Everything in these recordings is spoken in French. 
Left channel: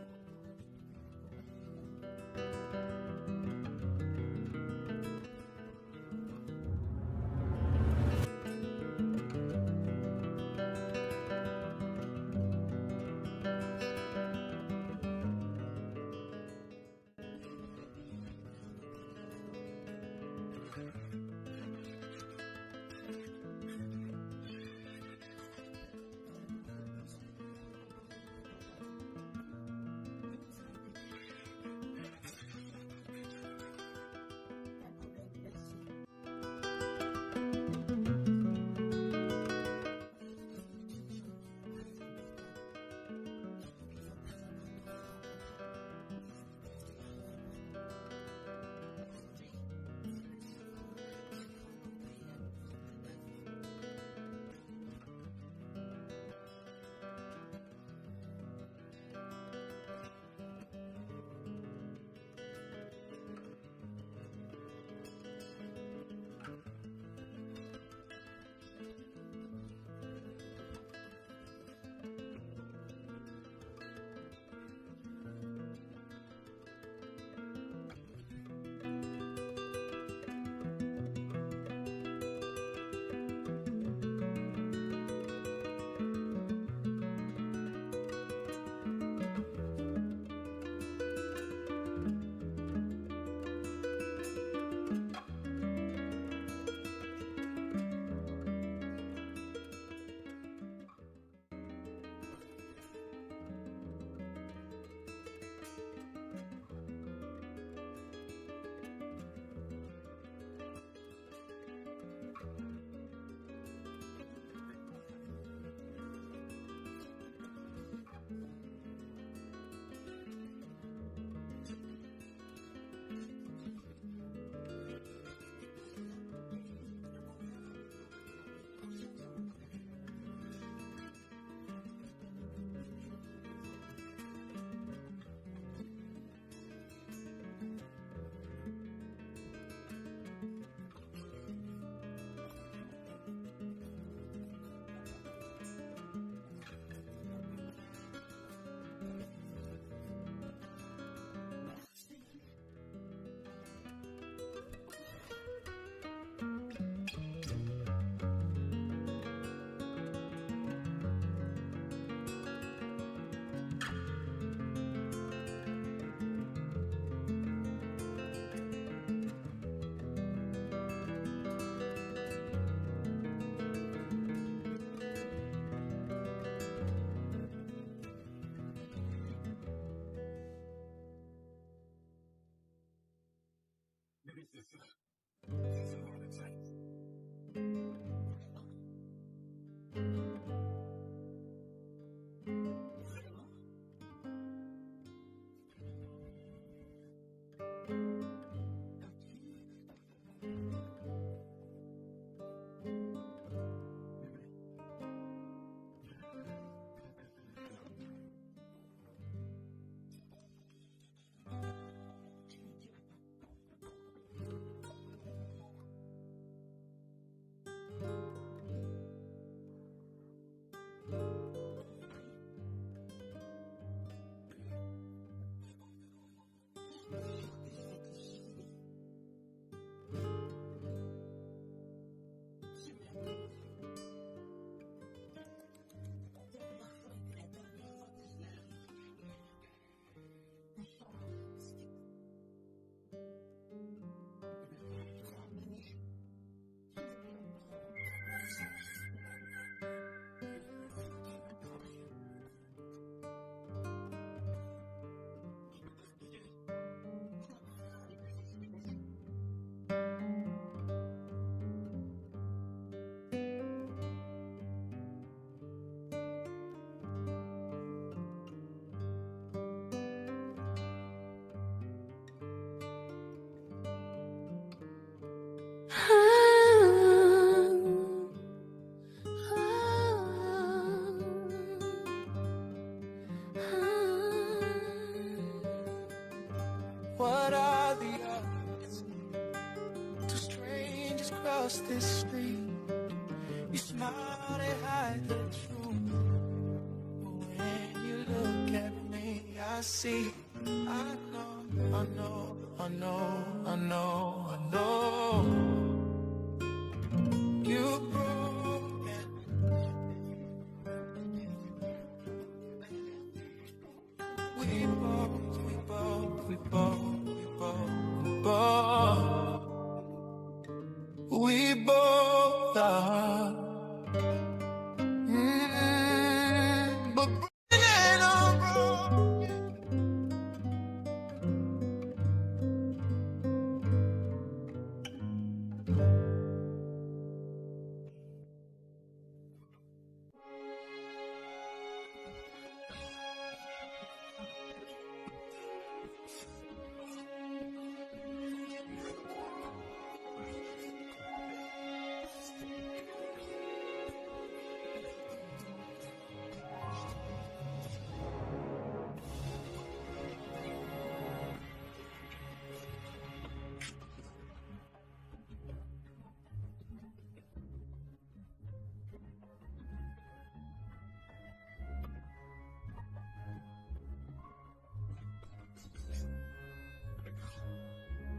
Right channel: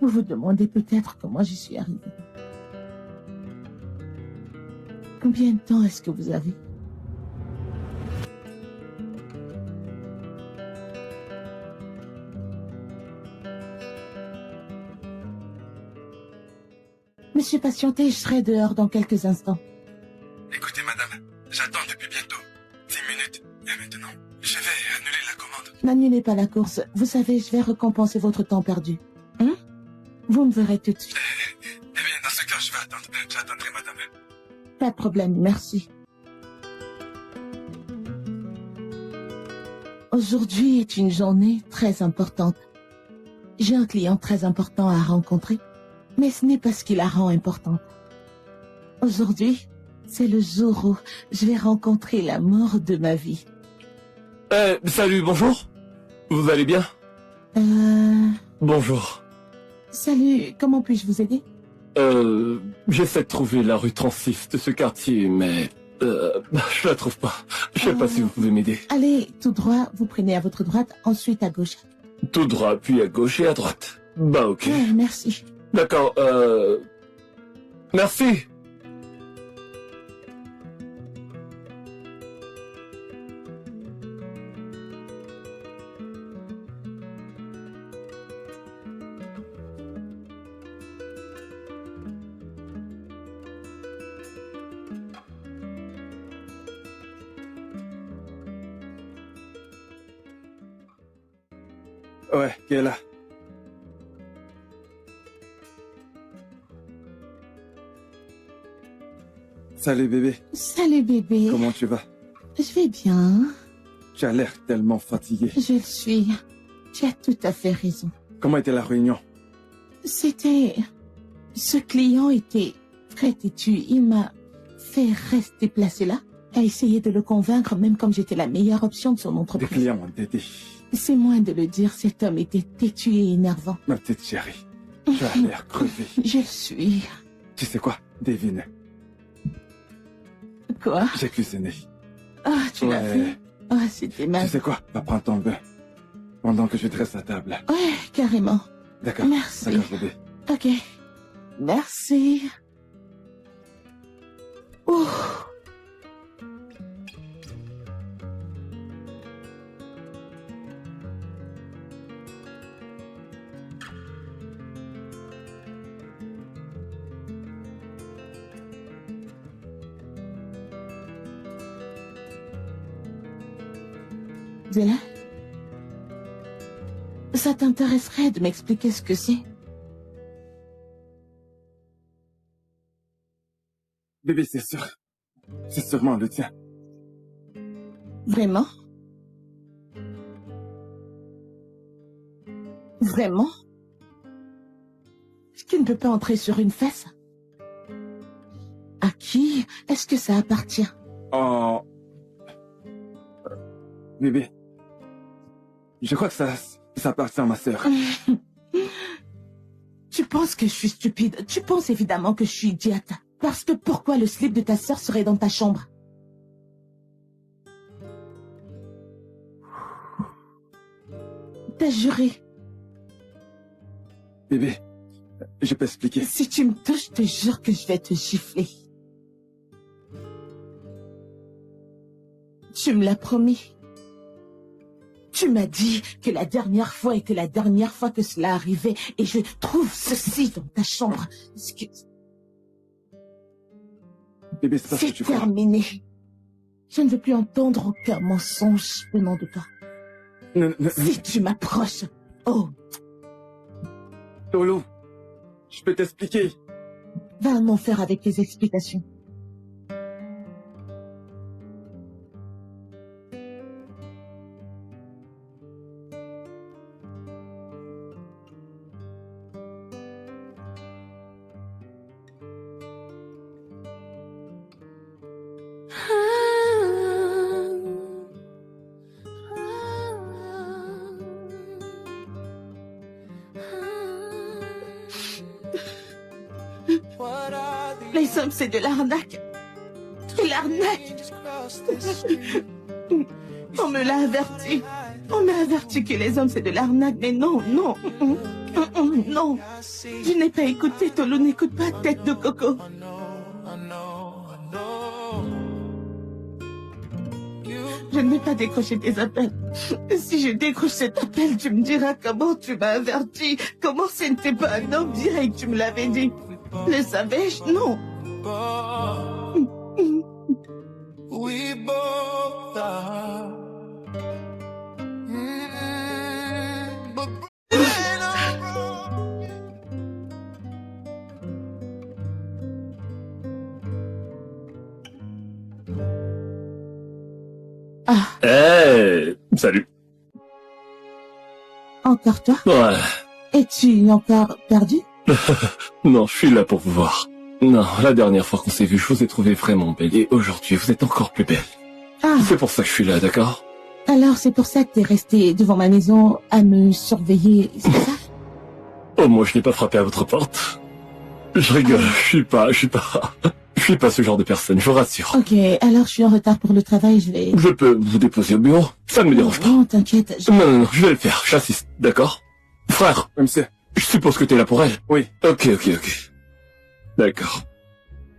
Vous vous demandez peut-être comment j'y suis arrivée. Combien de temps est-ce que vous avez? Monsieur, patientez, je serai dehors dans quelques instants. Écoutez, madame, j'attends depuis bientôt. 10 minutes. Et maintenant, je vais annuler la commande. N'annulez pas la course. Vous savez, je vais récompenser votre temps perdu. Hein? Vous me verrez tout de suite. Eh bien, dans ce cas, je vais attendre. J'attendrai, madame. Pas de problème, merci. Aujourd'hui est une journée très importante. J'ai un client très important à rencontrer, mais ce n'est pas ce qui la rend importante. Aujourd'hui, c'est le jour où je vais rencontrer l'amour de ma vie. Salut, bonjour. Vous allez bien? Bonjour. Salut, comment puis-je vous aider? J'essaie de trouver la rue 36 de ce quartier, mais... je la trouve pas. Je sais pas si vous pouvez m'aider. Allez, tout droit, vous prenez à votre droite, ensuite à gauche. Tout droit, puis à gauche et à droite. Bah ok. Ouais, merci. D'accord, Merci. Ouais, qui est là? Salut, bébé. Salut bébé. Comment tu vas? Je vais bien. Tu as l'air tellement fatigué. Je le suis. Tu as tout à fait raison. Comment était la réunion? C'était... Ce client était très têtu. Il m'a fait rester placé là, à essayer de le convaincre, même comme j'étais la meilleure option de son Des entreprise. clients m'ont aidé. C'est moins de le dire, cet homme était têtu et énervant. Ma petite chérie, tu as l'air crevé. Je le suis. Tu sais quoi? Devine, Quoi? j'ai cuisiné. Ah, tu l'as Ouais. fait? Ah, c'était Tu mal. sais quoi? Va prendre ton bain. Pendant que je dresse la table. Ouais, carrément. D'accord? Merci. D'accord, bébé. Ok. Merci. Ouh. Zéla? Ça t'intéresserait de m'expliquer ce que c'est? Bébé, c'est sûr. C'est sûrement le tien. Vraiment? Vraiment? Tu ne peux pas entrer sur une fesse? À qui est-ce que ça appartient? Oh. Bébé. Je crois que ça appartient à ma sœur. Tu penses que je suis stupide? Tu penses évidemment que je suis idiote. Parce que pourquoi le slip de ta sœur serait dans ta chambre? T'as juré. Bébé, je peux expliquer. Si tu me touches, je te jure que je vais te gifler. Tu me l'as promis. Tu m'as dit que la dernière fois était la dernière fois que cela arrivait et je trouve ceci dans ta chambre. Bébé, c'est pas ce que C'est tu crois. terminé. Je ne veux plus entendre aucun mensonge venant de toi. Non, non, Si tu m'approches, oh, Lolo, je peux t'expliquer. va en enfer avec tes explications. Les hommes, c'est de l'arnaque. De l'arnaque. On me l'a averti. On m'a averti que les hommes c'est de l'arnaque, mais non, non. Non. Je n'ai pas écouté, Tolu n'écoute pas Tête de Coco. Je ne vais pas décrocher tes appels. Si je décroche cet appel, tu me diras comment tu m'as averti. Comment ce n'était pas un homme direct, tu me l'avais dit. Le savais-je? Non. We both are. But ain't no wrong. Ah, Hey, salut. encore toi? Ouais. Es-tu encore perdu? Non, je suis là pour vous voir. Non, la dernière fois qu'on s'est vu, je vous ai trouvé vraiment belle. Et aujourd'hui, vous êtes encore plus belle. Ah, C'est pour ça que je suis là, d'accord? alors c'est pour ça que t'es resté devant ma maison à me surveiller, c'est ça? Oh, moi, je n'ai pas frappé à votre porte. Je rigole, je suis pas ce genre de personne, je vous rassure. Ok, alors je suis en retard pour le travail, je vais... Je peux vous déposer au bureau, ça ne me dérange pas. Non, t'inquiète, Non, je vais le faire, j'assiste, d'accord? Frère, Oui, monsieur. je suppose que t'es là pour elle. Oui. Ok. D'accord.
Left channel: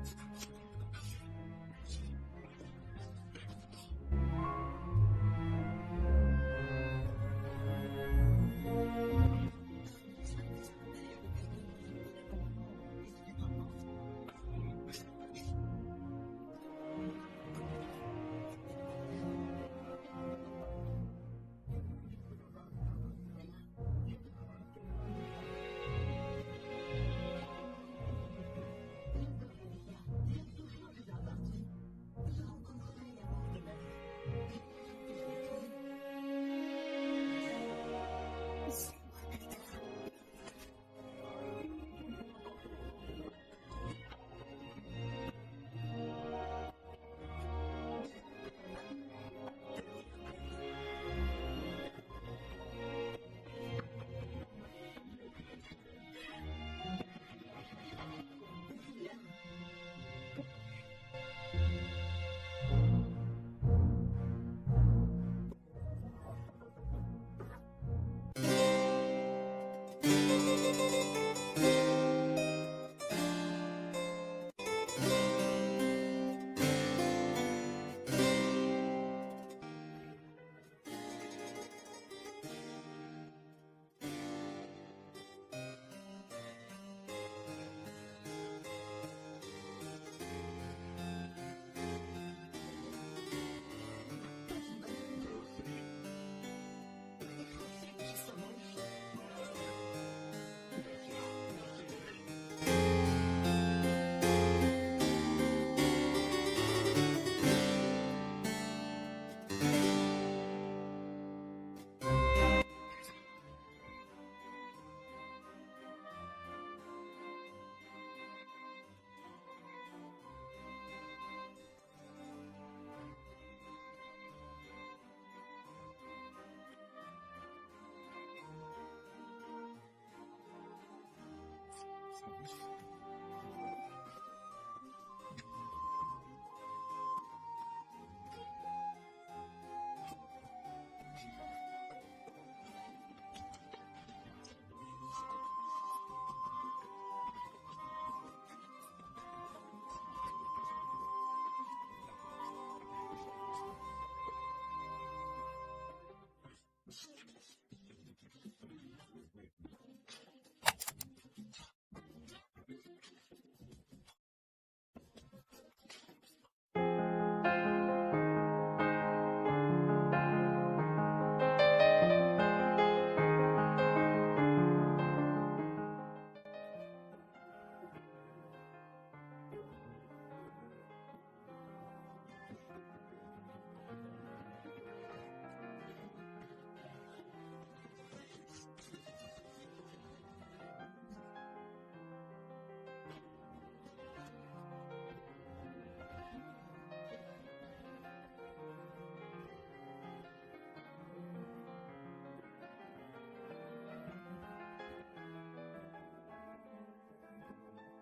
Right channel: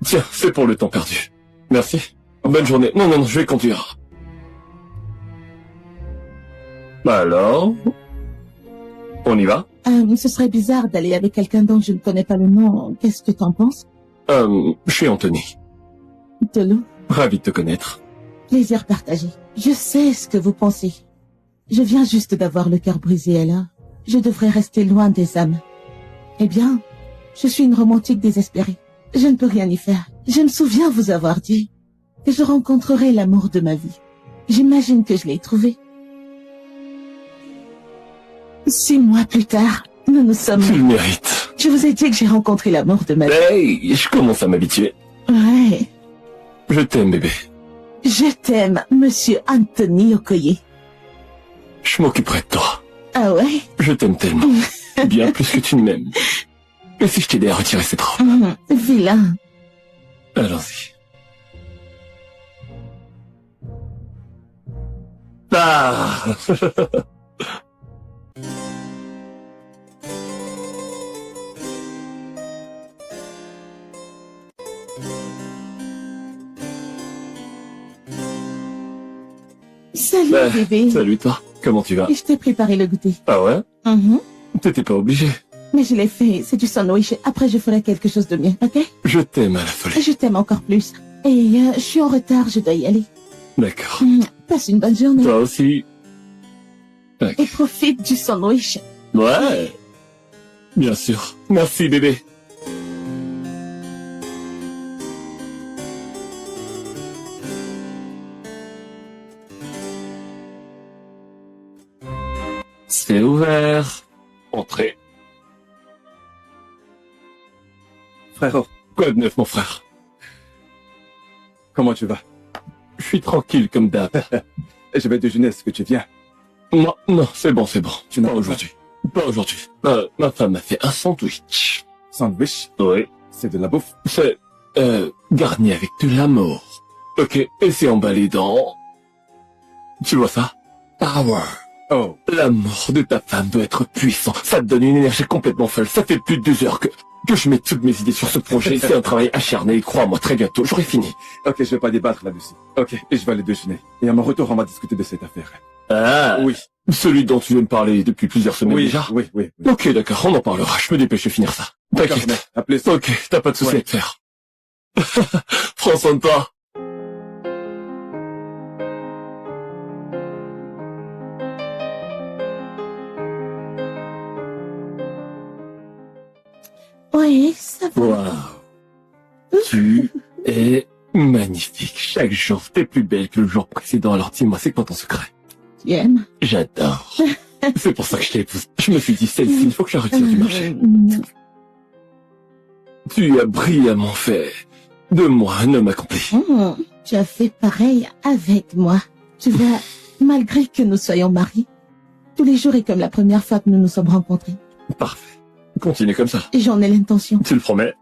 Tiens, c'est pour le temps perdu. Merci. Bonne journée. Non, je vais conduire. Bah alors? On y va? Ce serait bizarre d'aller avec quelqu'un dont je ne connais pas le nom. Qu'est-ce que t'en penses? Je suis Anthony. Tolu, Ravi de te connaître. plaisir partagé. Je sais ce que vous pensez. Je viens juste d'avoir le cœur brisé, alors je devrais rester loin des âmes. Eh bien, je suis une romantique désespérée. Je ne peux rien y faire. Je me souviens vous avoir dit que je rencontrerai l'amour de ma vie. J'imagine que je l'ai trouvé. 6 mois plus tard, nous nous sommes... Tu le mérites. Je vous ai dit que j'ai rencontré l'amour de ma vie. Hey, je commence à m'habituer. Ouais. Je t'aime, bébé. Je t'aime, monsieur Anthony Okoye. Je m'occuperai de toi. Ah ouais? Je t'aime tellement. Bien plus que tu ne m'aimes. Et si je t'aidais à retirer cette robe? Vilain. Allons-y. Ah. Salut, Bah, bébé. Salut toi, comment tu vas? Je t'ai préparé le goûter. Ah ouais? Mhm. T'étais pas obligé. Mais je l'ai fait, c'est du sandwich. Après, je ferai quelque chose de mieux, ok? Je t'aime à la folie. Je t'aime encore plus. Et je suis en retard, je dois y aller. D'accord. Passe une bonne journée. Toi aussi. Et profite du sandwich. Ouais. Bien sûr. Merci bébé. C'est ouvert. Entrez. Frérot, Quoi de neuf, mon frère? comment tu vas? Je suis tranquille comme d'hab. Je vais déjeuner, est-ce que tu viens? Non, c'est bon. Tu n'as Pas pas aujourd'hui. Pas aujourd'hui. Ma femme m'a fait un sandwich. Sandwich, Oui. c'est de la bouffe. C'est garni avec de l'amour. Ok, et c'est emballé dans... Tu vois ça? Power. Oh, L'amour de ta femme doit être puissant. Ça te donne une énergie complètement folle. Ça fait plus de 2 heures que je mets toutes mes idées sur ce projet. C'est un travail acharné. Crois-moi, très bientôt, j'aurai fini. ok, je vais pas débattre là-dessus. Ok, et je vais aller déjeuner. Et à mon retour, on va discuter de cette affaire. Ah, Oui, celui dont tu veux me parler depuis plusieurs semaines oui, déjà? oui. Ok, d'accord, on en parlera. Je me dépêche de finir ça. D'accord, T'inquiète. mais à plus. Ok, t'as pas de souci Ouais. à te faire. Prends soin de toi. Oui, ça va. Waouh. Tu es magnifique. Chaque jour, t'es plus belle que le jour précédent. Alors dis-moi, c'est quoi ton secret? Tu aimes? J'adore. C'est pour ça que je t'ai épousé. Je me suis dit, celle-ci, il faut que je la retire du marché. Tu as brillamment fait de moi un homme accompli. Tu as fait pareil avec moi. Tu vois, malgré que nous soyons mariés, tous les jours est comme la première fois que nous nous sommes rencontrés. Parfait. Continue comme ça. Et j'en ai l'intention. Tu le promets?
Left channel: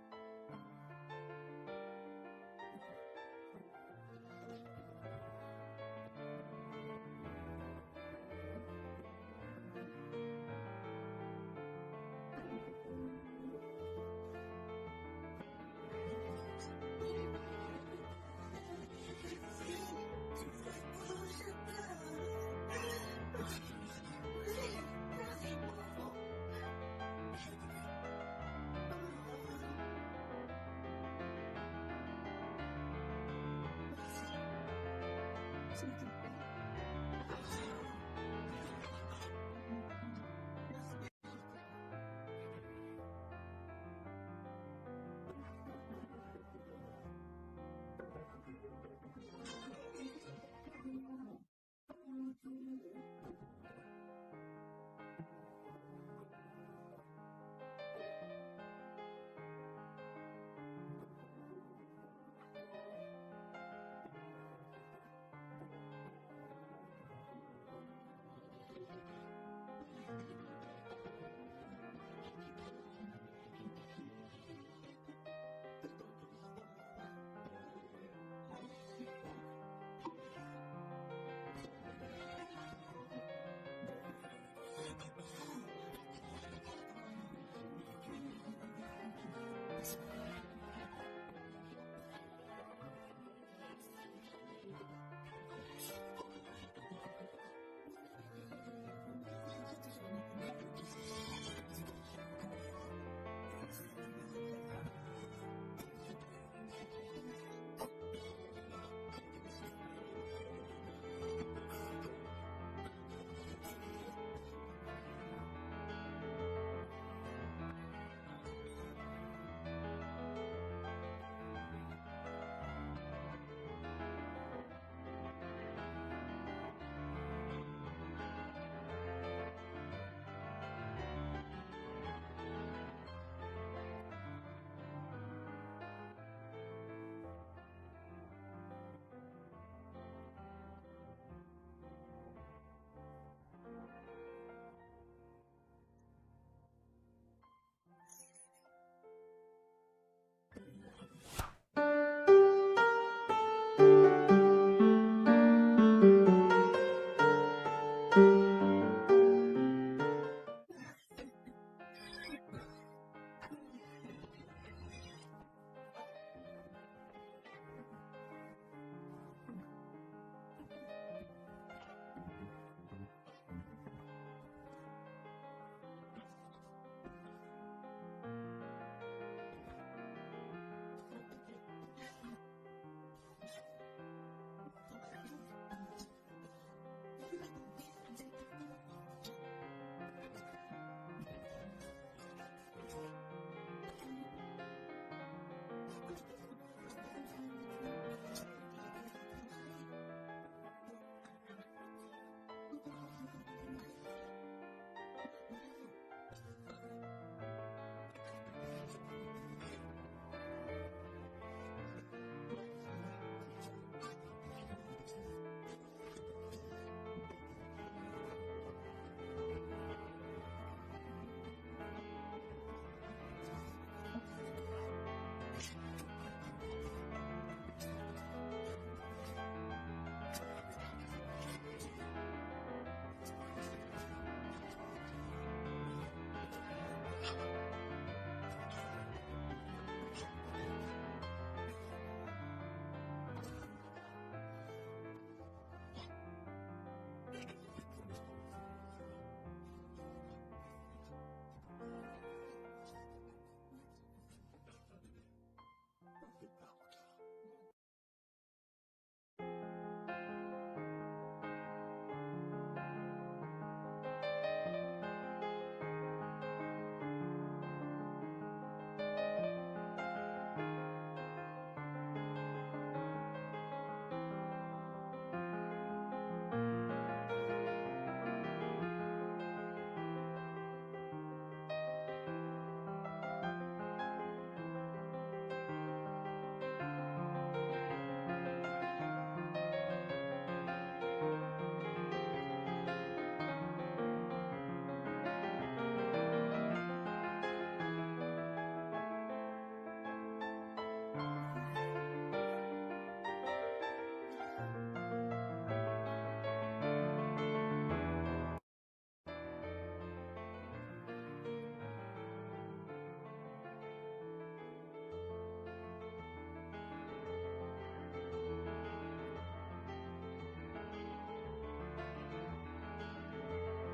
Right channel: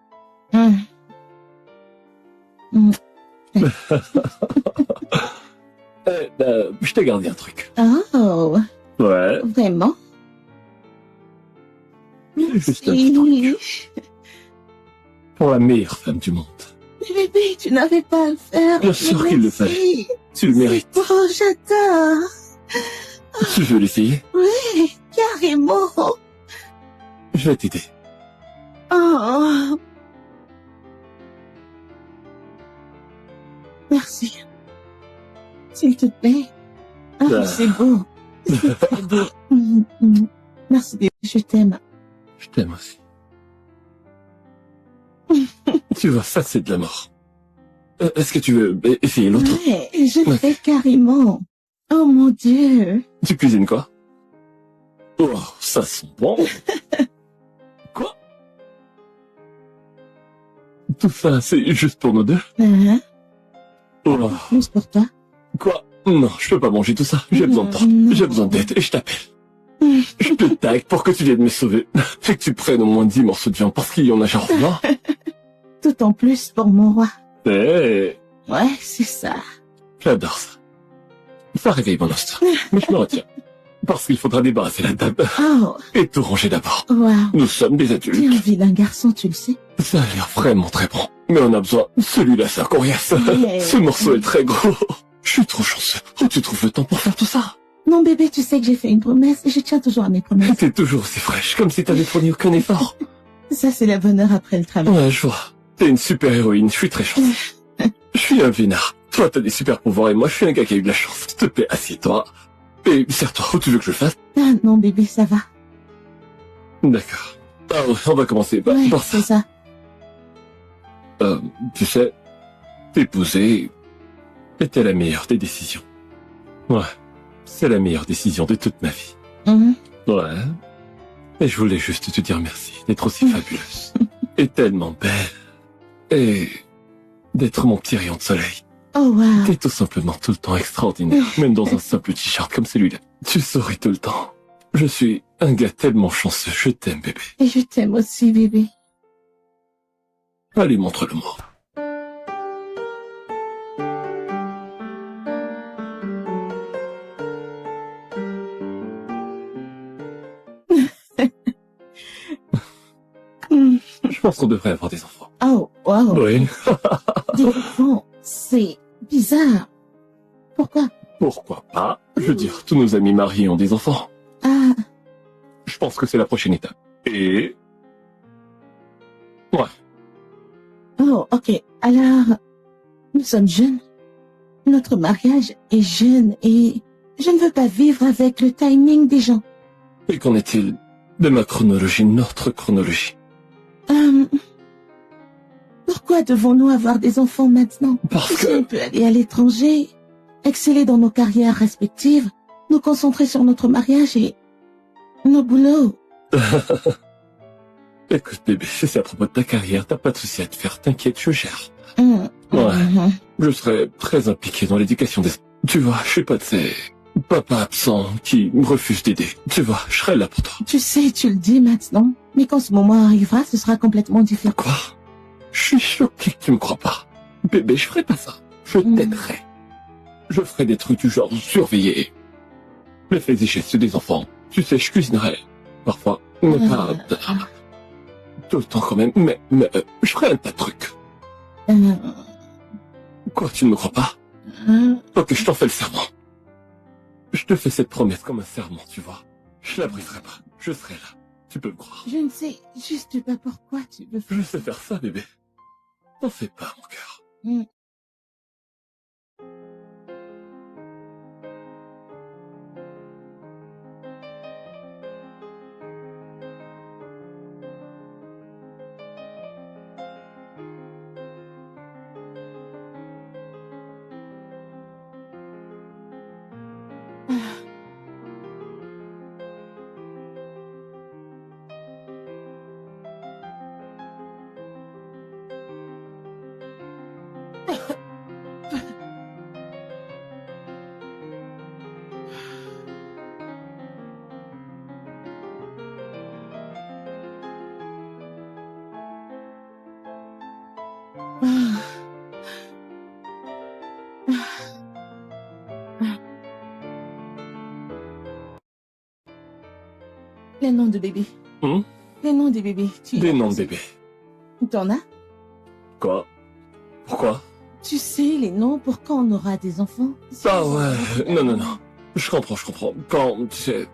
Hum. Je t'ai gardé un truc. Oh, Ouais. Vraiment? Juste un petit truc. Merci. Pour la meilleure femme du monde. Mais bébé, tu n'avais pas à le faire. Bien sûr Mais qu'il le merci. fallait. Tu le mérites. C'est beau, j'adore. Tu veux l'essayer? Oui, carrément. Je vais t'aider. Oh. Merci. S'il te plaît. Ah, Ah. c'est beau. C'est très beau. Merci, bébé, je t'aime. Je t'aime aussi. Tu vois, ça c'est de la mort. Est-ce que tu veux essayer l'autre? Ouais, je le fais carrément. Oh mon Dieu. Tu cuisines quoi? Oh, ça sent bon. Quoi? Tout ça, c'est juste pour nous deux? Hein? Oh, Plus pour toi. quoi? Non, je peux pas manger tout ça. J'ai besoin de toi. Non. J'ai besoin d'aide et je t'appelle. Je te tag pour que tu viennes me sauver. Et que tu prennes au moins 10 morceaux de viande parce qu'il y en a genre 20. Tout en plus pour mon roi. Eh, Ouais, c'est ça. j'adore ça. Ça réveille mon instinct. Mais je me retiens. Parce qu'il faudra débarrasser la table. Oh, Et tout ranger d'abord. wow. Nous sommes des J'ai adultes. envie d'un garçon, tu le sais. Ça a l'air vraiment très bon. Mais on a besoin. Celui-là, c'est coriace. Ouais. Ce morceau est très gros. Je suis trop chanceux. Où tu trouves le temps pour faire tout ça? Non, bébé, tu sais que j'ai fait une promesse et je tiens toujours à mes promesses. T'es toujours aussi fraîche, comme si t'avais fourni aucun effort. Ça, c'est la bonne heure après le travail. Ouais, je vois. T'es une super héroïne, je suis très chanceux. Je suis un vénard. Toi, t'as des super pouvoirs et moi, je suis un gars qui a eu de la chance. S'il te plaît, assieds-toi. Et serre-toi, où tu veux que je le fasse? Ah non, bébé, ça va. D'accord. Alors, on va commencer Ouais, par ça. c'est ça. Tu sais, t'épouser était la meilleure des décisions. Ouais, c'est la meilleure décision de toute ma vie. Mhm. Ouais. Et je voulais juste te dire merci d'être aussi fabuleuse. Et tellement belle. Et d'être mon petit rayon de soleil. Oh, wow. T'es tout simplement tout le temps extraordinaire, même dans un simple t-shirt comme celui-là. Tu souris tout le temps. Je suis un gars tellement chanceux, je t'aime bébé. Et je t'aime aussi, bébé. Allez, montre-le-moi. Hmm. Je pense qu'on devrait avoir des enfants. Oh, wow. Oui. Des enfants, c'est bizarre. Pourquoi? Pourquoi pas? Je veux dire, tous nos amis mariés ont des enfants. Ah, Je pense que c'est la prochaine étape. Et... Ouais. oh, ok. Alors, nous sommes jeunes. Notre mariage est jeune et je ne veux pas vivre avec le timing des gens. Et qu'en est-il de ma chronologie, notre chronologie? Pourquoi devons-nous avoir des enfants maintenant? Parce Si on que... peut aller à l'étranger, exceller dans nos carrières respectives, nous concentrer sur notre mariage et nos boulots. Écoute bébé, si c'est à propos de ta carrière, t'as pas de souci à te faire, t'inquiète, je gère. Hum, Ouais. mhm. Je serai très impliqué dans l'éducation des... Tu vois, je suis pas de ces... papas absents qui me refusent d'aider. Tu vois, je serai là pour toi. Tu sais, tu le dis maintenant, mais quand ce moment arrivera, ce sera complètement différent. Quoi? Je suis choqué que tu me crois pas. Bébé, je ferai pas ça. Je t'aiderai. Je ferai des trucs du genre surveiller les faits et gestes des enfants. Tu sais, je cuisinerai. Parfois, mais pas... Tout le temps quand même, mais je ferai un tas de trucs. Euh, Quoi, tu ne me crois pas? euh, Ok, je t'en fais le serment. Je te fais cette promesse comme un serment, tu vois. Je la briserai pas. Je serai là. Tu peux me croire. je ne sais juste pas pourquoi tu veux faire. Je sais faire ça, bébé. T'en fais pas, mon cœur. Hum. Ah. Les noms de bébés. Hmm? Les noms des bébés. Des noms de bébés. T'en as? Quoi? Pourquoi? Tu sais les noms pour quand on aura des enfants? Ah ouais, non. Je comprends. Quand, tu sais...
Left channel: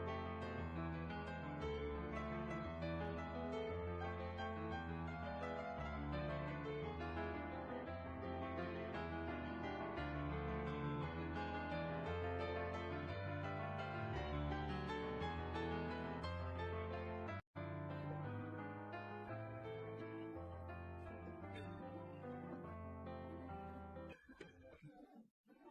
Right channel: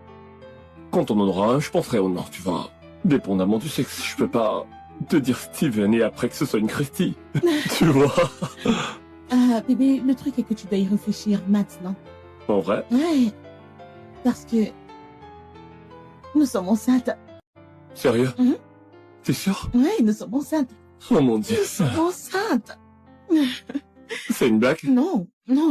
Quand on en aura un, je penserai au nom, tu vois. Dépendamment du sexe, je peux pas te dire Steven et après que ce soit une Christie. Tu vois? Ah, bébé, le truc est que tu dois y réfléchir maintenant. En vrai? Ouais. Parce que... nous sommes enceintes. Sérieux? Mhm. T'es sûr? Ouais, nous sommes enceintes. Oh mon dieu. Nous sommes enceintes. C'est une blague? Non,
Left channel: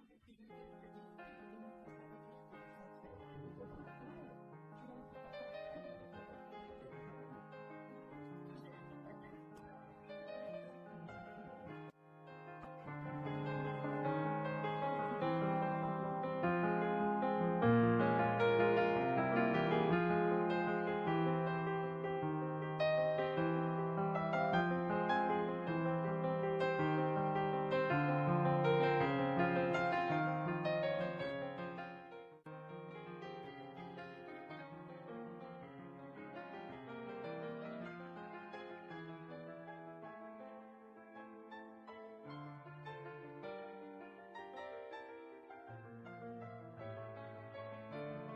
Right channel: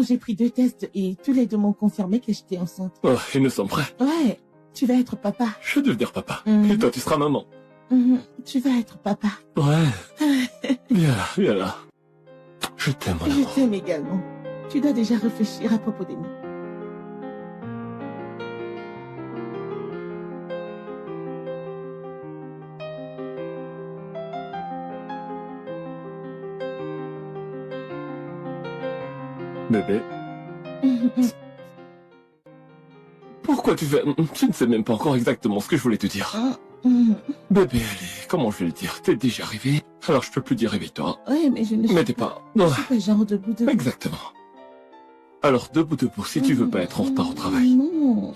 j'ai pris 2 tests et tous les 2 m'ont confirmé que j'étais enceinte. Oh, et nous sommes prêts. Ouais, tu vas être papa. Je vais devenir papa. Mhm. Et toi, tu seras maman. Tu vas être papa. Ouais. Viens là. Je t'aime, mon Je amour. t'aime également. Tu dois déjà réfléchir à propos des noms. Bébé, pourquoi tu fais... Tu ne sais même pas encore exactement ce que je voulais te dire. Bébé, allez, comment je vais le dire? T'es déjà arrivé, alors je peux plus dire réveille-toi. Ouais, mais je ne suis Mais t'es pas... Non, je suis pas genre debout. exactement. Alors debout, si tu veux pas être en retard au travail. Non,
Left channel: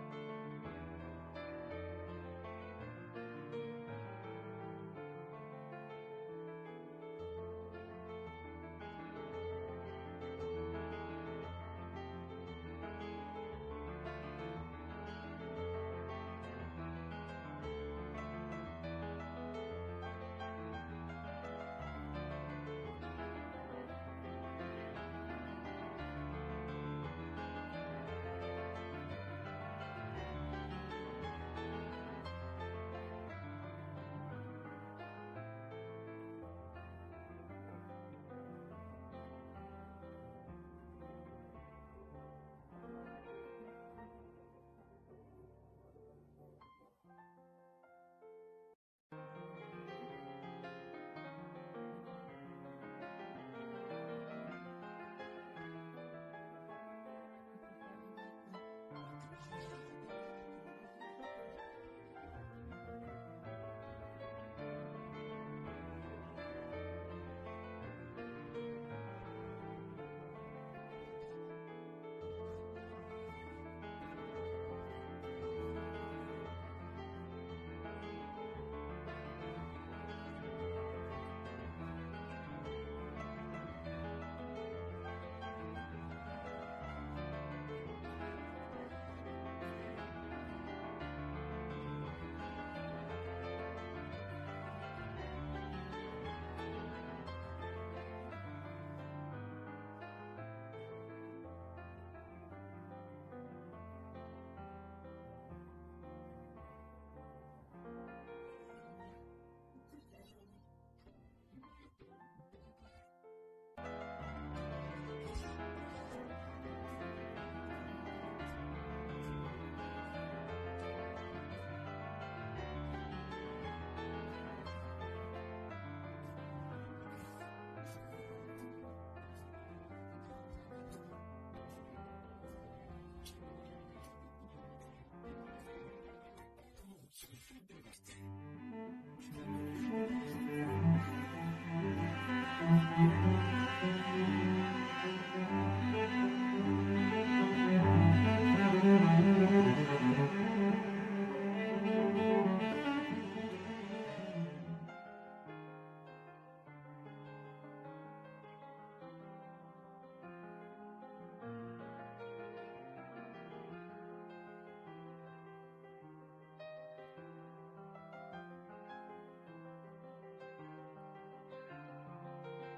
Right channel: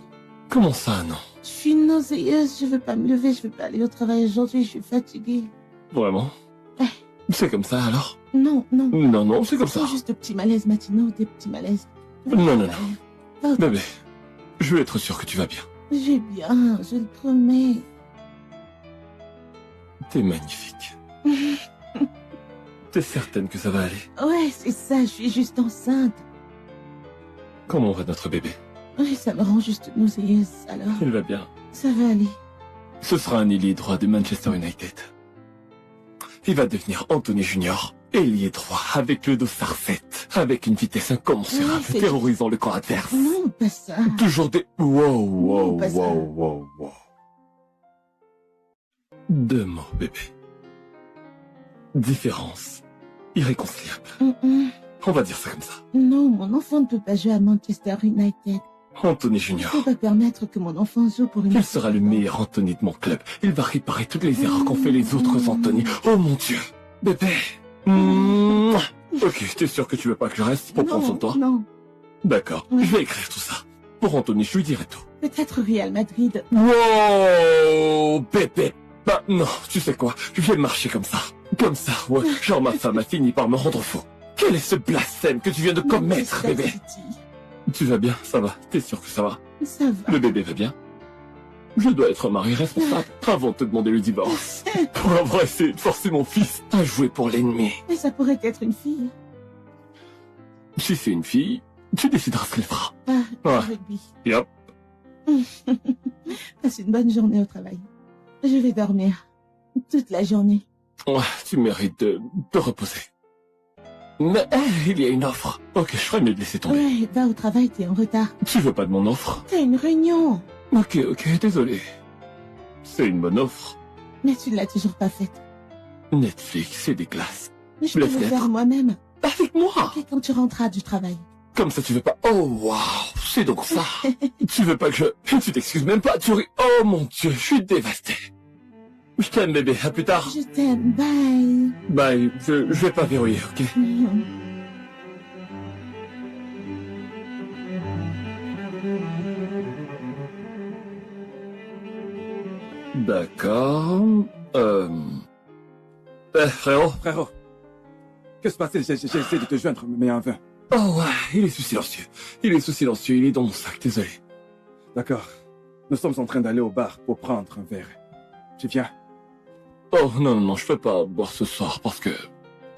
Comment ça, non? je suis nauséeuse, je veux pas me lever, je veux pas aller au travail aujourd'hui, je suis fatiguée. Vraiment? Ouais. C'est comme ça, alors? Non, Non, c'est comme ce ça. sont juste de petits malaises matinaux, des petits malaises. Non. Va au Bébé, je veux être sûr que tu vas bien. Je vais bien, je le promets. T'es magnifique. T'es certaine que ça va aller? Ouais, c'est ça, je suis juste enceinte. Comment va notre bébé? Ouais, ça me rend juste nauséeuse, alors Il va bien. ça va aller. Ce sera un ailier droit de Manchester United. Il va devenir Anthony Junior, ailier droit avec le dossard 7, avec une vitesse incommensurable, Ouais, c'est- terrorisant le camp adverse. Non, pas ça. Toujours des... Wow. pas ça. 2 mots, bébé. Différence. Irréconciliable. On va dire ça comme ça. Non, mon enfant ne peut pas jouer à Manchester United. Anthony Je ne Junior. peux pas permettre que mon enfant joue pour une... Il sera le meilleur Anthony de mon club. Il va réparer toutes les erreurs qu'ont fait les autres Anthony. Oh mon Dieu. Bébé. Mouah. Ok, t'es sûr que tu veux pas que je reste pour prendre soin de toi? Non, D'accord, Ouais. je vais écrire tout ça. Pour Anthony, je lui dirai tout. peut-être Real Madrid. Wow, bébé. Bah non, tu sais quoi, je vais marcher comme ça. Comme ça, ouais. Genre ma femme a fini par me rendre fou. Quel est ce blasphème que tu viens de commettre, Manchester bébé? City. Tu vas bien, ça va. T'es sûr que ça va? Ça va. Le bébé va bien? Je dois être un mari responsable avant de te demander le divorce. Pour avoir essayé de forcer mon fils à jouer pour l'ennemi. Mais ça pourrait être une fille. Si c'est une fille, tu décideras ce qu'elle fera. Ah, Ouais. rugby. Yep. Passe une bonne journée au travail. Je vais dormir. Toute la journée. Ouais, tu mérites de te reposer. Mais il y a une offre. Ok, je ferais mieux de laisser tomber. Ouais, va au travail, t'es en retard. Tu veux pas de mon offre? T'as une réunion. Ok, désolé. C'est une bonne offre. Mais tu ne l'as toujours pas faite. Netflix et des glaces. Mais je peux le Laisse-les faire être. moi-même. Avec moi? Et quand tu rentreras du travail. Comme ça tu veux pas... Oh waouh, c'est donc ça. Tu veux pas que je... Tu t'excuses même pas, tu ris. Oh mon Dieu, je suis dévasté. Je t'aime bébé, à plus tard. Je t'aime, bye. Bye, je vais pas verrouiller, ok? D'accord... frérot? Frérot, que se passe-t-il? J'ai essayé de te joindre, mais en vain. Oh ouais, il est sous silencieux. Il est dans mon sac, désolé. D'accord. Nous sommes en train d'aller au bar pour prendre un verre. Tu viens? Oh non, je peux pas boire ce soir parce que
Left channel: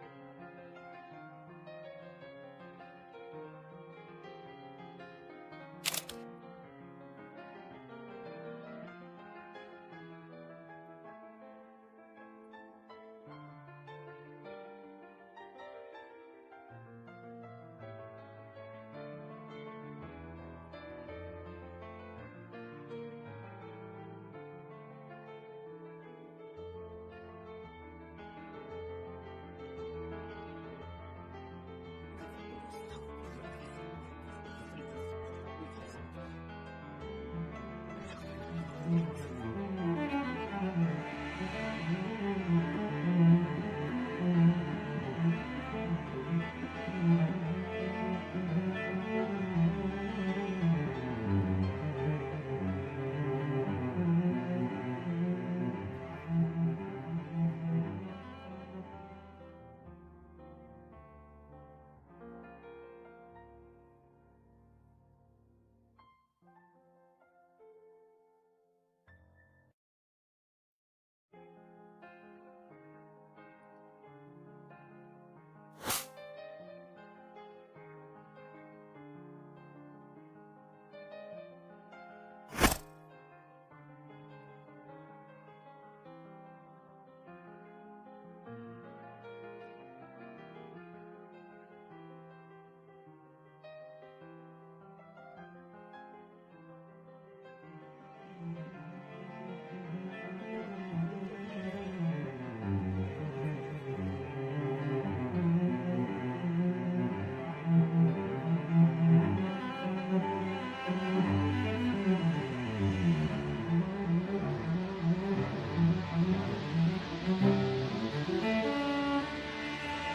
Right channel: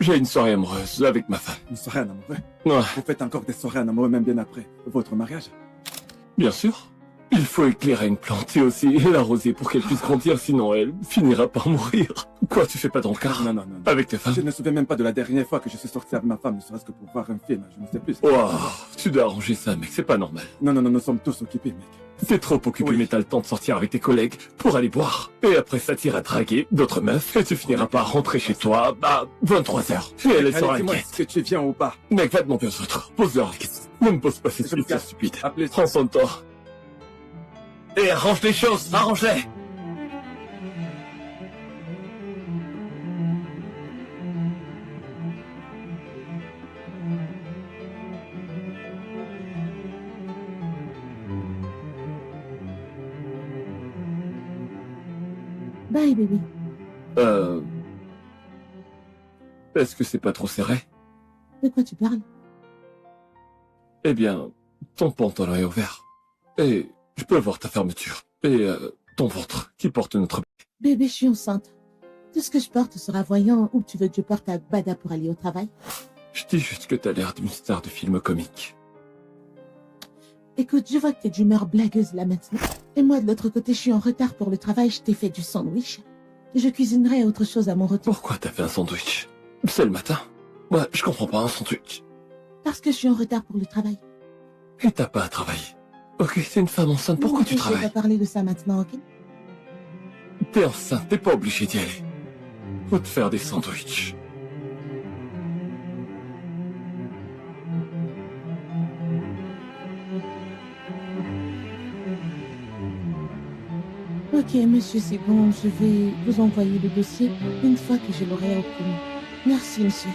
j'ai une soirée amoureuse avec ma femme. Une soirée en amoureux? Ouais, Vous faites encore des soirées en amoureux même bien après votre mariage? bien sûr. Il faut éclairer une plante et aussi l'arroser pour qu'elle puisse grandir, sinon elle finira par mourir. Quoi, tu fais pas d'encart Non. avec tes femmes? Je ne me souviens même pas de la dernière fois que je suis sorti avec ma femme, ne serait-ce que pour voir un film, je ne sais plus. Wow, tu dois arranger ça, mec, c'est pas normal. Non, nous sommes tous occupés, mec. T'es trop occupé, Oui. mais t'as le temps de sortir avec tes collègues pour aller boire. Et après ça t'iras draguer d'autres meufs et tu finiras par rentrer chez toi, 23h. Et elle sera Allez, dis-moi, inquiète. est-ce que tu viens au bar? Mec, va demander aux autres. Pose-leur les questions. Ne me pose pas ces questions stupides. Appelez... Prends soin de toi. Et arrange les choses, arrange-les. Bye, bébé. Euh... Est-ce que c'est pas trop serré? De quoi tu parles? Eh bien, ton pantalon est ouvert. Et je peux voir ta fermeture. Et ton ventre qui porte notre... Bébé, je suis enceinte. Tout ce que je porte sera voyant ou tu veux que je porte un bada pour aller au travail? Je dis juste que t'as l'air d'une star de film comique. Écoute, je vois que t'es d'humeur blagueuse là maintenant. Et moi, de l'autre côté, je suis en retard pour le travail, je t'ai fait du sandwich. Je cuisinerai autre chose à mon retour. Pourquoi t'as fait un sandwich? C'est le matin. Ouais, je comprends pas un sandwich. Parce que je suis en retard pour le travail. Et t'as pas à travailler. Ok, c'est une femme enceinte, pourquoi tu Je vais travailles? pas parler de ça maintenant, ok? T'es enceinte, t'es pas obligé d'y aller. Faut te faire des sandwichs. Ok, monsieur, c'est bon, je vais vous envoyer le dossier une fois que je l'aurai obtenu. Merci, monsieur.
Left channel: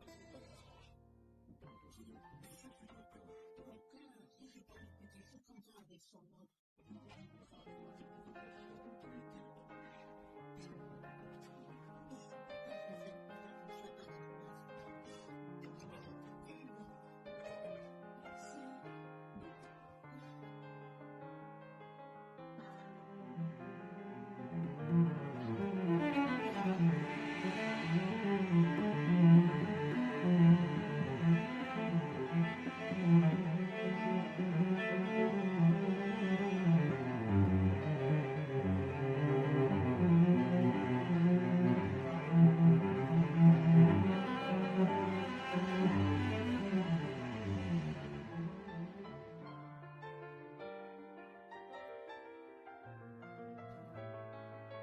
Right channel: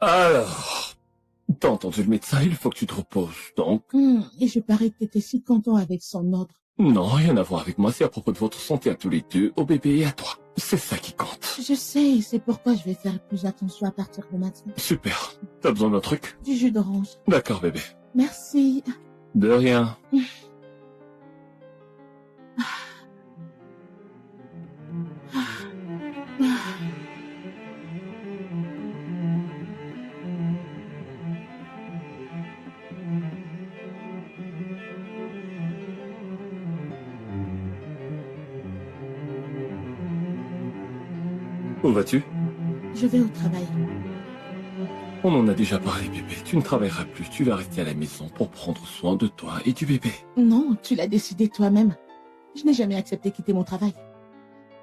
Alors, t'as entendu le médecin, il faut que tu te reposes, donc... Et je parie que t'étais si content avec son ordre. Non, rien à voir avec moi, c'est à propos de votre santé à tous les deux, au bébé et à toi. C'est ça qui compte. Je sais, c'est pourquoi je vais faire plus attention à partir de maintenant. Super. T'as besoin d'un truc? Du jus d'orange. D'accord, bébé. Merci. De rien. Où vas-tu? Je vais au travail. On en a déjà parlé, bébé. Tu ne travailleras plus, tu vas rester à la maison pour prendre soin de toi et du bébé. Non, tu l'as décidé toi-même. Je n'ai jamais accepté quitter mon travail.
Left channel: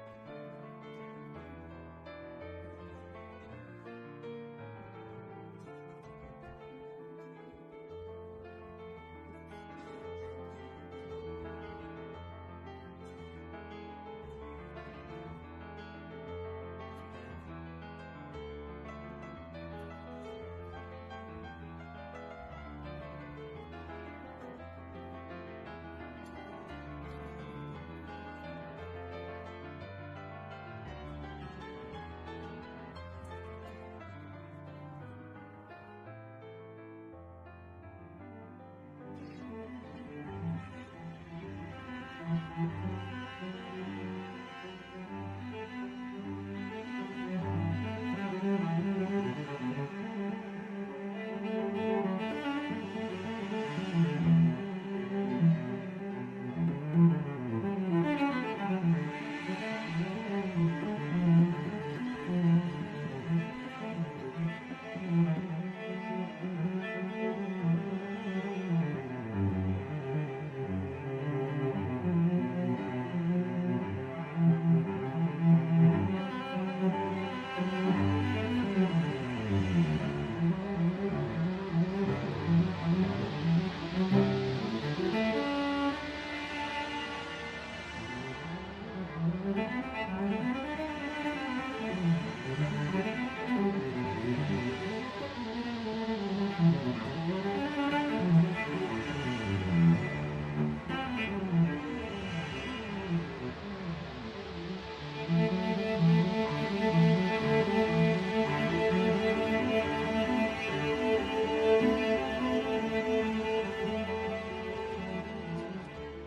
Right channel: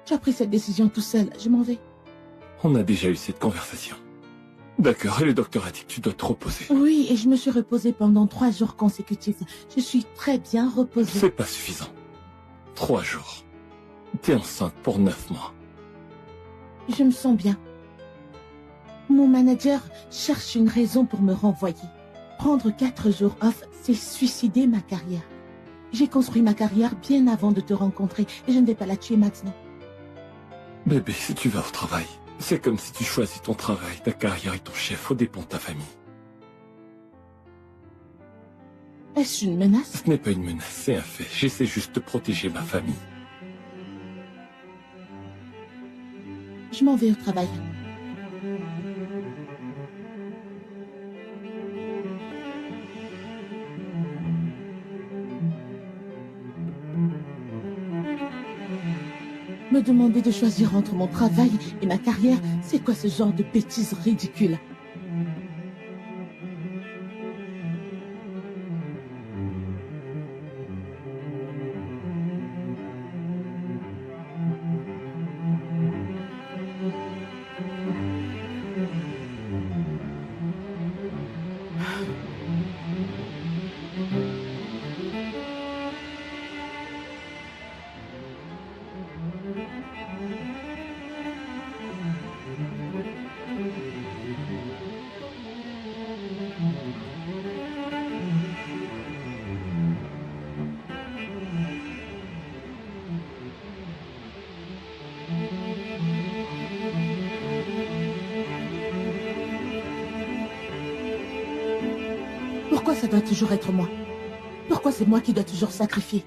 Tu as pris cette décision tout seul, je m'en vais. On a déjà eu cette conversation. D'accord, et le docteur a dit que tu dois te reposer. Oui, et je me suis reposée pendant 3 jours consécutifs. Je suis très bien reposée. C'est pas suffisant. 3 jours. T'es enceinte pour 9 mois. Je me sens bien. Mon manager cherche une raison pour me renvoyer. Prendre 4 jours off, c'est suicider ma carrière. J'ai construit ma carrière bien avant de te rencontrer et je ne vais pas la tuer maintenant. Bébé, si tu vas au travail, c'est comme si tu choisis ton travail, ta carrière et ton chef au dépens de ta famille. Est-ce une menace? Ce n'est pas une menace, c'est un fait. J'essaie juste de protéger ma famille. Je m'en vais au travail. Me demander de choisir entre mon travail et ma carrière, c'est quoi ce genre de bêtises ridicules? Pourquoi ça doit toujours être moi? Pourquoi c'est moi qui dois toujours sacrifier?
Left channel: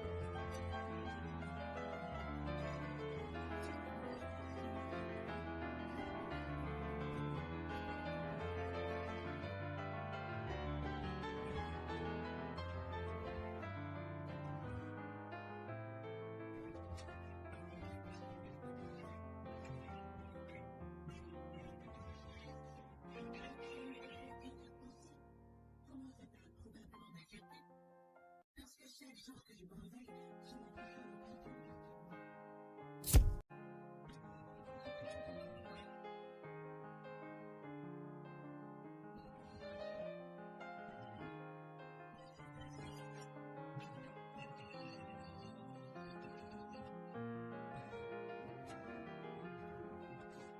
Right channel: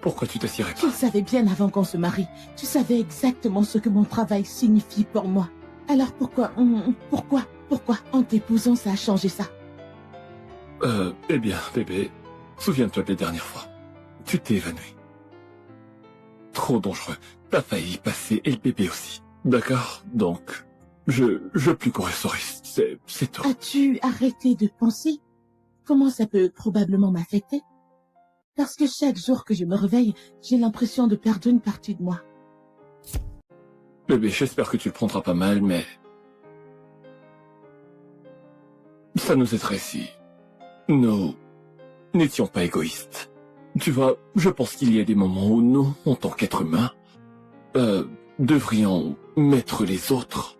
Pourquoi tu t'assierais Tu pas? le savais bien avant qu'on se marie. Tu savais exactement ce que mon travail signifie pour moi. Alors pourquoi, en t'épousant, ça a changé ça? Eh bien, bébé, souviens-toi des dernières fois. Tu t'es évanoui. Trop dangereux. T'as failli y passer et le bébé aussi. D'accord? Donc, je plus courir ce risque. C'est tout. As-tu arrêté de penser comment ça peut probablement m'affecter? Parce que chaque jour que je me réveille, j'ai l'impression de perdre une partie de moi. Bébé, j'espère que tu le prendras pas mal, mais... ça nous aiderait si... nous n'étions pas égoïstes. Tu vois, je pense qu'il y a des moments où nous, en tant qu'êtres humains, devrions mettre les autres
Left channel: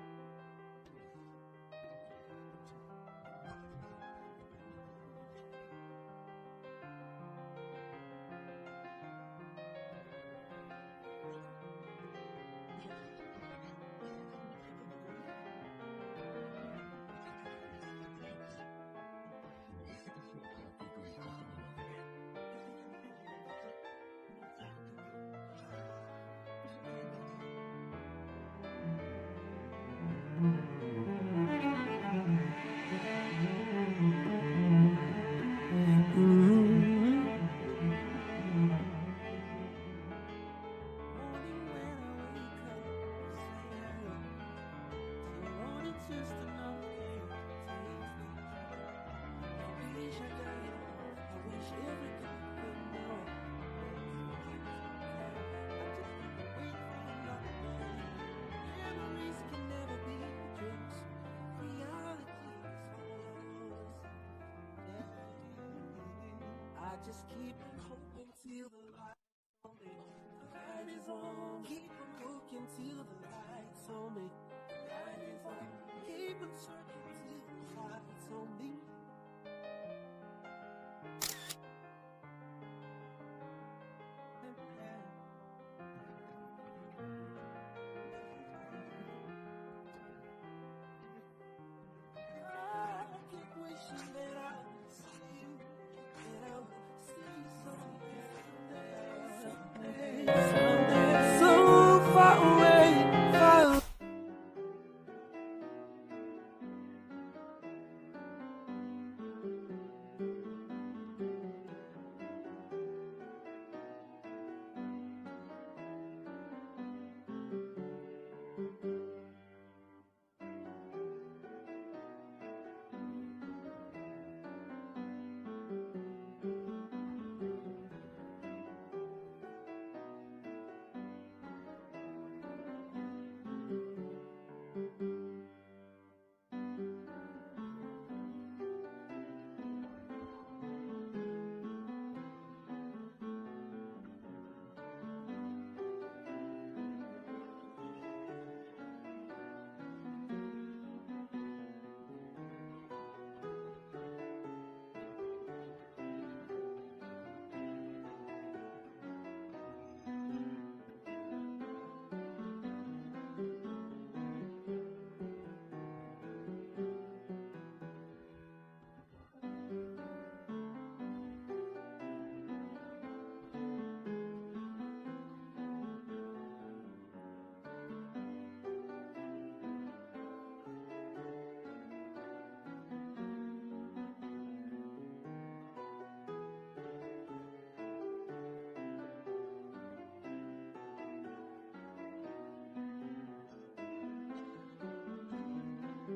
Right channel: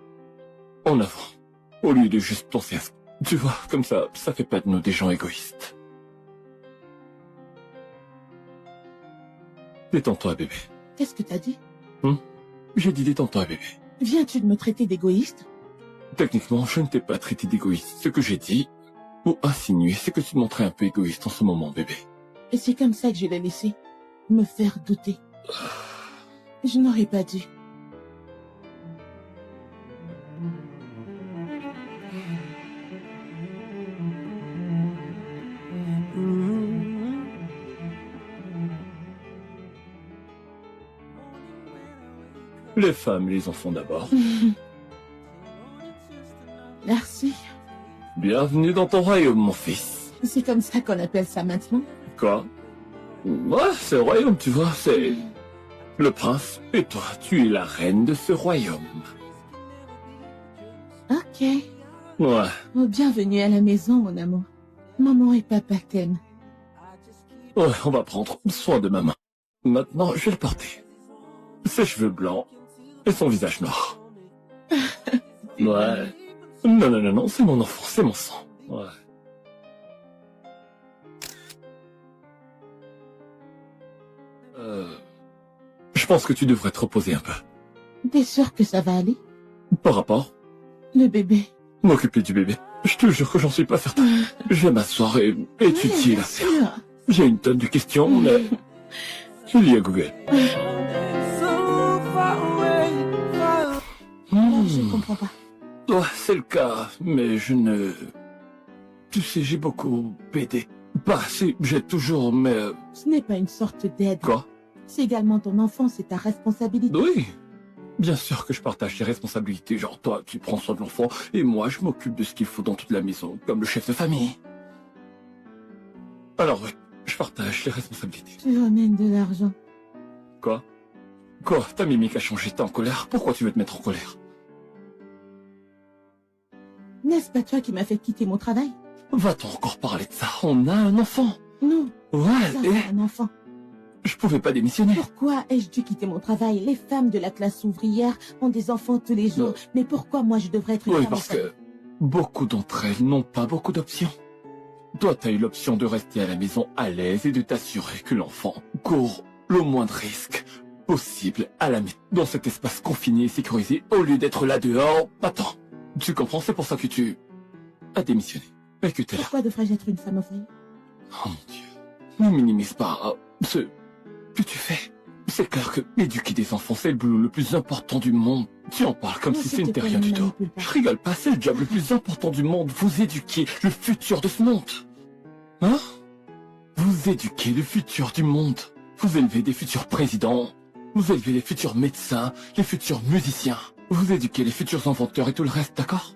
en avant, au lieu de juste penser à ça. Tu vois, comme ça fait pas de nous des gens égoïstes. Détends-toi, bébé. Qu'est-ce que t'as dit? J'ai dit détends-toi, bébé. Viens-tu de me traiter d'égoïste? Techniquement, je ne t'ai pas traité d'égoïste. Ce que j'ai dit, ou insinué, c'est que tu te montrais un peu égoïste en ce moment, bébé. Et c'est comme ça que je l'ai laissé me faire douter. Je n'aurais pas dû. Les femmes et les enfants d'abord. Merci. Bienvenue dans ton royaume, mon fils. C'est comme ça qu'on appelle ça maintenant? Quoi? Ouais, c'est le royaume, tu vois, c'est... le prince, et toi, tu es la reine de ce royaume. Ok. Ouais. Oh, bienvenue à la maison, mon amour. Maman et papa t'aiment. Ouais, on va prendre soin de maman. Maintenant, je vais le porter. Ses cheveux blancs et son visage noir. Ouais. Non, c'est mon enfant, c'est mon sang. Ouais. Je pense que tu devrais te reposer un peu. T'es sûr que ça va aller? Par rapport, Le bébé. m'occuper du bébé. Je te jure que j'en suis pas certain. Je vais m'asseoir et étudier Bien l'affaire. sûr. J'ai une tonne de questions, mais... je lis à Google. So far away, far Je comprends pas. Ouais, c'est le cas, mais je ne... Tu sais, j'ai beaucoup aidé. Pas assez, j'aide toujours, mais... Ce n'est pas une sorte d'aide. Quoi? C'est également ton enfant, c'est ta responsabilité. Oui. Bien sûr que je partage les responsabilités, genre toi, tu prends soin de l'enfant, et moi, je m'occupe de ce qu'il faut dans toute la maison, comme le chef de famille. Alors oui, je partage les responsabilités. Tu ramènes de l'argent. Quoi? Quoi? Ta mimique a changé, t'es en colère? Pourquoi tu veux te mettre en colère? N'est-ce pas toi qui m'as fait quitter mon travail? Va-t-on encore parler de ça? On a un enfant. Non, Ouais, ça et c'est un enfant. je pouvais pas démissionner. Pourquoi ai-je dû quitter mon travail? Les femmes de la classe ouvrière ont des enfants tous les jours. Non. Mais pourquoi moi je devrais être une Oui, femme parce enceinte? que beaucoup d'entre elles n'ont pas beaucoup d'options. Toi, t'as eu l'option de rester à la maison à l'aise et de t'assurer que l'enfant court le moindre risque possible à la maison, dans cet espace confiné et sécurisé, au lieu d'être là dehors. Attends, tu comprends? C'est pour ça que tu as démissionné et que t'es là. Pourquoi devrais-je être une femme au foyer? Oh mon Dieu, ne minimise pas ce que tu fais. C'est clair que éduquer des enfants, c'est le boulot le plus important du monde. Tu en parles comme Non, si s'il te c'était plaît, rien ne du tout. manipule pas. Je rigole pas, c'est le job le plus important du monde. Vous éduquez le futur de ce monde. Hein? Vous éduquez le futur du monde. Vous élevez des futurs présidents. Vous élevez les futurs médecins, les futurs musiciens. Vous éduquez les futurs inventeurs et tout le reste, d'accord?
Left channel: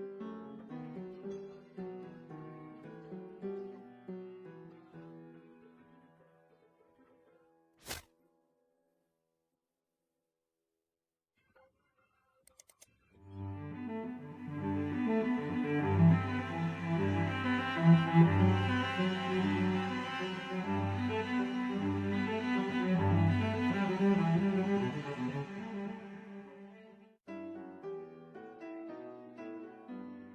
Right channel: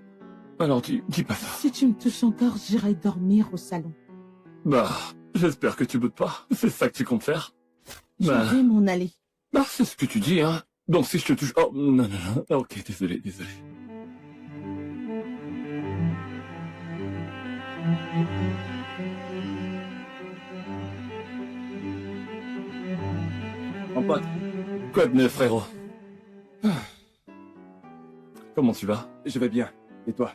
Alors dis pas ça. Si tu me touches encore, j'irai dormir au salon. Bah, j'espère que tu boutes pas. C'est ça que tu comptes faire? Je Bah, vais m'en aller. bah c'est ce que tu dis, hein. Donc si je te touche... Oh, non. Ok, désolé. Mon pote, Quoi de neuf, frérot? Comment tu vas? je vais bien. Et toi?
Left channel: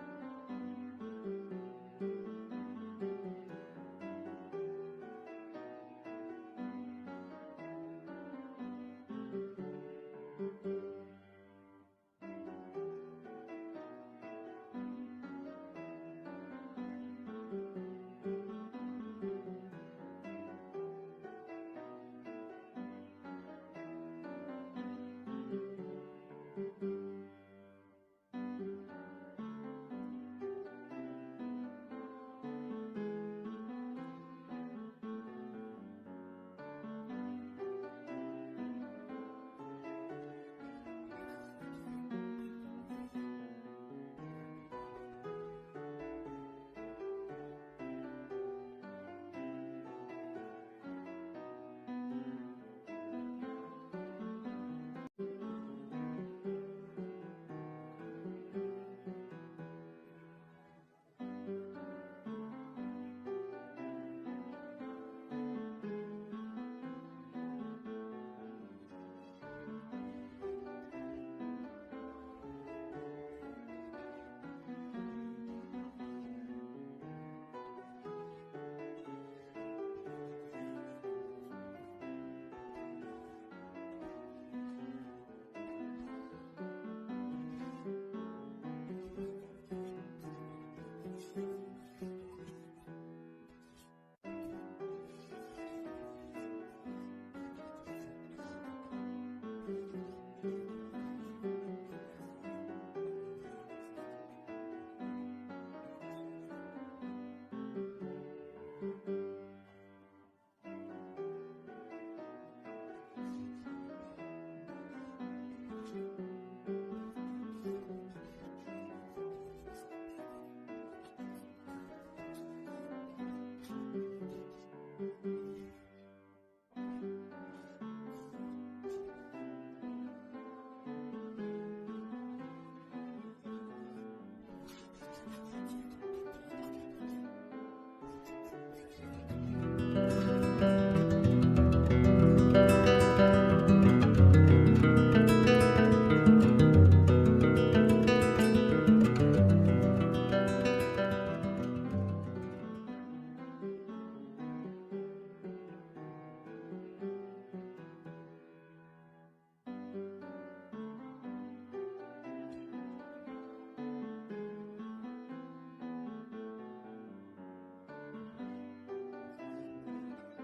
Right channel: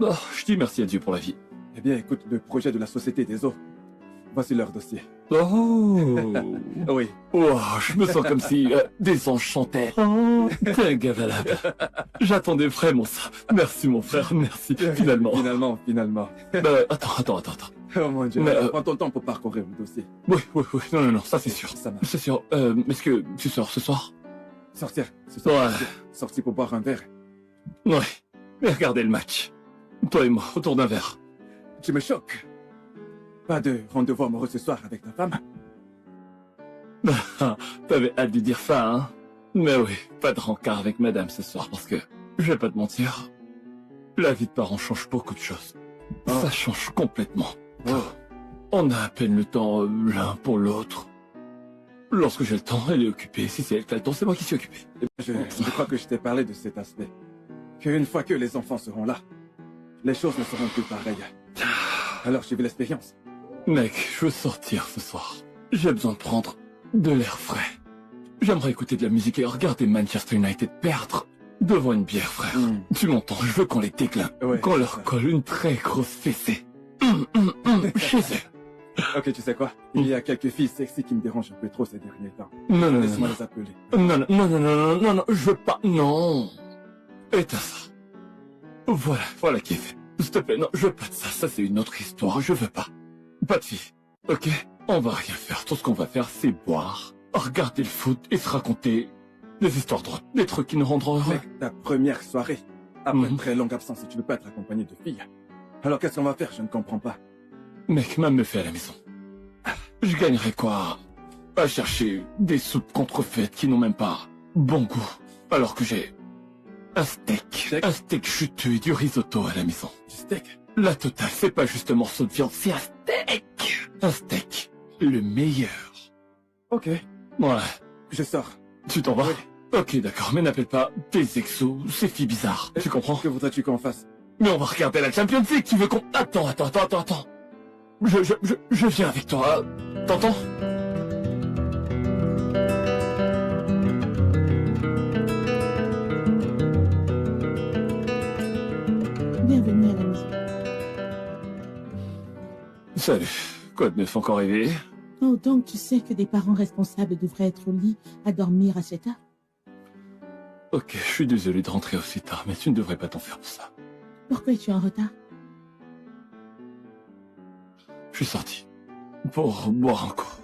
Oh, je dis merci à Dieu pour la vie. Eh bien, écoute, le projet de la Société des eaux. Voici leur dossier. Oh, Oui. wow, je me sens comme si des anges chantaient. Oh, t'es un gars valable. J'attendais vraiment ça. Merci mon frère, merci. Finalement. Finalement. Attends. Oh mon Dieu. Mais, Prends ton temps pour parcourir le dossier. Oui. Non, ça c'est sûr. Ça marche. C'est sûr. Est-ce que tu sors ce soir? Sortir. Ce soir. Ouais. Sortir pour boire un verre. Ouais. Et regardez le match. Toi et moi, autour d'un verre. Tu me choques. Pas de rendez-vous amoureux ce soir avec ta femme? T'avais hâte de dire ça, hein? Mais oui, pas de rencard avec madame ce soir parce que, je vais pas te mentir, la vie de parents change beaucoup de choses. Oh. Ça change complètement. Oh. On a à peine le temps l'un pour l'autre. Lorsque j'ai le temps, elle est occupée. Si c'est elle qui a le temps, c'est moi qui suis occupé. Je crois que je t'ai parlé de cet aspect. Qu'une fois que les enfants seront là, les choses ne seront plus pareilles. Alors j'ai vu l'expérience. Mec, je veux sortir ce soir. J'ai besoin de prendre de l'air frais. J'aimerais écouter de la musique et regarder Manchester United perdre devant une bière, frère. Tu m'entends, je veux qu'on les décline. Ouais, qu'on c'est leur ça. colle une très grosse fessée. Chez eux. Ok, tu sais quoi? Il y a quelques filles sexy qui me dérangent un peu trop ces derniers temps. Non, non, Laisse-moi non, les appeler. non, non, je veux pas, non. Éteins ça. Voilà qui est fait. S'il te plaît, non, je veux pas de ça, ça c'est une autre histoire, je veux pas. Pas de fille, ok? On va rien faire, tout ce qu'on va faire c'est boire, regarder le foot et se raconter des histoires drôles, des trucs qui nous rendront heureux. Mec, ta première soirée, après une très longue absence, et tu ne veux pas être accompagné de filles. Alors qu'est-ce qu'on va faire? Je ne comprends pas. Mec, même me fait à la maison. Je gagnerais quoi à chercher des soupes contrefaites qui n'ont même pas bon goût, alors que j'ai un steak juteux et du risotto à la maison. Du steak? La totale, c'est pas juste un morceau de viande, c'est un steak. Un steak, le meilleur. Ok, Ouais, je sors. tu t'en vas? Oui. Ok, d'accord, mais n'appelle pas des exos, ces filles bizarres. Tu comprends? Que voudrais-tu qu'on fasse? Mais on va regarder la Champions League, tu veux qu'on... Attends. Je viens avec toi, t'entends? Bienvenue à la maison. Salut, quoi de neuf encore réveillé? Oh, donc tu sais que des parents responsables devraient être au lit à dormir à cette heure? Ok, je suis désolé de rentrer aussi tard, mais tu ne devrais pas t'en faire pour ça. Pourquoi es-tu en retard? Je suis sorti pour boire un coup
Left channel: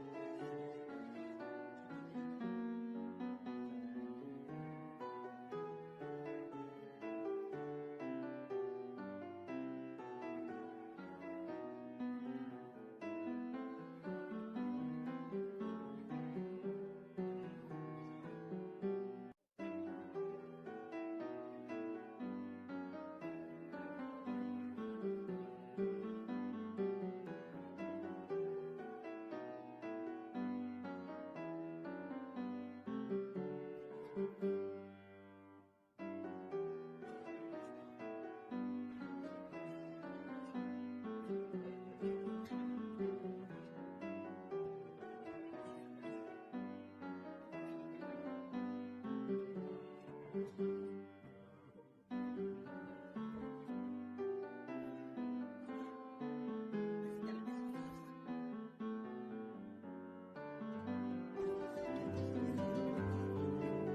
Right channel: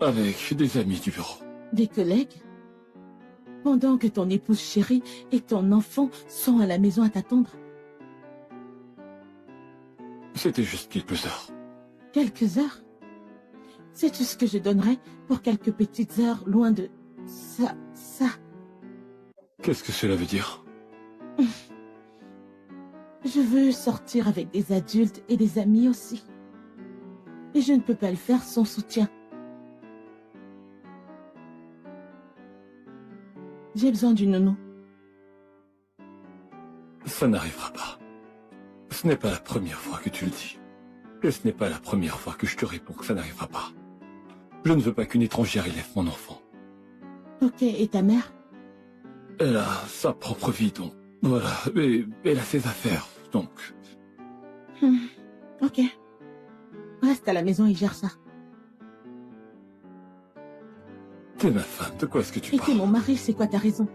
avec des amis du bureau. Des collègues? Pendant que ton épouse chérie et ton enfant sont à la maison à t'attendre? C'était juste quelques heures. Quelques heures? Sais-tu ce que je donnerais pour quelques petites heures loin de... ça... Qu'est-ce que cela veut dire? Je veux sortir avec des adultes et des amis aussi. Et je ne peux pas le faire sans soutien. J'ai besoin d'une nounou. Ça n'arrivera pas. Ce n'est pas la première fois que tu le dis. Et ce n'est pas la première fois que je te réponds que ça n'arrivera pas. Je ne veux pas qu'une étrangère élève mon enfant. Ok, et ta mère? Elle a sa propre vie, donc voilà. Et elle a ses affaires, donc... Ok. Reste à la maison et gère ça. T'es ma femme, de quoi est-ce que tu Et t'es parles? mon mari, c'est quoi ta raison?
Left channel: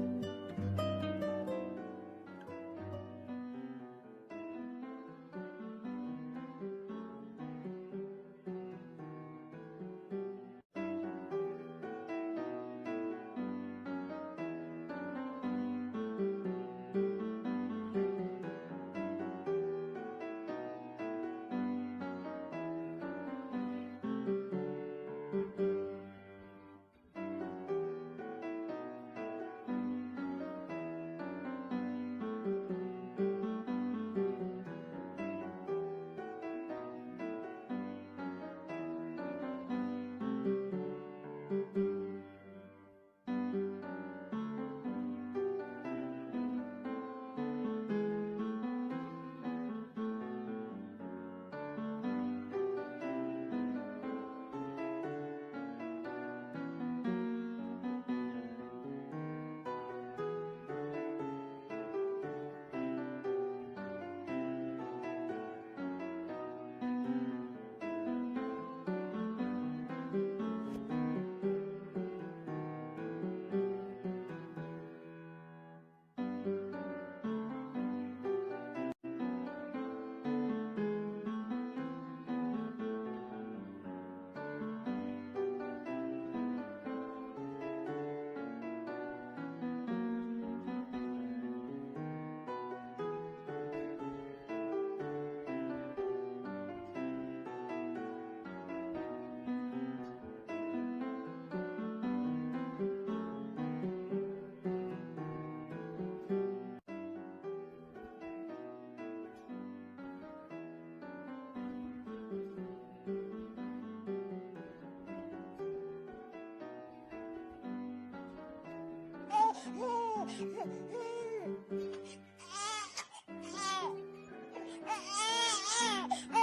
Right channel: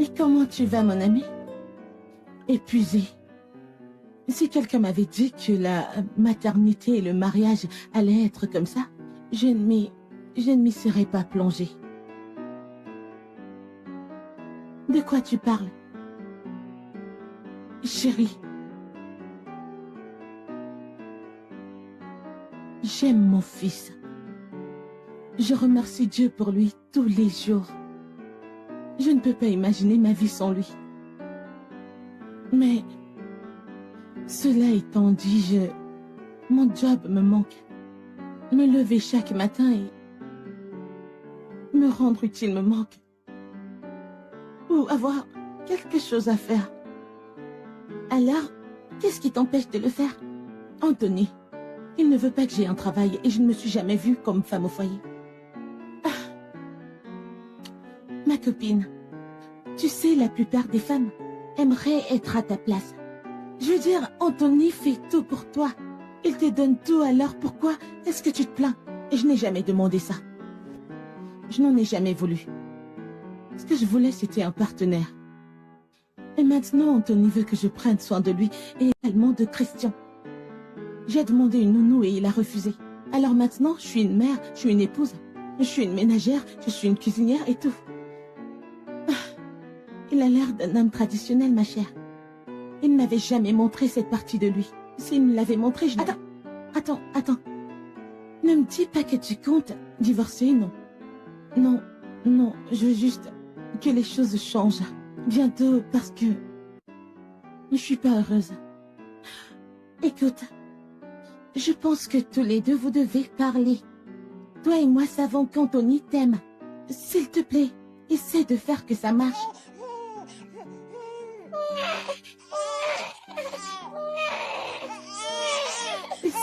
Et comment tu vas, mon ami? Épuisé. Si quelqu'un m'avait dit que la maternité et le mariage allaient être comme ça, je ne m'y serais pas plongée. De quoi tu parles? Chérie, j'aime mon fils. Je remercie Dieu pour lui tous les jours. Je ne peux pas imaginer ma vie sans lui. Mais, cela étant dit, mon job me manque. Me lever chaque matin et me rendre utile me manque. Ou avoir quelque chose à faire. Alors, qu'est-ce qui t'empêche de le faire? Anthony, il ne veut pas que j'ai un travail et je ne me suis jamais vue comme femme au foyer. Ma copine, tu sais, la plupart des femmes aimeraient être à ta place. Je veux dire, Anthony fait tout pour toi. Il te donne tout, alors pourquoi est-ce que tu te plains? Et je n'ai jamais demandé ça. Je n'en ai jamais voulu. Ce que je voulais, c'était un partenaire. Et maintenant, Anthony veut que je prenne soin de lui et également de Christian. J'ai demandé une nounou et il a refusé. Alors maintenant, je suis une mère, je suis une épouse, je suis une ménagère, je suis une cuisinière et tout. Ah, il a l'air d'un homme traditionnel, ma chère. Il ne m'avait jamais montré cette partie de lui. S'il me l'avait montré, je... Attends. Ne me dis pas que tu comptes divorcer, non. Non, je veux juste que les choses changent. Bientôt, parce que... je suis pas heureuse. Écoute, je pense que tous les deux, vous devez parler. Toi et moi savons qu'Anthony t'aime. S'il te plaît, essaie de faire que ça marche.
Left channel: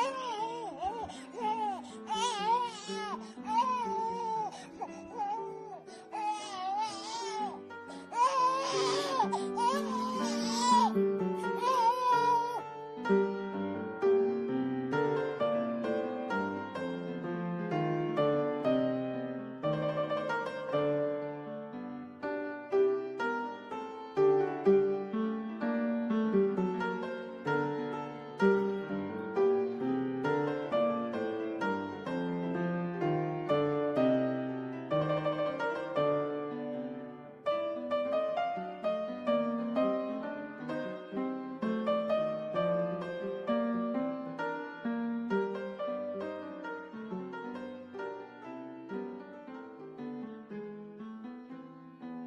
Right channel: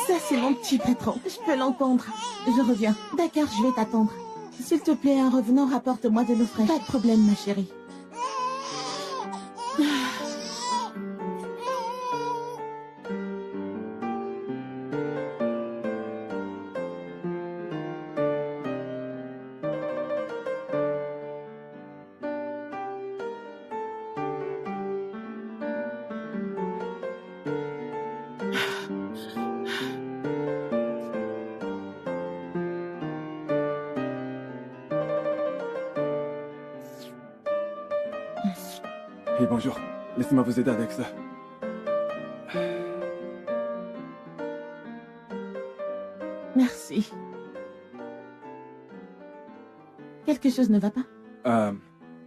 Ça, c'est mon petit patron. Je peux l'entendre. Je reviens. D'accord, je vais t'attendre. S'il te plaît, en revenant, rapporte-moi de l'eau fraîche. Pas de problème, ma chérie. Et bonjour, laissez-moi vous aider avec ça. Merci. Quelque chose ne va pas?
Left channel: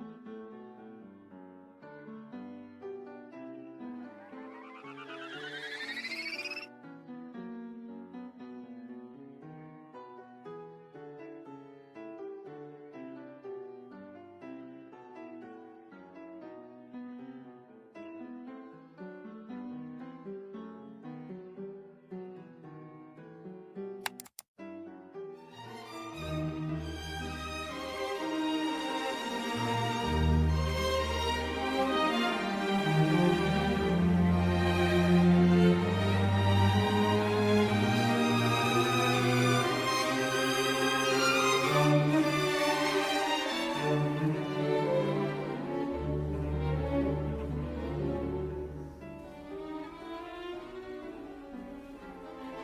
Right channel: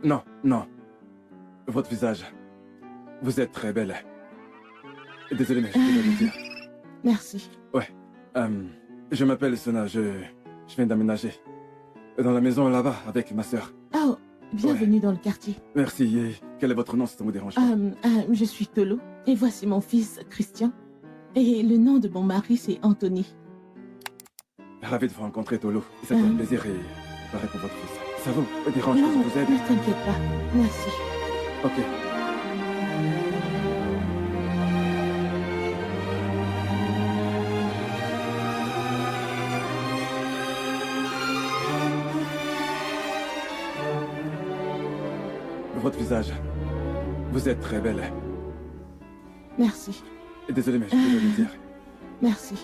Non. Votre visage. Vous êtes très belle. Désolé, mais je dois le dire. Merci. Ouais. Je m'appelle Sona, je viens d'aménager. Dans la maison là-bas, avec ma sœur. Oh, bienvenue dans le quartier. Merci, et quel est votre nom si ça vous dérange pas? Je suis Tolo, et voici mon fils, Christian. Et le nom de mon mari, c'est Anthony. Ravi de vous rencontrer, Tolo. Ça fait un plaisir et pareil pour votre fils. Ça vous dérange que Non, je vous aide? ne t'inquiète pas. Merci. Ok. Votre visage. Vous êtes très belle. Merci. Désolé, mais je dois le dire. Merci.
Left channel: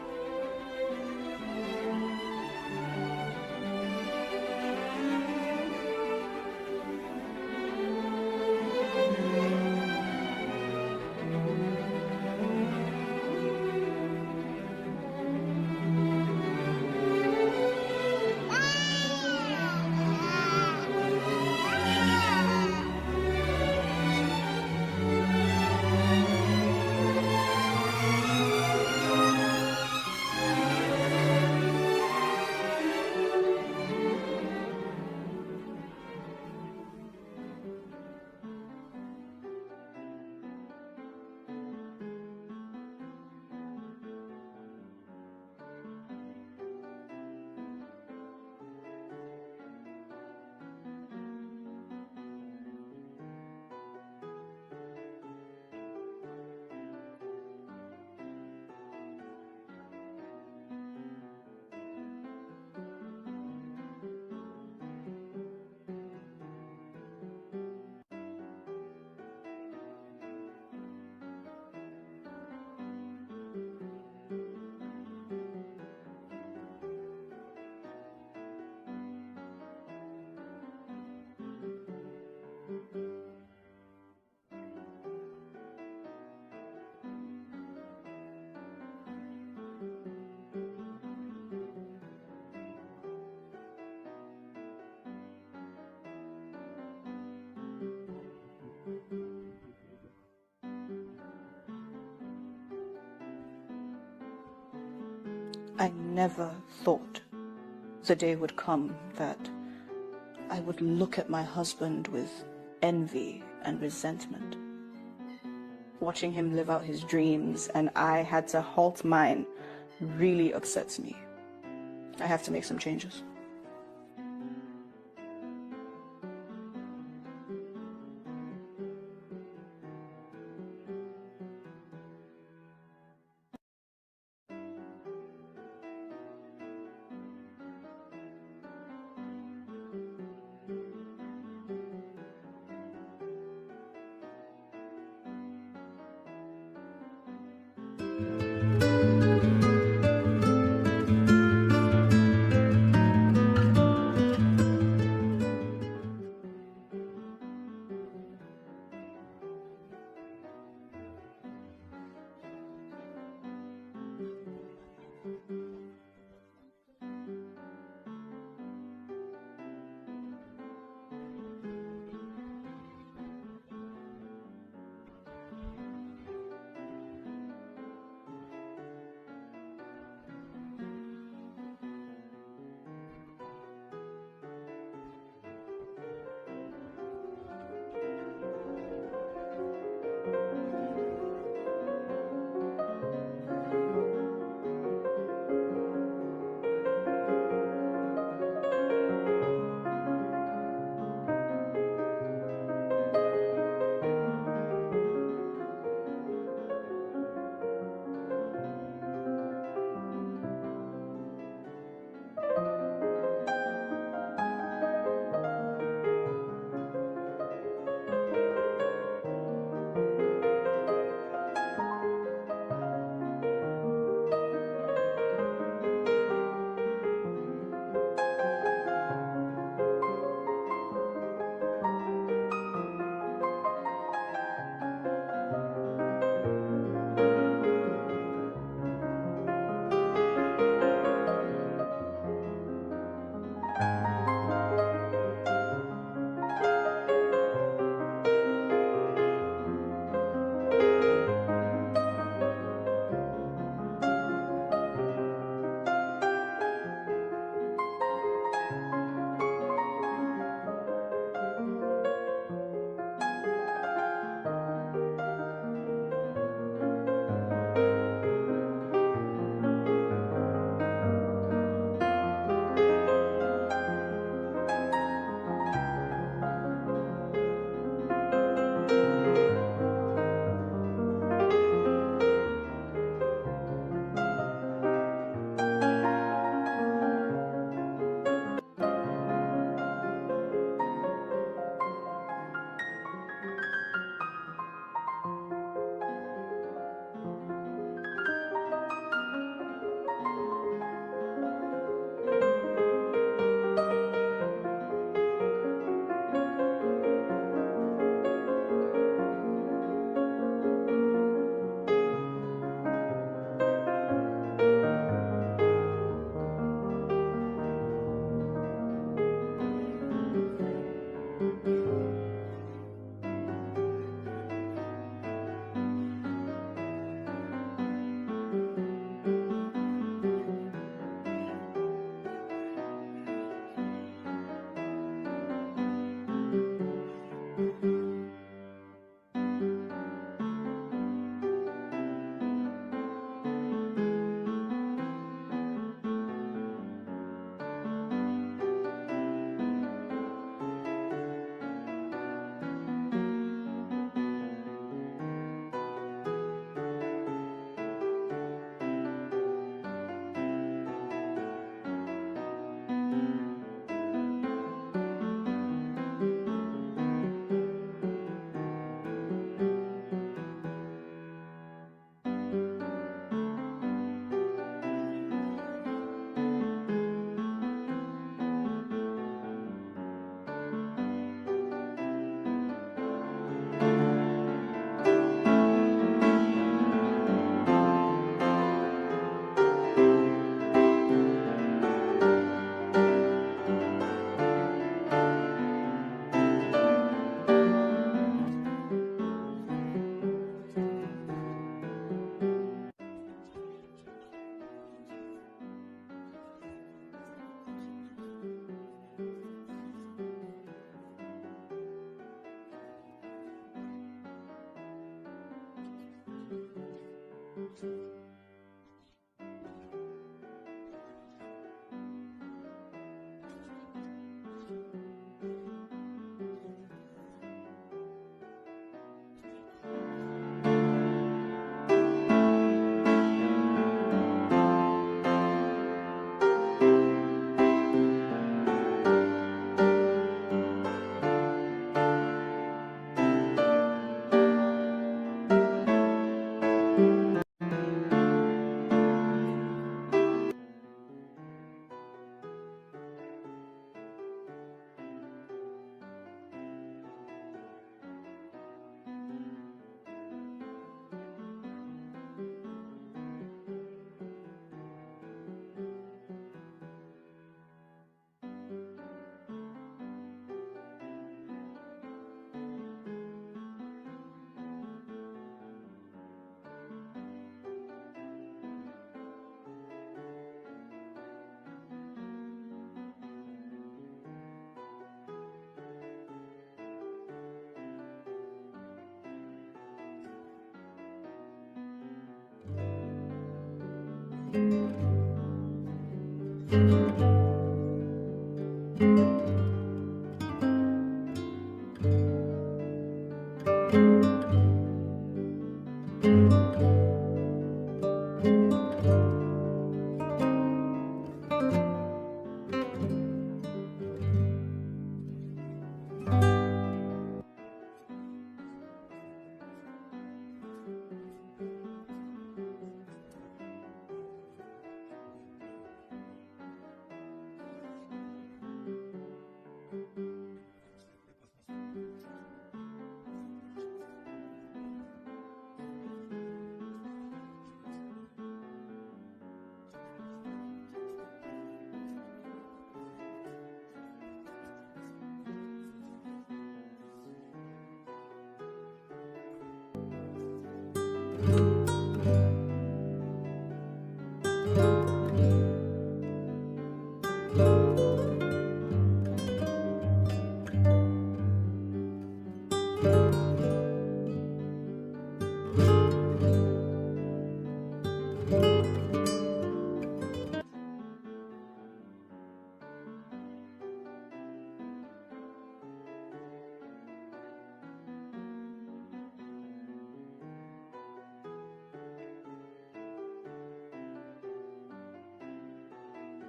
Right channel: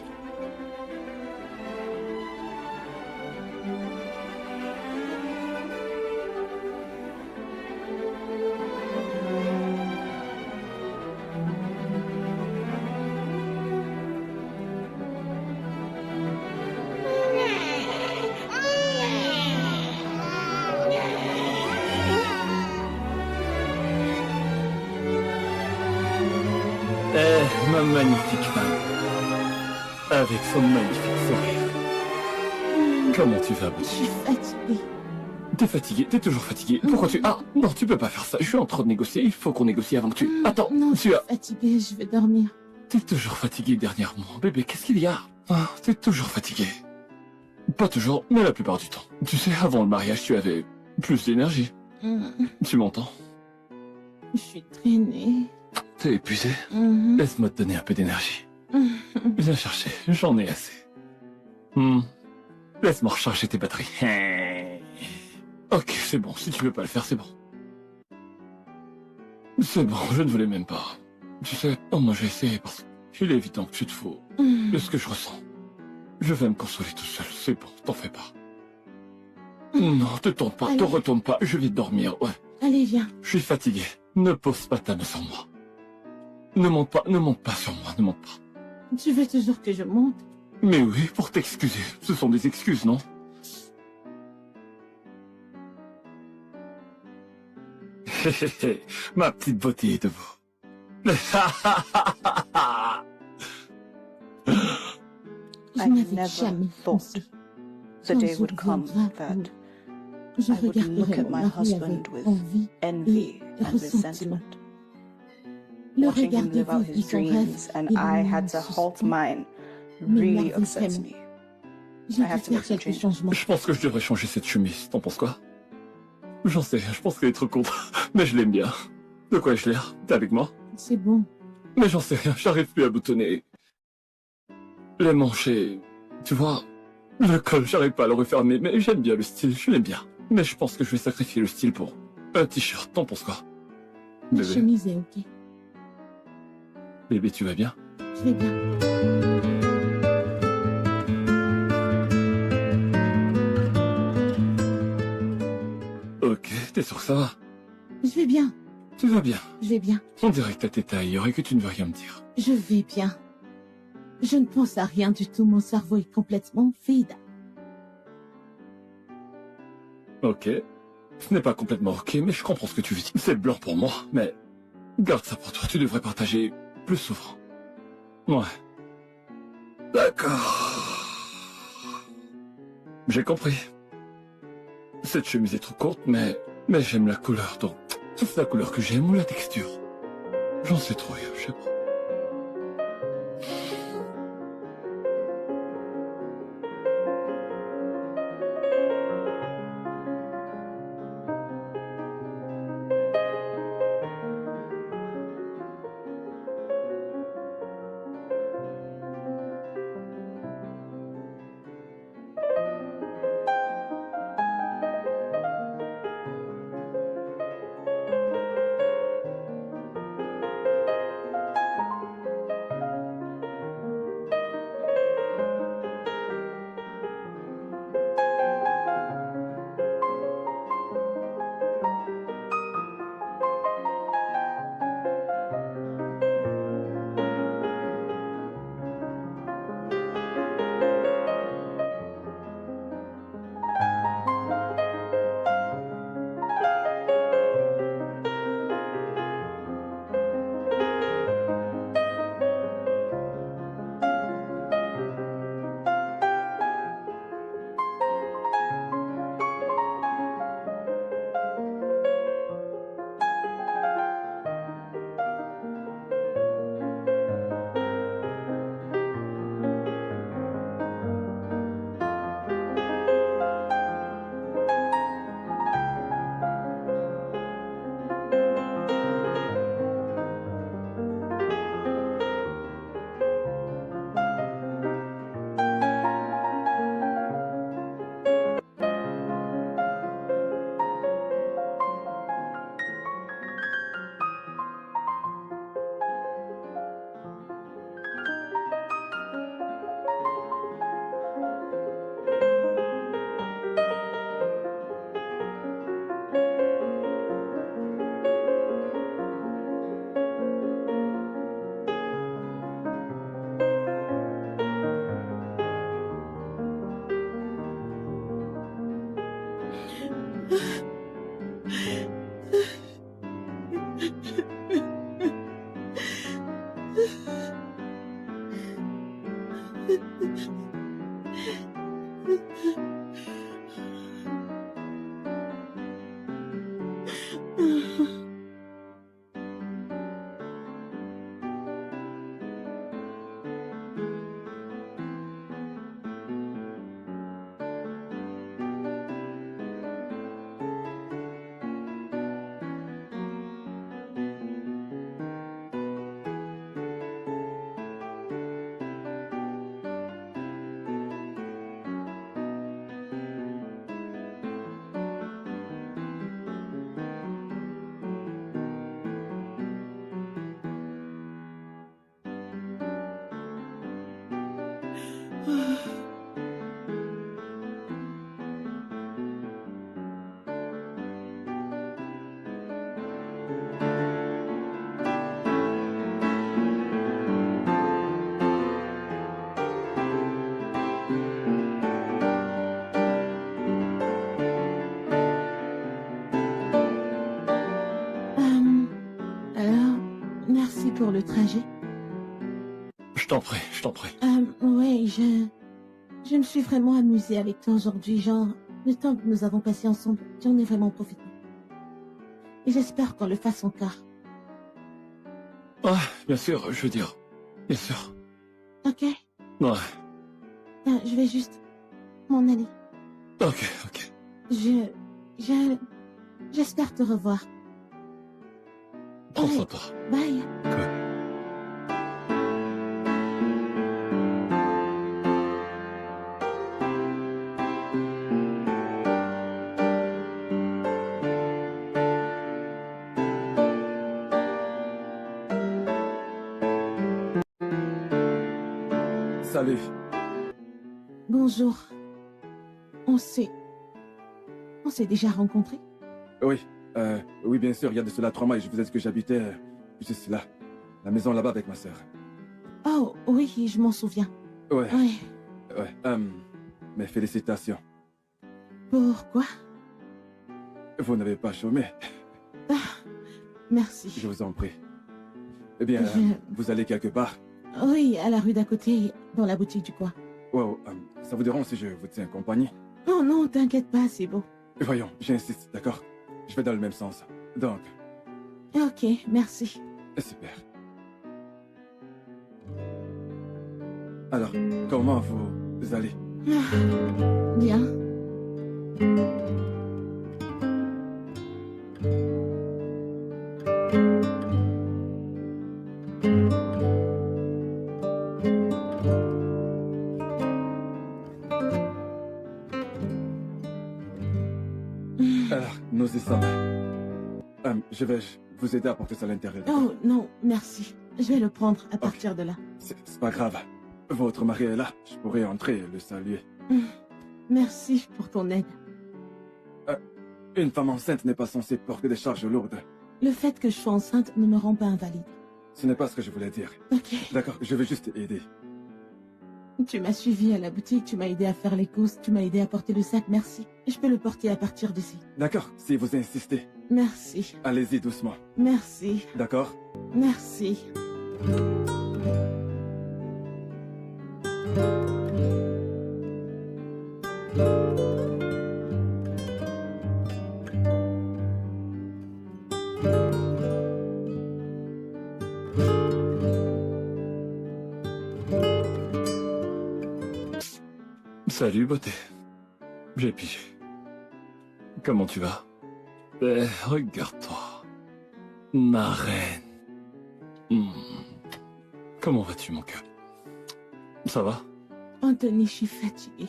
Ma magnifique femme. Avec son magnifique sourire. Comment tu vas, Je suis fatiguée. T'es fatigué, t'es toujours fatigué. Pourquoi tu... Ah, non, tu peux pas faire ça. Je suis en train de négocier, il faut qu'on négocie avant que tu... Attends, Non, je tu suis as... fatiguée, je vais dormir. T'es toujours fatigué dernièrement. Bébé, qu'est-ce qu'il y a? Ah, t'es toujours fatigué. Pas toujours, mais la plupart du temps. Tu sais, avant le mariage, tu avais plus d'énergie. Tu m'entends? Je suis traînée. T'es épuisé? Laisse-moi te donner un peu d'énergie. Viens chercher, j'en ai assez. Laisse-moi recharger tes batteries. Ok, c'est bon, si tu veux pas le faire, c'est bon. C'est bon, je ne voulais même pas. Tu sais, moi j'ai essayé parce qu'il est évident que tu te fous de ce que je ressens. Je vais me consoler tout seul, c'est bon, t'en fais pas. Non, te tourne pas, te retourne pas, je vais dormir, ouais. Allez, viens. Je suis fatigué, ne pose pas ta main sur moi. Ne monte pas sur moi, ne monte pas. Tu veux toujours que je monte? Mais oui, pour t'excuser, ce sont des excuses, non? Ma petite beauté est debout. I never thought the day would come that I would look at my husband with envy and resentment. Watching him live out his dreams and I had to halt mine really upsets me. I have to make some changes. Je pense que je devrais changer cette chemise, t'en penses quoi? J'en sais rien, je pense qu'elle est trop courte, mais je l'aime bien. De quoi ai-je l'air? T'es avec moi? C'est bon. Mais j'en sais rien, j'arrive plus à boutonner. Les manches et... Tu vois, le col, j'arrive pas à le refermer, mais j'aime bien le style, je l'aime bien. Mais je pense que je vais sacrifier le style pour un t-shirt, t'en penses quoi? La chemise est ok. Bébé, tu vas bien? Je vais bien. Ok, t'es sûr que ça va? Je vais bien. Tu vas bien? Je vais bien. On dirait que ta tête ailleurs et que tu ne veux rien me dire. Je vais bien. Je ne pense à rien du tout, mon cerveau est complètement vide. Ok. Ce n'est pas complètement ok, mais je comprends ce que tu veux dire. C'est blanc pour moi, mais... Garde ça pour toi, tu devrais partager plus souvent. Ouais. D'accord. J'ai compris. Cette chemise est trop courte, mais j'aime la couleur, donc... C'est la couleur que j'aime ou la texture? J'en sais trop rien, je sais pas. Pour le trajet. Je t'en prie, je t'en prie. Ouais, je me suis vraiment amusée avec toi aujourd'hui, genre, le temps que nous avons passé ensemble, j'en ai vraiment profité. Et j'espère qu'on le fasse encore. Ah, bien sûr, je veux dire, bien sûr. Ok. Ouais. Je vais juste m'en aller. Ok, ok. J'espère te revoir. Prends soin de toi. Bye. Cool. Salut. Bonjour. On s'est déjà rencontrés? Oui, oui, bien sûr, il y a de cela 3 mois et je vous ai dit que j'habitais, c'est cela, la maison là-bas avec ma sœur. Oh, oui, je m'en souviens. Ouais, Ouais. ouais, mes félicitations. Pourquoi? Vous n'avez pas chômé, Merci. je vous en prie. Eh bien, vous allez quelque part? Oui, à la rue d'à côté, dans la boutique du coin. Wow, ça vous dérange si je vous tiens compagnie? Oh non, t'inquiète pas, c'est beau. Voyons, j'insiste, d'accord? Je vais dans le même sens. Donc, Ok, merci. super. Alors, comment vous allez? Bien. Alors, nous y sommes. Je vais vous aider à porter ça à l'intérieur. d'accord? Oh non, merci. Je vais le prendre à partir de là. C'est pas grave. Votre mari est là. Je pourrais entrer et le saluer. Merci pour ton aide. Une femme enceinte n'est pas censée porter des charges lourdes. Le fait que je sois enceinte ne me rend pas invalide. Ce n'est pas ce que je voulais dire. Ok. D'accord, je vais juste aider. Tu m'as suivi à la boutique, tu m'as aidé à faire les courses, tu m'as aidé à porter le sac, merci. Je peux le porter à partir d'ici. D'accord, si vous insistez. Merci. Allez-y doucement. Merci. D'accord? Merci. Salut, beauté. J'ai pigé. Comment tu vas? Eh, regarde-toi. Ma reine. Comment vas-tu, mon cœur? Ça va? Anthony, je suis fatiguée.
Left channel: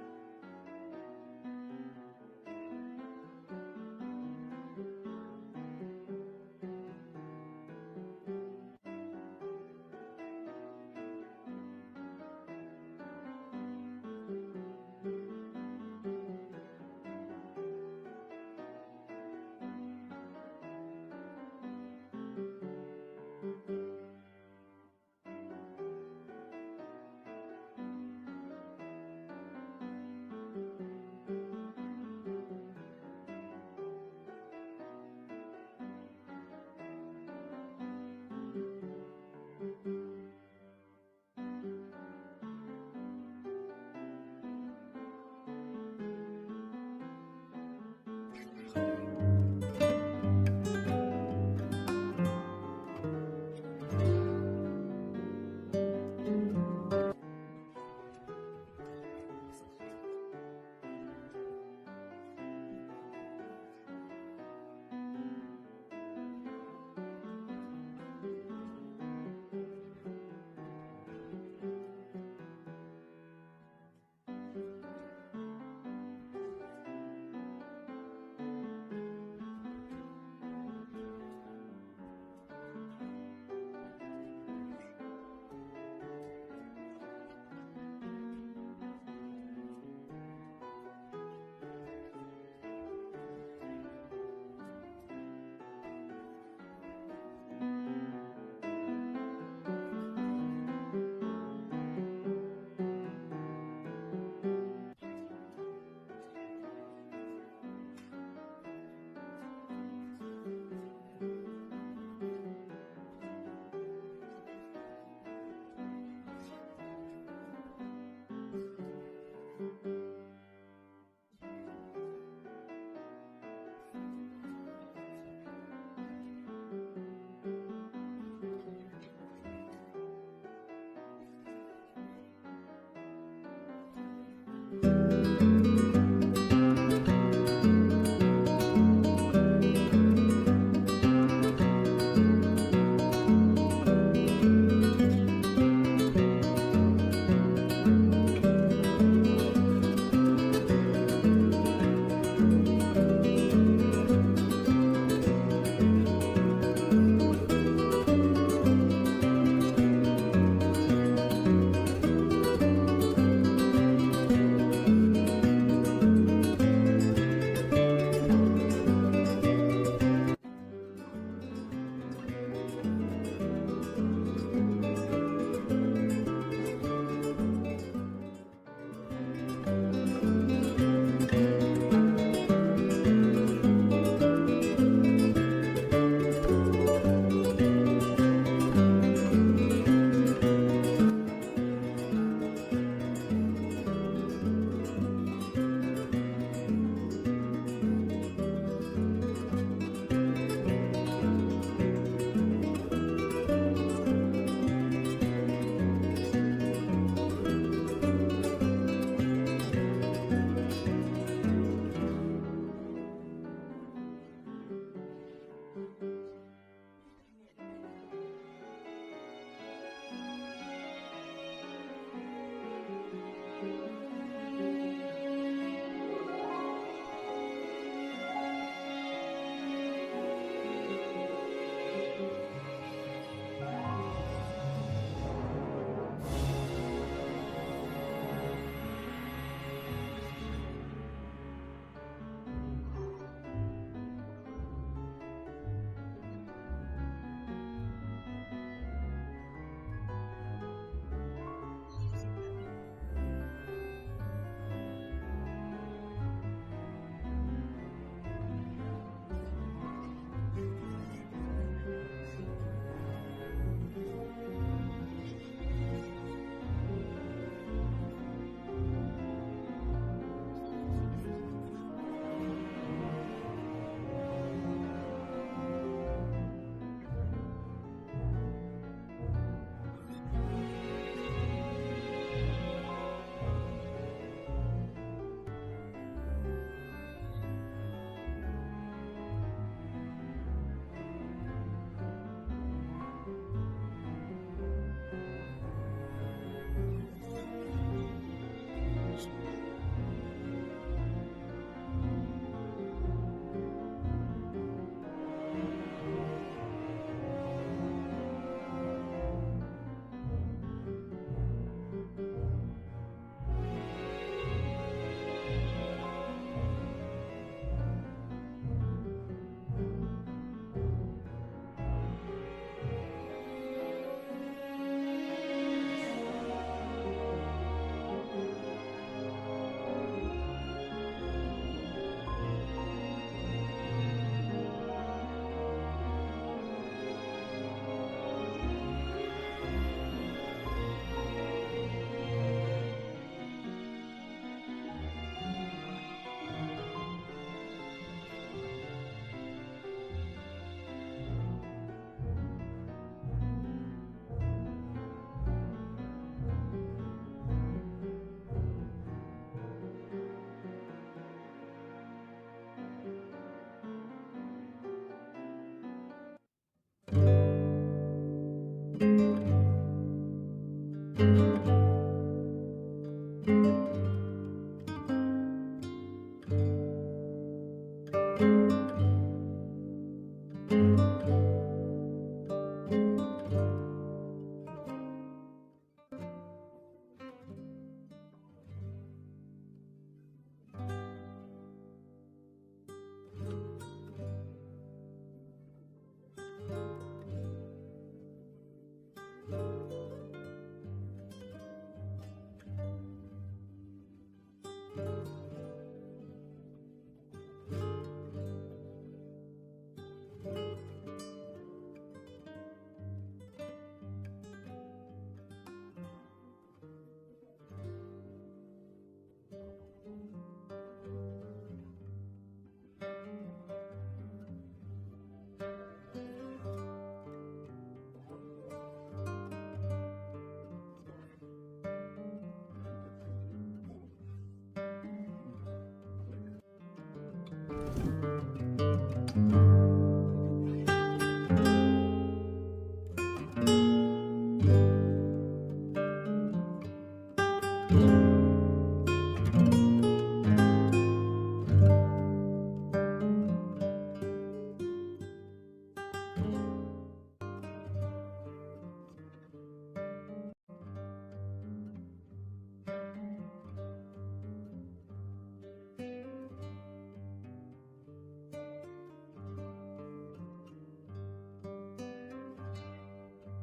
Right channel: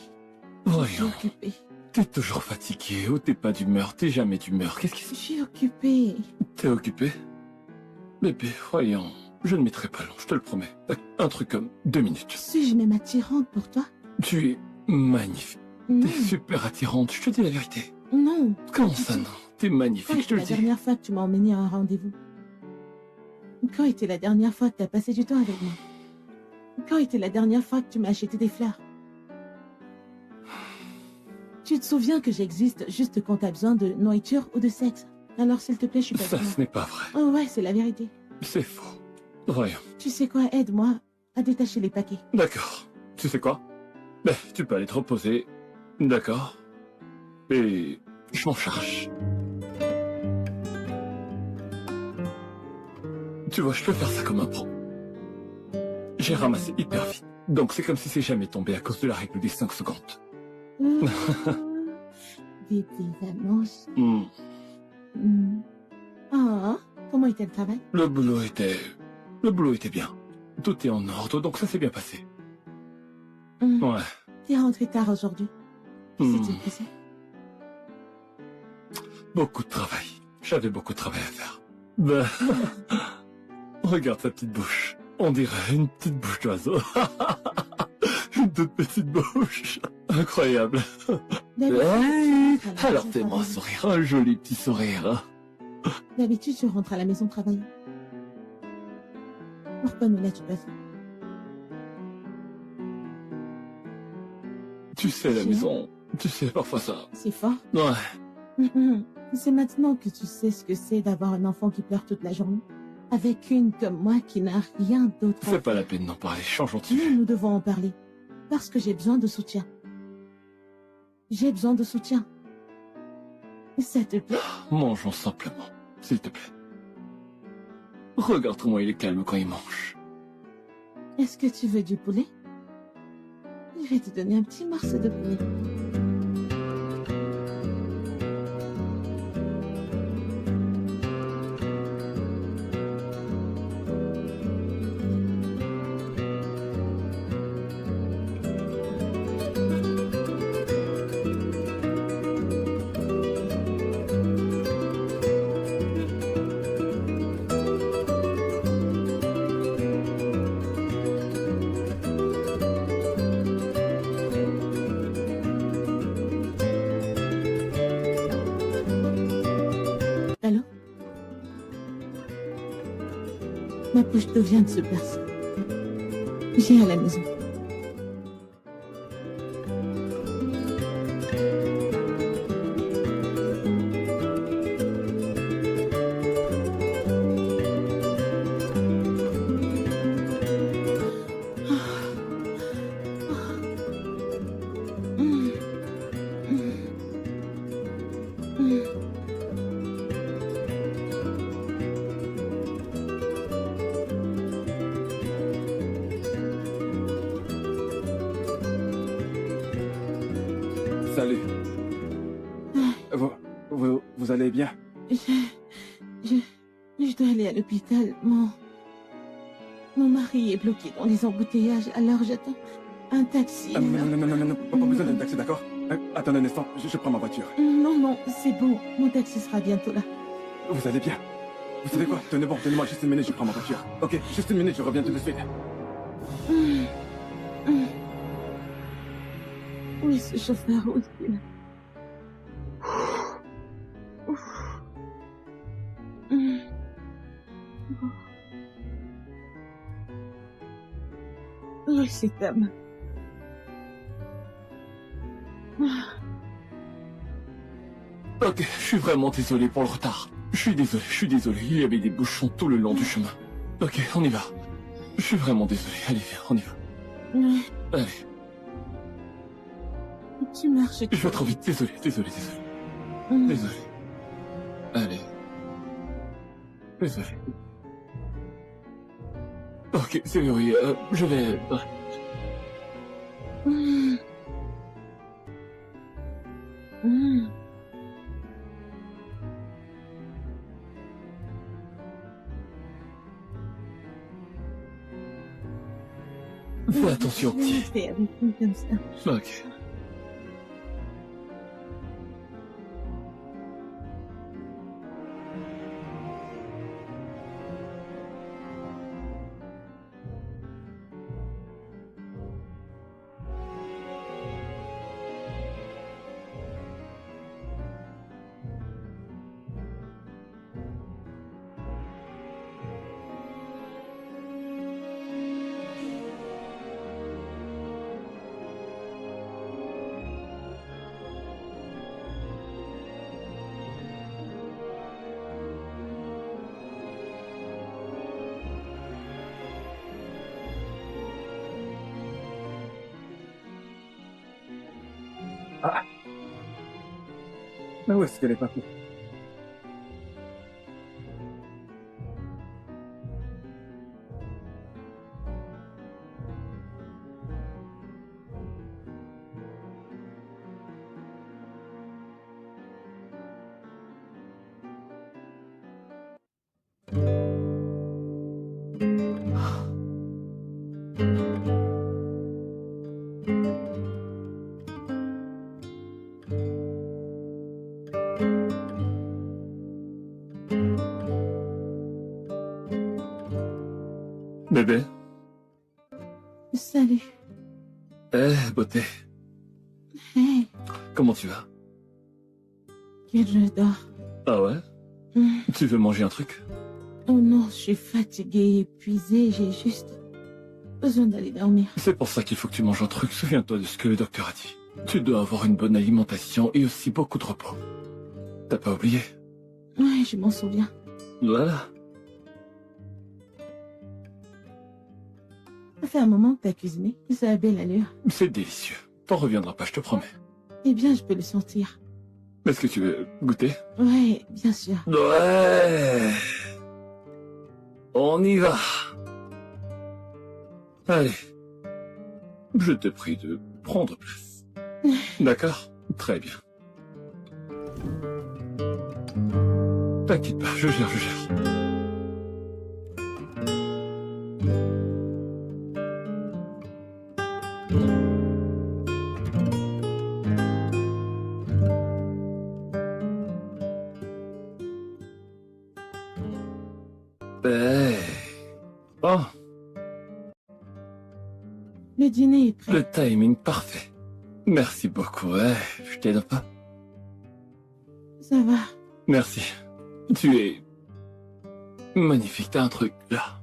Je suis Voyons. occupée. T'es toujours fatigué ou t'es pas d'humeur, t'es jamais d'humeur. Qu'est-ce qui Je suis occupée. T'es occupé? Bébé, voyons. Je ne mettrai pas long, je te le promets. Un truc comme 2 minutes. Suis-je même attirante pour toi? Tu es magnifique. Non. T'es super attirante, je te dis la vérité. Non. Comment ça, non? T'es Quand magnifique, je te était le la dis. dernière fois que tu m'as emmené à un rendez-vous? Quand était la dernière fois que tu as passé du temps avec moi? Quand était la dernière fois que tu m'as acheté des fleurs? Tu te souviens que j'existe juste quand tu as besoin de nourriture ou de sexe? Alors s'il te plaît, je suis pas Ça, d'accord. ce n'est pas vrai. Oh ouais, c'est la vérité. C'est faux. Voyons. Tu sais quoi, aide-moi à détacher les paquets. D'accord. Tu sais quoi? Ben, tu peux aller te reposer. D'accord. Et je m'en charge. Tu vois, je peux faire ça comme un pro. J'ai ramassé hyper vite. Donc c'est comme si c'est jamais tombé à cause de la règle des 5 secondes. Des petites annonces. Hmm. Ah, comment était le travail? Le boulot était bien. Tout est en ordre, donc ça s'est bien passé. Ouais. T'es rentré tard aujourd'hui. S'est-il passé? Beaucoup de travail. J'avais beaucoup de travail à faire. Ben... Regarde sa petite bouche. On dirait une petite bouche d'oiseau. Une toute petite bouche. Incroyable. Hey, alors fais-moi un sourire, un joli petit sourire. Hein. D'habitude, je rentre à la maison travailler. Pourquoi ne l'as-tu pas fait? Tu sais, la maison, tu sais, parfois ça... C'est fort. Ouais. C'est maintenant que tu sais ce que c'est d'avoir un enfant qui pleure toute la journée. Avec une comme moi qui n'a rien d'autre à C'est pas la peine d'en parler, changeons de Non, sujet. nous devons en parler. Parce que j'ai besoin de soutien. J'ai besoin de soutien. Ça te plaît? Mangeons simplement, s'il te plaît. Regarde comment il est calme quand il mange. Est-ce que tu veux du poulet? Je vais te donner un petit morceau de poulet. bouche d'eau vient de se percer. Viens à la maison. Salut. Vous allez bien? Je dois aller à l'hôpital. Mon mari est bloqué dans les embouteillages, alors j'attends un taxi. Non, pas besoin d'un taxi, d'accord? Attends un instant, je prends ma voiture. Non, c'est bon. Mon taxi sera bientôt là. Vous allez bien? Vous savez quoi? Tenez-moi juste une minute, je prends ma voiture. Ok, juste une minute, je reviens tout de suite. Oui, ce chauffeur aussi. Oui, c'est homme. Ok, je suis vraiment désolé pour le retard. Je suis désolé. Il y avait des bouchons tout le long du chemin. Ok, on y va. Je suis vraiment désolé. Allez, viens, on y va. Oui, Allez, tu marches. je vais trop vite. Désolé. Désolé. Allez. Désolé. Ok, c'est verrouillé. Je vais... Fais attention, petit. Fais avec nous comme ça. Ok. Mais où est-ce qu'elle est partie? Bébé. Salut. Beauté. Hey, Comment tu vas? je dors. Ah ouais? Tu veux manger un truc? Oh non, je suis fatiguée, épuisée, j'ai juste besoin d'aller dormir. C'est pour ça qu'il faut que tu manges un truc. Souviens-toi de ce que le docteur a dit. Tu dois avoir une bonne alimentation et aussi beaucoup de repos. T'as pas oublié? Ouais, je m'en souviens. Voilà. Ça fait un moment que t'as cuisiné. Ça a belle allure. C'est délicieux. T'en reviendras pas, je te promets. Eh bien, je peux le sentir. Est-ce que tu veux goûter? Ouais, bien sûr. Ouais. On y va. Allez. Je te prie de prendre place. D'accord? Très bien. T'inquiète pas, je gère. Oh, Le dîner est prêt. le timing parfait. Merci beaucoup, ouais. Je t'aide pas. Ça va. Merci. Tu es magnifique, t'as un truc là.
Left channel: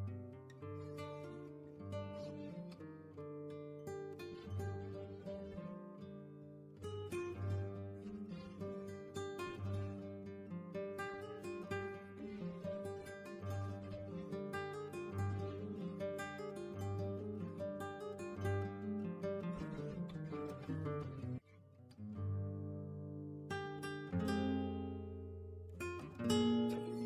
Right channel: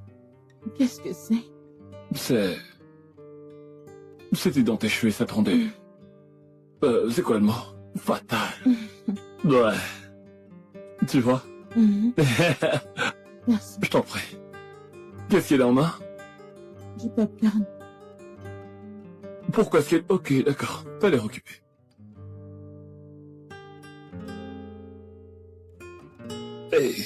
Qu'est-ce que c'est? C'était dans tes cheveux et ça te rendait... c'est quoi le mot? Fatal. Ouais. Tu vois? Merci. Je t'en prie. Qu'est-ce qu'il y a dans main? Du popcorn. Pourquoi est-ce qu'il... Ok, d'accord. T'as l'air occupé. Hey.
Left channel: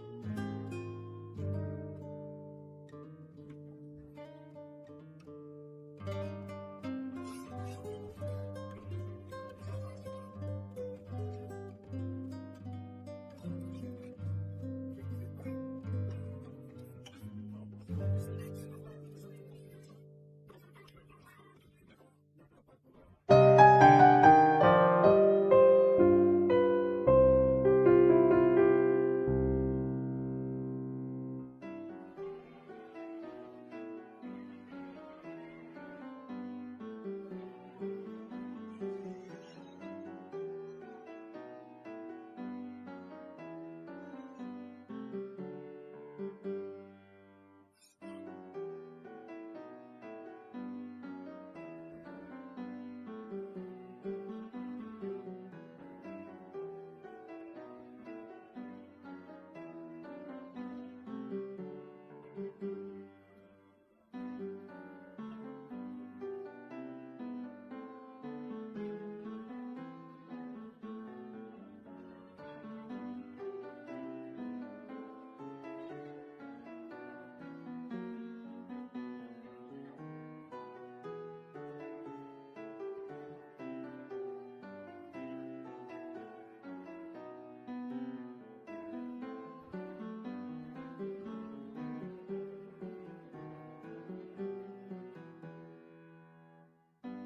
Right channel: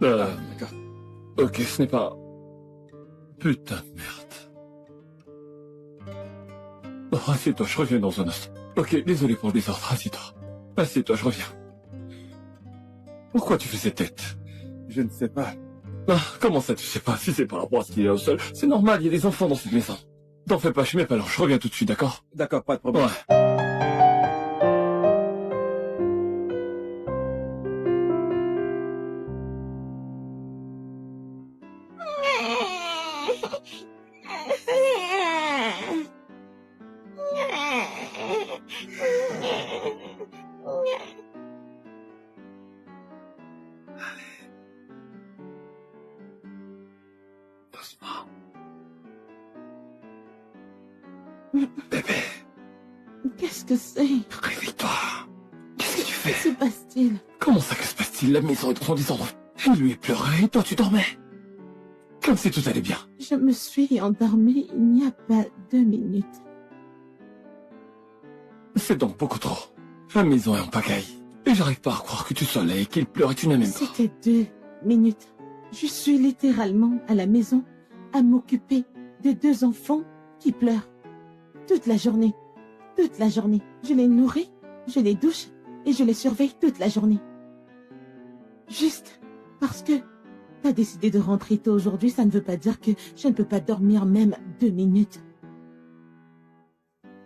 D'accord. Ok, ce n'est pas... Putain de merde. Oh, assieds-toi, je reviens dans un instant. Ok, désolé pour le désordre, assieds-toi. Assieds-toi, je reviens. Pourquoi tu fais cette tête? Je ne sais pas. Ah, comment ça tu sais pas? Si c'est par rapport à ce qu'il y a au sol, c'est normal, il y a des enfants dans cette maison. T'en fais pas, je mets pas alors, je reviens tout de suite, d'accord? D'accord, pas de problème. Ouais. Doucement. Bébé, Qu'est-ce que c'est? réveille-toi. Qu'est-ce que tu Que fais? se passe-t-il? Comment ça que se passe-t-il? La maison est dans son désordre. Il lui pleurait et toi tu dormais. Comme si tout allait bien. Je me suis endormie il n'y a pas 2 minutes. C'est donc beaucoup trop. La maison est en pagaille. Et j'arrive pas à croire que tu sois là et qu'il pleure et tu n'as même pas. C'était 2 minutes. Je suis littéralement à la maison à m'occuper de 2 enfants qui pleurent. Toute la journée. Toute la journée. Je les nourris, je les douche et je les surveille toute la journée. Juste parce que t'as décidé de rentrer tôt aujourd'hui, ça ne veut pas dire que je ne peux pas dormir même 2 minutes.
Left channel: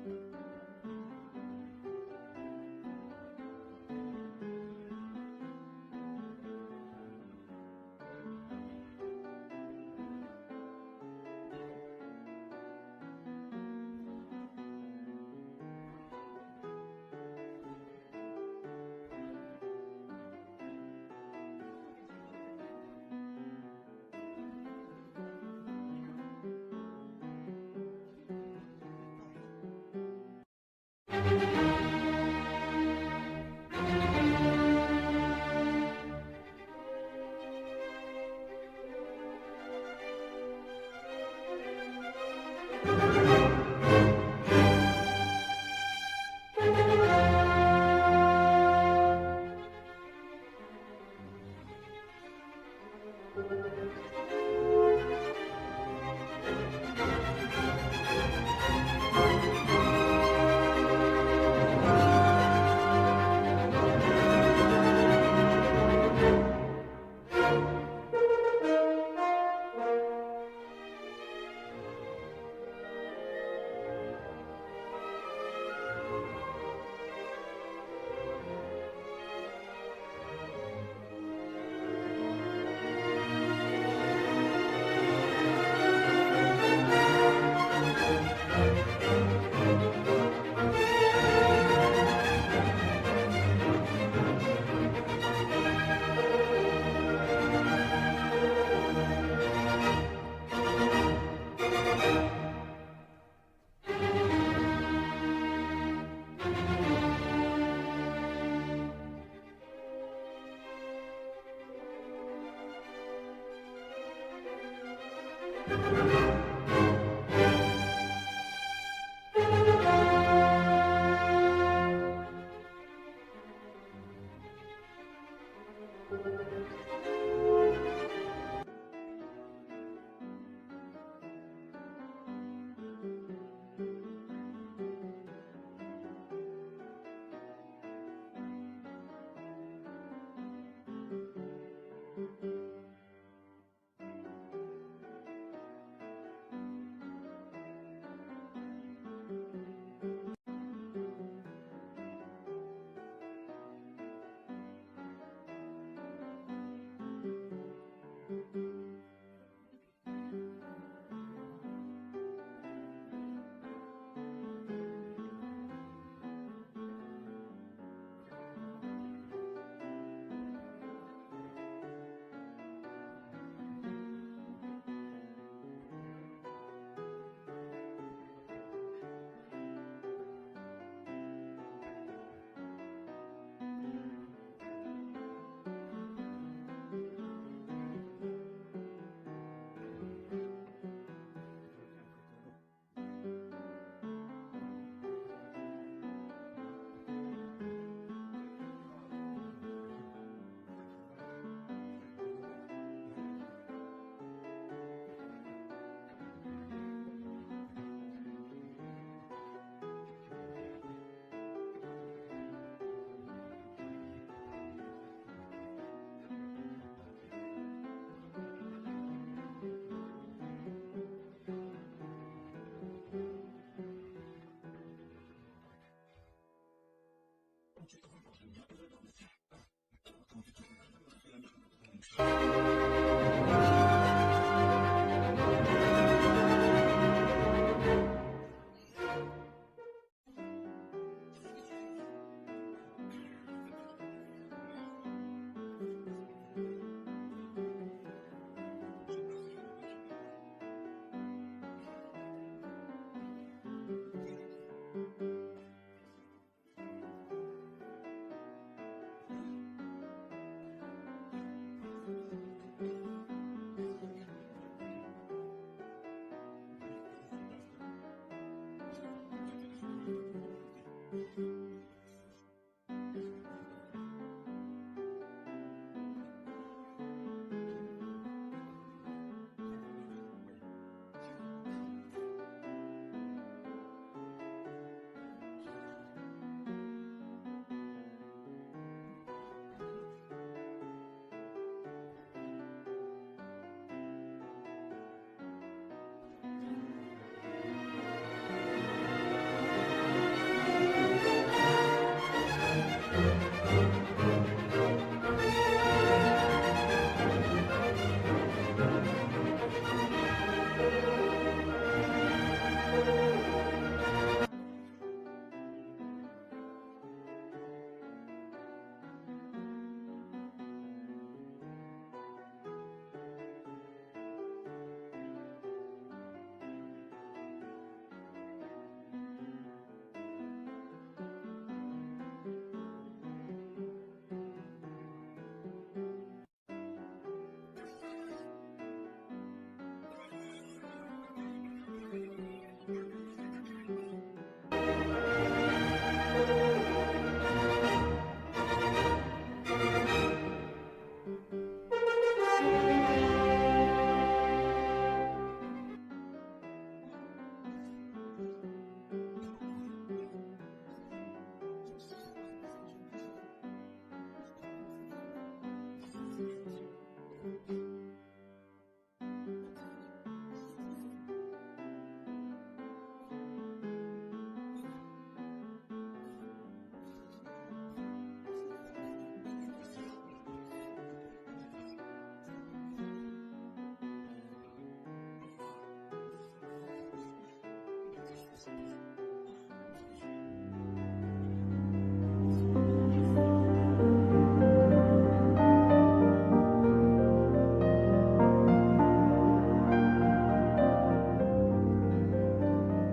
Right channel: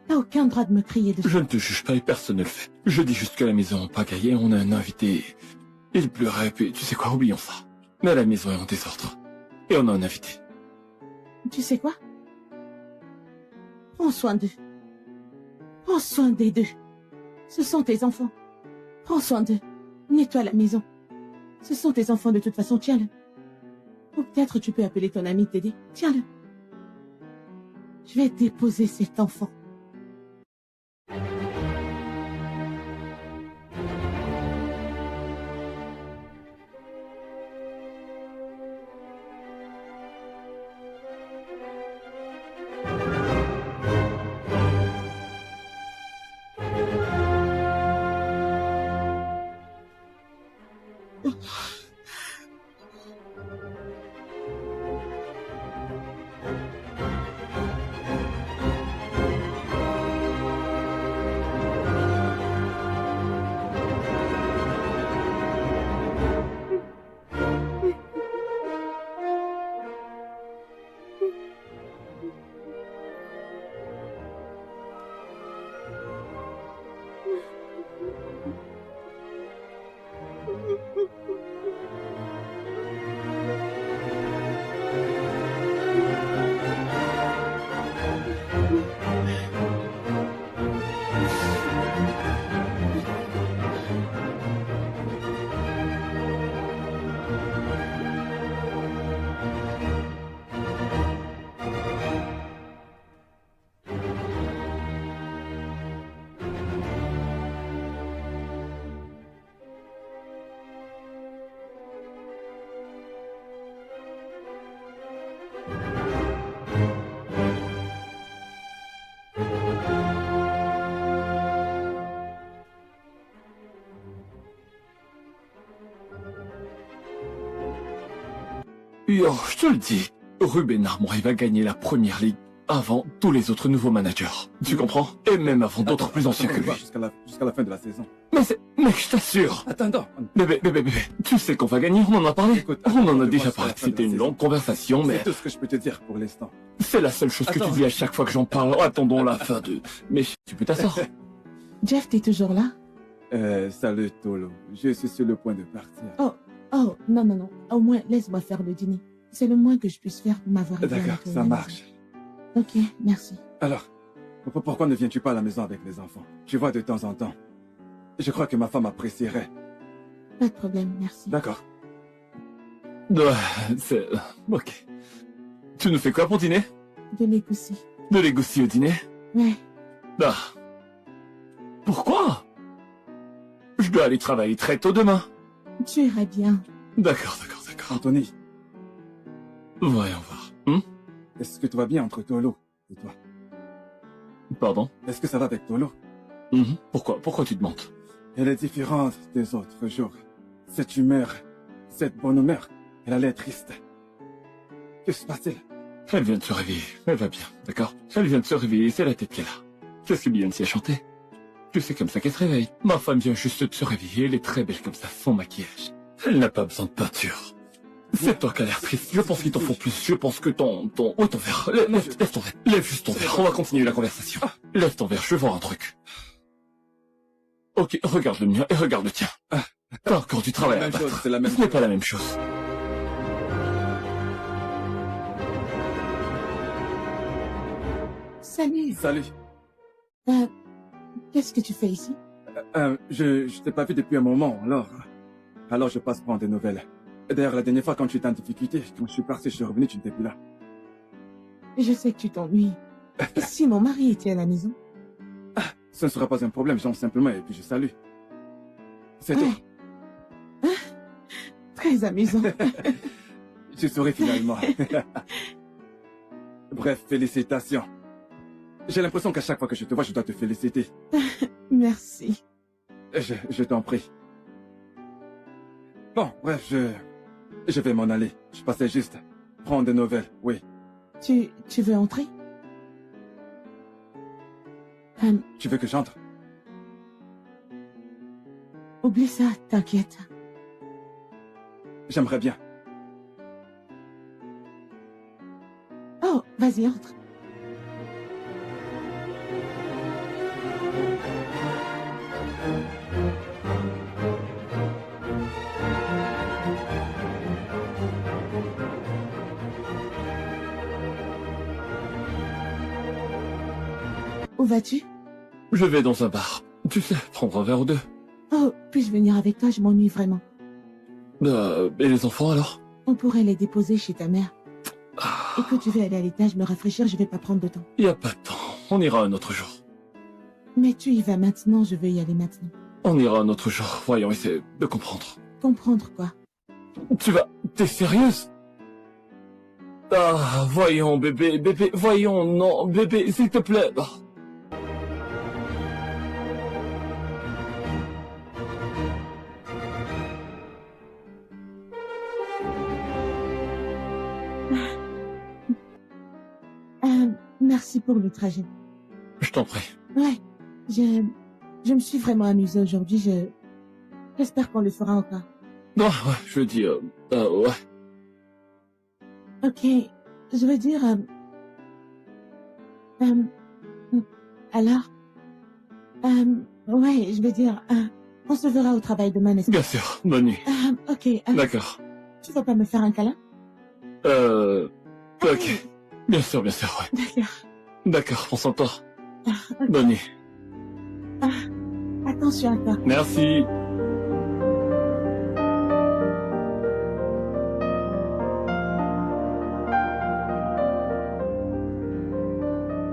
T'as aucun droit de me crier dessus. Je ne te juge pas et personne ne le fait. Je dis juste que la maison est en pagaille et on a un invité. Il pleurait puis tu sais quoi, oublions ça. Mais la maison est en désordre. Et on a un invité. Tu sais quoi? Prends soin d'eux. Prends soin des 2. Ce sont tes enfants. Prends soin d'eux. Nettoie la maison. Ce sont tes enfants de toute façon, tiens-le. Ou peut-être tu peux appeler ton ami t'aider. Tiens-le. Je vais déposer cet enfant. Yo, je te le dis, Ruben Armour, il va gagner la première ligue avant tous les autres nouveaux managers. Tu comprends? Et même avant d'autres plus anciens que lui. Jusqu'à la fin de la saison. Mais c'est... Mec, je t'assure. Attends. Bébé, tu sais qu'on va gagner, on en a parlé. Écoute, On en a attends, déjà moi, parlé. jusqu'à la fin de C'était la une saison. longue conversation, mais... C'est tout ce que je peux te dire pour l'instant. C'est la seule chose que tu Attends. dis à chaque fois que j'en parle. Attendons la fin de... Mais tu peux t'asseoir. Jeff, t'es toujours là? Salut Tolo. Je suis sur le point de partir. Oh, non. Au moins, laisse-moi faire le dîner. C'est le moins que je puisse faire pour m'avoir aidé. D'accord, ça marche. Ok, merci. Alors, pourquoi ne viens-tu pas à la maison avec les enfants? Tu vois de temps en temps. Je crois que ma femme apprécierait. Pas de problème, merci. D'accord. Ouais, c'est... Ok. Tu nous fais quoi pour dîner? De l'égoussi. De l'égoussi au dîner? Ouais. Ah. Pourquoi? Je dois aller travailler très tôt demain. Tu iras bien. D'accord. Anthony, Voyons voir. est-ce que tout va bien entre Tolo et toi? Pardon? Est-ce que ça va avec Tolo? Pourquoi tu demandes? Elle est différente des autres jours. Cette humeur, cette bonne humeur, elle allait être triste. Que se passe-t-il? Elle vient de se réveiller. Elle va bien, d'accord? Elle vient de se réveiller, c'est la tête qu'elle a. C'est ce que Beyoncé a chanté. Tu sais comme ça qu'elle se réveille. Ma femme vient juste de se réveiller, elle est très belle comme ça, sans maquillage. Elle n'a pas besoin de peinture. C'est toi qui as l'air triste. Je pense qu'il t'en faut plus. Je pense que ton... Oh, ton verre. Lève ton verre. Lève juste ton verre. On va continuer la conversation. Lève ton verre, je veux voir un truc. Ok, regarde le mien et regarde le tien. T'as encore du travail à battre. C'est la même Ce n'est pas la même chose. Salut. Salut. Qu'est-ce que tu fais ici? Je t'ai pas vu depuis un moment, alors je passe prendre des nouvelles. D'ailleurs, la dernière fois, quand tu étais en difficulté, quand je suis parti, je suis revenu, tu n'étais plus là. Je sais que tu t'ennuies. Et si mon mari était à la maison? Ce ne sera pas un problème, j'entre simplement et puis je salue. C'est tout. Très amusant. Je souris finalement. Bref, félicitations. J'ai l'impression qu'à chaque fois que je te vois, je dois te féliciter. Merci. Je t'en prie. Bon, bref, je vais m'en aller. Je passais juste prendre des nouvelles, oui. Tu veux entrer? Tu veux que j'entre? Oublie ça, t'inquiète. J'aimerais bien. Oh, vas-y, entre. Où vas-tu? Je vais dans un bar. Tu sais, prendre un verre ou deux. Oh, puis-je venir avec toi? Je m'ennuie vraiment. Et les enfants alors? On pourrait les déposer chez ta mère. Et quand tu veux aller à l'étage me rafraîchir, je vais pas prendre de temps. Y a pas de temps. On ira un autre jour. Mais tu y vas maintenant, je veux y aller maintenant. On ira un autre jour. Voyons, essaie de comprendre. Comprendre quoi? Tu vas... T'es sérieuse? Ah, voyons, bébé, voyons, non, bébé, s'il te plaît. Merci pour le trajet. Je t'en prie. Ouais, je me suis vraiment amusée aujourd'hui. J'espère qu'on le fera encore. Non, ouais, je veux dire... ouais. Ok, je veux dire... alors... ouais, je veux dire... on se verra au travail demain, n'est-ce pas? Bien sûr, bonne nuit. Ok. D'accord. Tu vas pas me faire un câlin? Ok. Bien sûr, ouais. D'accord. D'accord, prends soin de toi. Bonne nuit. Attention à toi. Merci.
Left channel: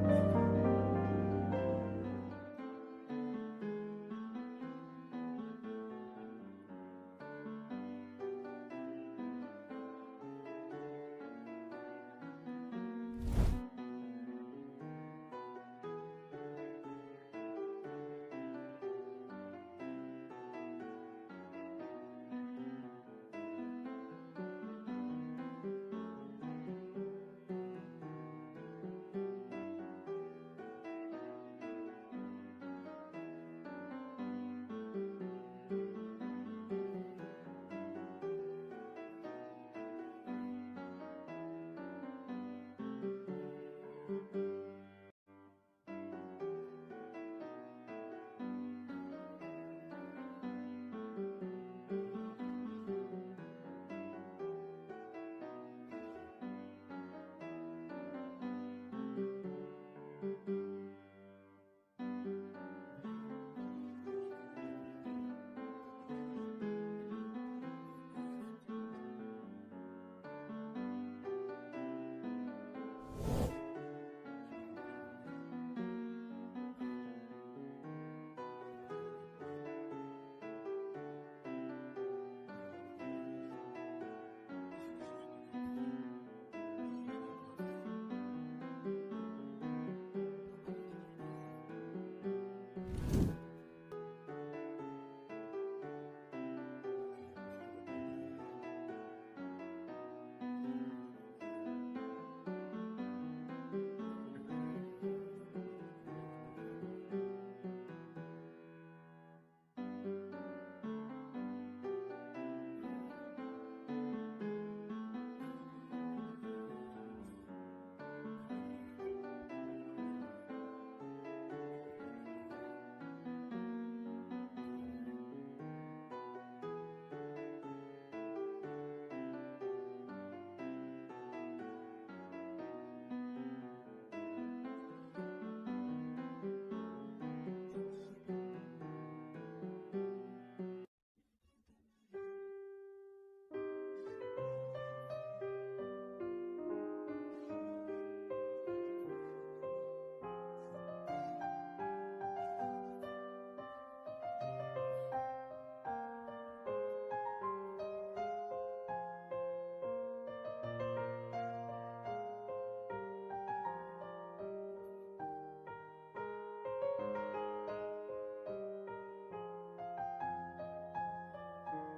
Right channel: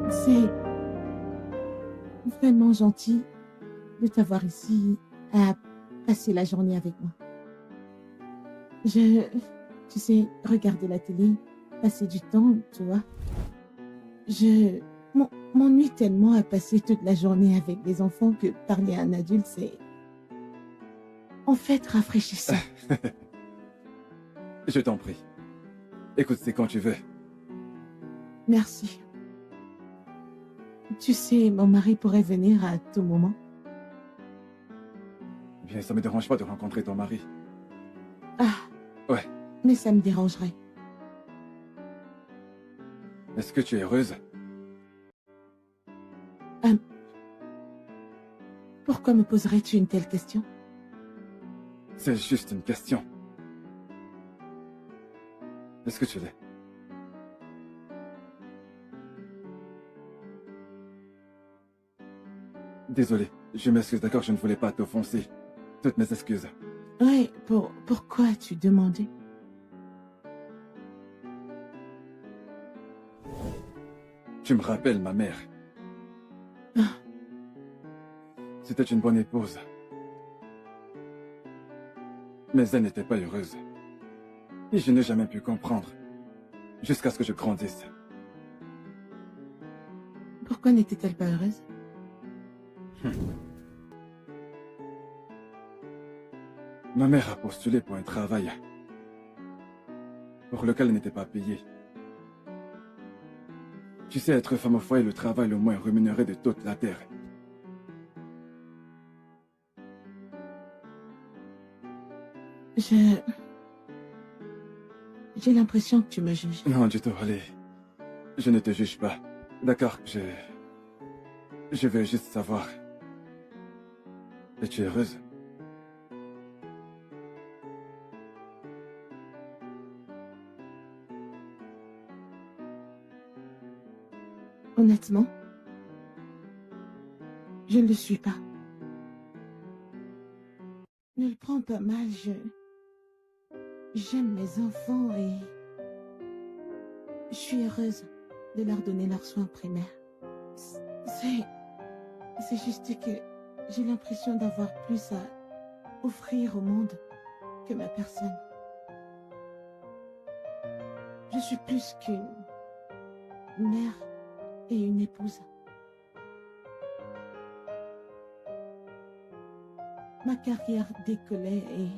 C'est vraiment gentil de t'avoir ici à passer la journée avec moi. Tu sais, regarder la télé, passer du temps, tu vois. Je m'ennuie tellement à passer toute la journée avec des enfants que parler à un adulte, c'est en fait rafraîchissant. Je t'en prie. Écoute, c'est quand tu veux. Merci. Tu sais, mon mari pourrait venir à tout moment. Bien, ça me dérange pas de rencontrer ton mari. Ah. Ouais. Mais ça me dérangerait. Est-ce que tu es heureuse? Pourquoi me poserais-tu une telle question? C'est juste une question. Est-ce que tu l'es? Désolé, je m'excuse, d'accord, je ne voulais pas t'offenser. Toutes mes excuses. Ouais, pourquoi as-tu demandé? Tu me rappelles ma mère. Ah. C'était une bonne épouse. Mais elle n'était pas heureuse. Et je n'ai jamais pu comprendre. Jusqu'à ce que je grandisse. Pourquoi n'était-elle pas heureuse? Ma mère a postulé pour un travail pour lequel elle n'était pas payée. Tu sais, être femme au foyer est le travail le moins rémunéré de toute la terre. J'ai l'impression que tu me juges. Non, du tout, allez. Je ne te juge pas. D'accord, je veux juste savoir. Es-tu heureuse? Honnêtement, je ne le suis pas. Ne le prends pas mal, j'aime mes enfants et je suis heureuse de leur donner leurs soins primaires. C'est juste que j'ai l'impression d'avoir plus à offrir au monde que ma personne. Je suis plus qu'une mère et une épouse. Ma carrière décollait et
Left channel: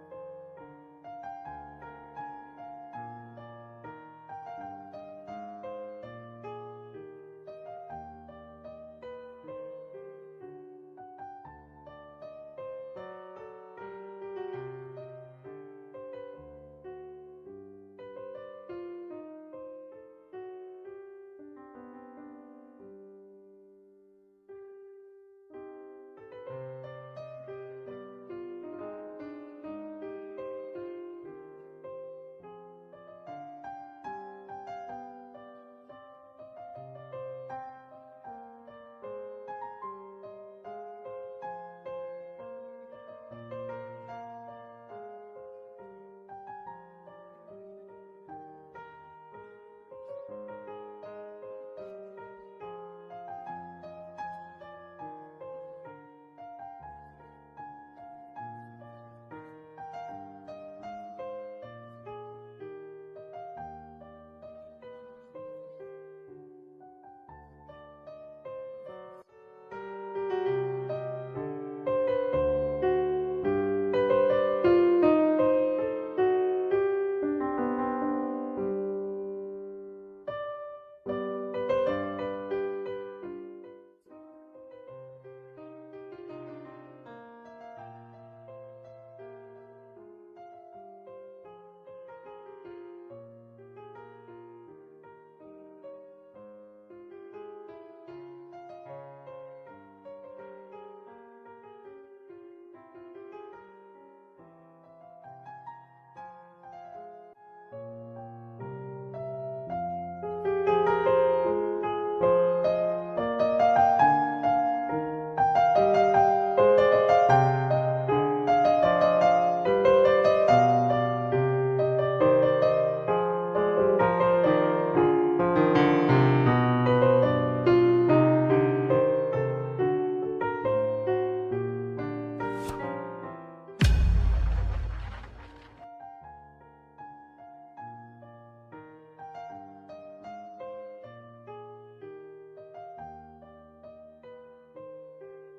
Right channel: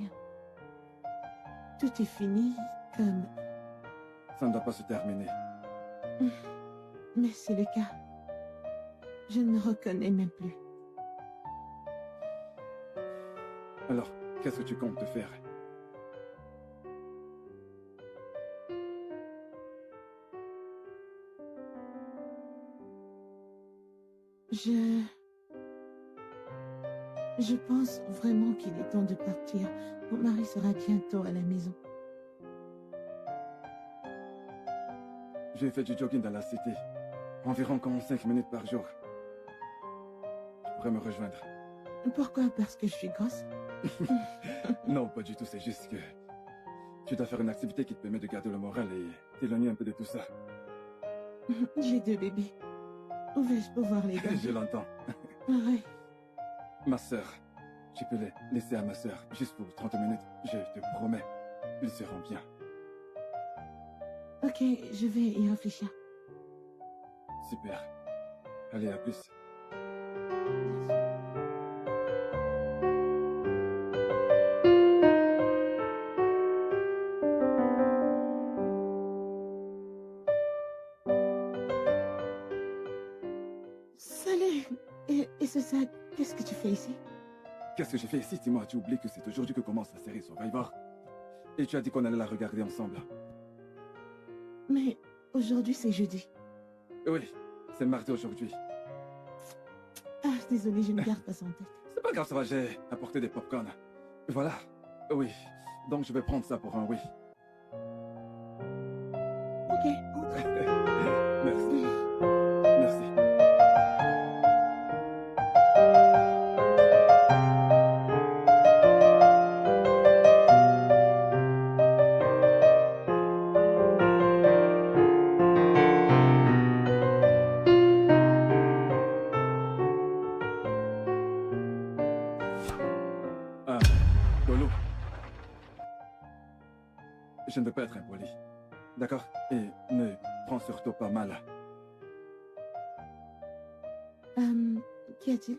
tout est fini comme... Ça ne doit pas se terminer. Mais c'est le cas. Je ne me reconnais même plus. Alors, qu'est-ce que tu comptes te faire? Je pense vraiment qu'il est temps de partir. Mon mari sera bientôt à la maison. J'ai fait du jogging dans la cité. Environ 45 minutes par jour. Tu pourrais me rejoindre. Pourquoi? Parce que je suis grosse? Non, pas du tout. C'est juste que tu dois faire une activité qui te permet de garder le moral et t'éloigner un peu de tout ça. J'ai 2 bébés. Où vais-je pouvoir les garder? Je l'entends. Ouais. Ma sœur, tu peux les laisser à ma sœur, juste pour 30 minutes. Je te promets, ils seront bien. Ok, je vais y réfléchir. Super. Allez, à plus. Salut! Et ce sac, qu'est-ce que tu fais ici? Qu'est-ce que j'ai fait ici? Dis-moi, tu oublies que c'est aujourd'hui que commence la série Survivor. Et tu as dit qu'on allait la regarder ensemble. Mais aujourd'hui c'est jeudi. Oui, c'est mardi aujourd'hui. Ah, désolée, je ne garde pas ça en tête. C'est pas grave, ça va, j'ai apporté des popcorn. Voilà. Oui. Donc je vais prendre ça pour un oui. Ok. Merci. Merci. Lolo. Je ne veux pas être impoli. D'accord? Et ne prends surtout pas mal. Qu'y a-t-il?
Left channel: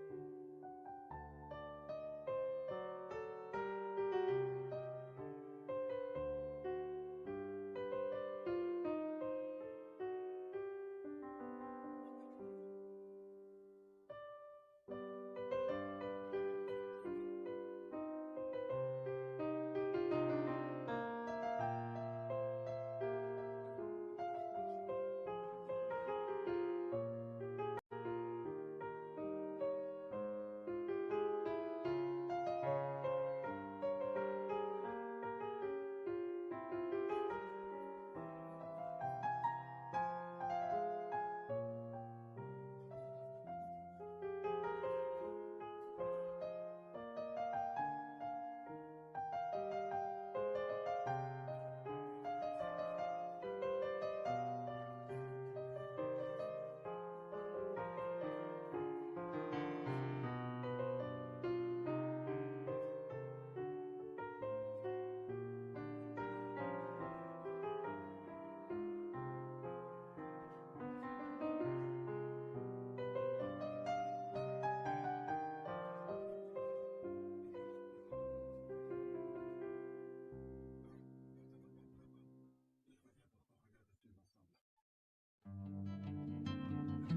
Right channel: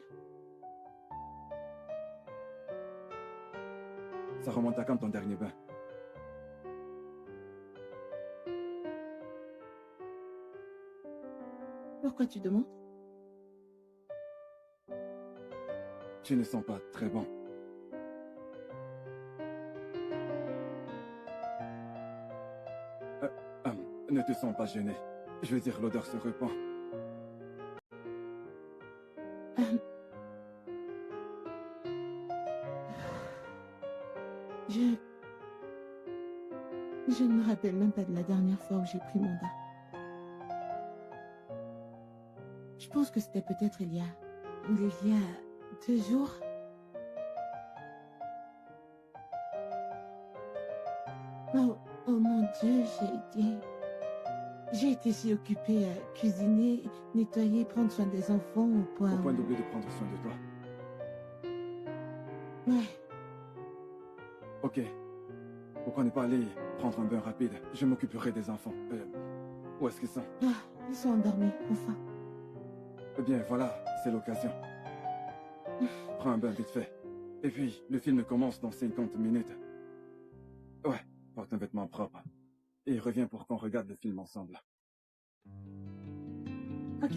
Ça remonte à quand ton dernier bain? Pourquoi tu demandes? Tu ne sens pas très bon. Ne te sens pas gêné. Je veux dire, l'odeur se répand. Je ne me rappelle même pas de la dernière fois où j'ai pris mon bain. Je pense que c'était peut-être il y a 2 jours. Oh mon Dieu, j'ai été si occupée à cuisiner, nettoyer, prendre soin des enfants au point d'oublier de prendre soin de toi. Ouais. Ok. Pourquoi ne pas aller prendre un bain rapide? Je m'occuperai des enfants. Où est-ce qu'ils sont? Ils sont endormis, enfin. Eh bien, voilà, c'est l'occasion. Prends un bain vite fait. Et puis, le film commence dans 50 minutes. Ouais, porte un vêtement propre. Et reviens pour qu'on regarde le film ensemble. Ok,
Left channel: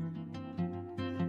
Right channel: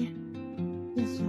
bien sûr.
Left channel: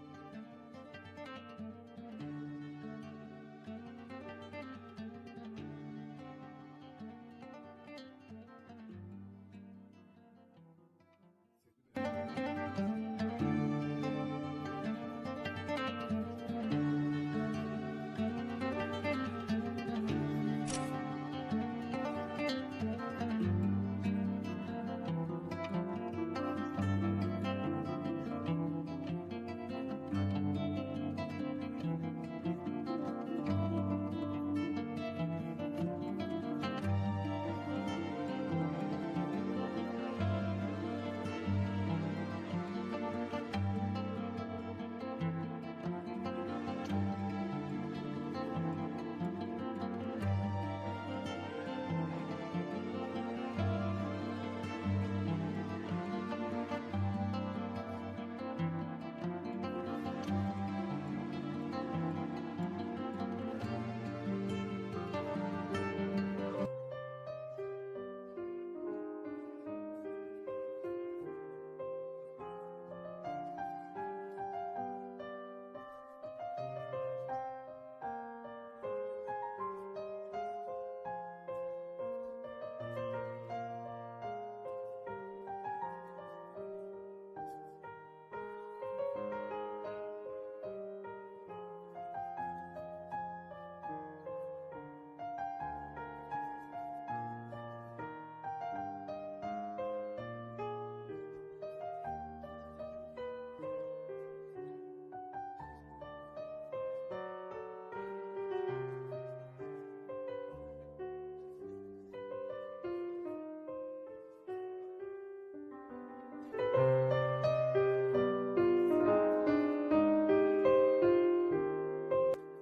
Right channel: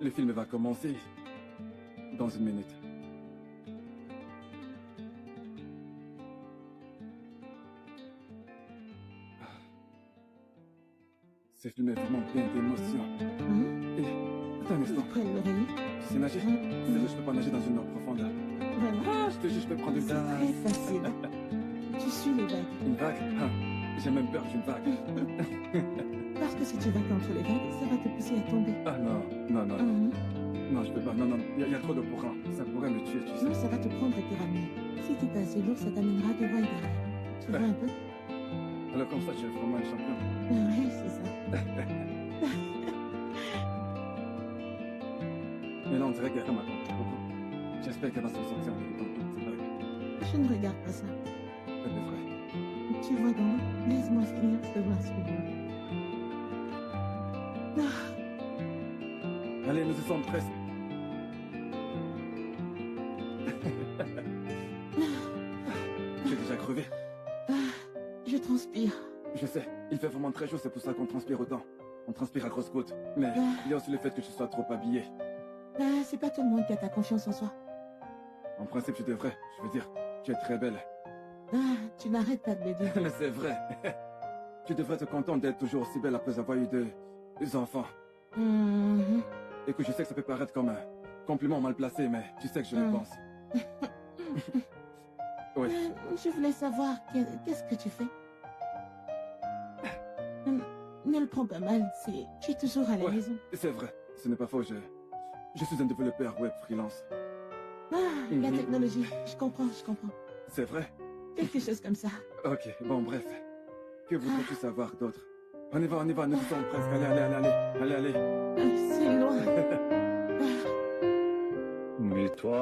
Le film va commencer dans 1 minute. Ce film est vraiment plein d'émotions. Et, un instant. Tu sais nager? Je peux pas nager dans une eau profonde. Je te jure, je peux prendre des airs. Très facile. Tu suis les vagues. Une vague? J'ai même peur d'une vague. Parce que si tu vas contre les vagues, ça va te pousser à tomber. Ah non, non, non. Non, je peux pas. Non, non. Il y a trop de courant. Ça pourrait me tuer, tu sais. Non, ça va te prendre et te ramener. Si t'es pas assez lourd, ça t'amènera devant et derrière. Tu vois un peu? Alors comme ça, je suis vraiment un champion. Oui, c'est ça. Mais là, on dirait qu'elle va m'attendre. J'espère qu'elle va s'en sortir en temps. Je ne regarde pas ça. Tu vois donc, laisse-moi finir de masculin. Allez, nous y sommes presque. J'ai déjà crevé. Je transpire. Je sais, il fait vraiment très chaud, c'est pour ça qu'on transpire autant. On transpire à grosses gouttes. Mais il y a aussi le fait que je sois trop habillé. C'est pas tout le monde qui a ta confiance en soi. En principe, tu devrais. Je veux dire, tu es très belle. Tu n'arrêtes pas de me dire. Mais c'est vrai. Tu devrais te contenter d'être toujours aussi belle après avoir eu deux enfants. Et que je sais que ça peut paraître comme un compliment mal placé, mais tu sais que je le pense. Oui. Je voulais savoir, qu'est-ce que tu fais? Ne le prends pas mal, tu es toujours à la maison. C'est vrai, ce n'est pas faux, je suis un développeur web freelance. La technologie, je comprends. C'est vrai? Quelque chose comme ça. Ok, bon, bref. Que voudrais-tu savoir d'autre? On y va, nous sommes presque. Allez. C'est loin. Mais toi,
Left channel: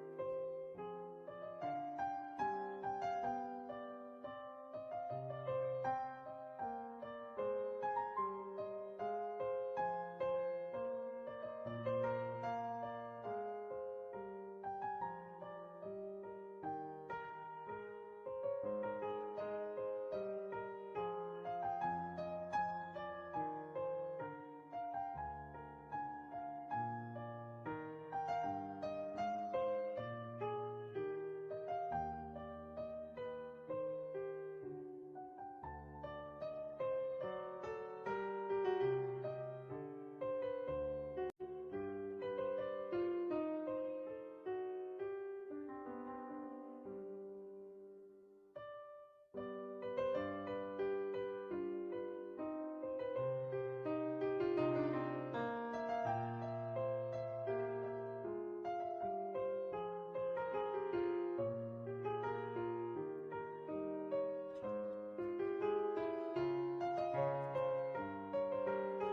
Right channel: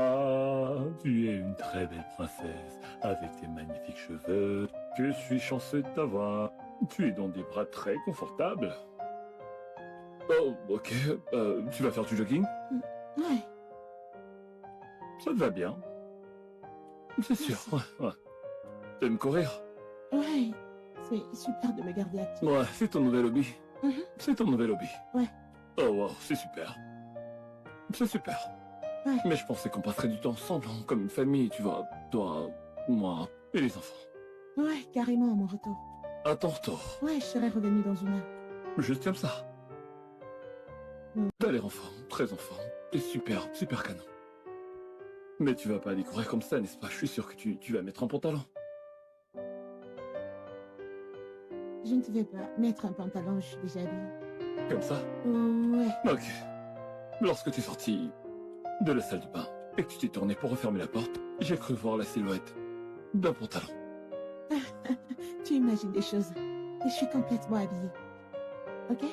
tu es une très belle princesse, avec tes magnifiques cheveux. Je suis chanceux de t'avoir. Tu es dans des bras très confortables. Oh, ok. Tu vas faire du jogging? Ouais. Ça te va bien. C'est sûr. Ouais. T'aimes courir? Ouais. C'est super de me garder active. Ouais, c'est ton nouvel hobby. C'est ton nouvel hobby. Ouais. Oh wow, c'est super. C'est super. Ouais. Mais je pensais qu'on passerait du temps ensemble, hein, comme une famille, tu vois. Toi, moi et les enfants. Ouais, carrément à mon retour. À ton retour. Ouais, je serais revenue dans 1 heure. Juste comme ça. T'as l'air enfant, très enfant. Et super canon. Mais tu vas pas aller courir comme ça, n'est-ce pas? Je suis sûr que tu vas mettre un pantalon. je ne te vais pas mettre un pantalon, je suis déjà habillée. Comme ça? Ouais. Ok. Lorsque tu es sorti de la salle de bain et que tu t'es tourné pour refermer la porte, j'ai cru voir la silhouette d'un pantalon. Tu imagines des choses. Et je suis complètement habillée. Ok?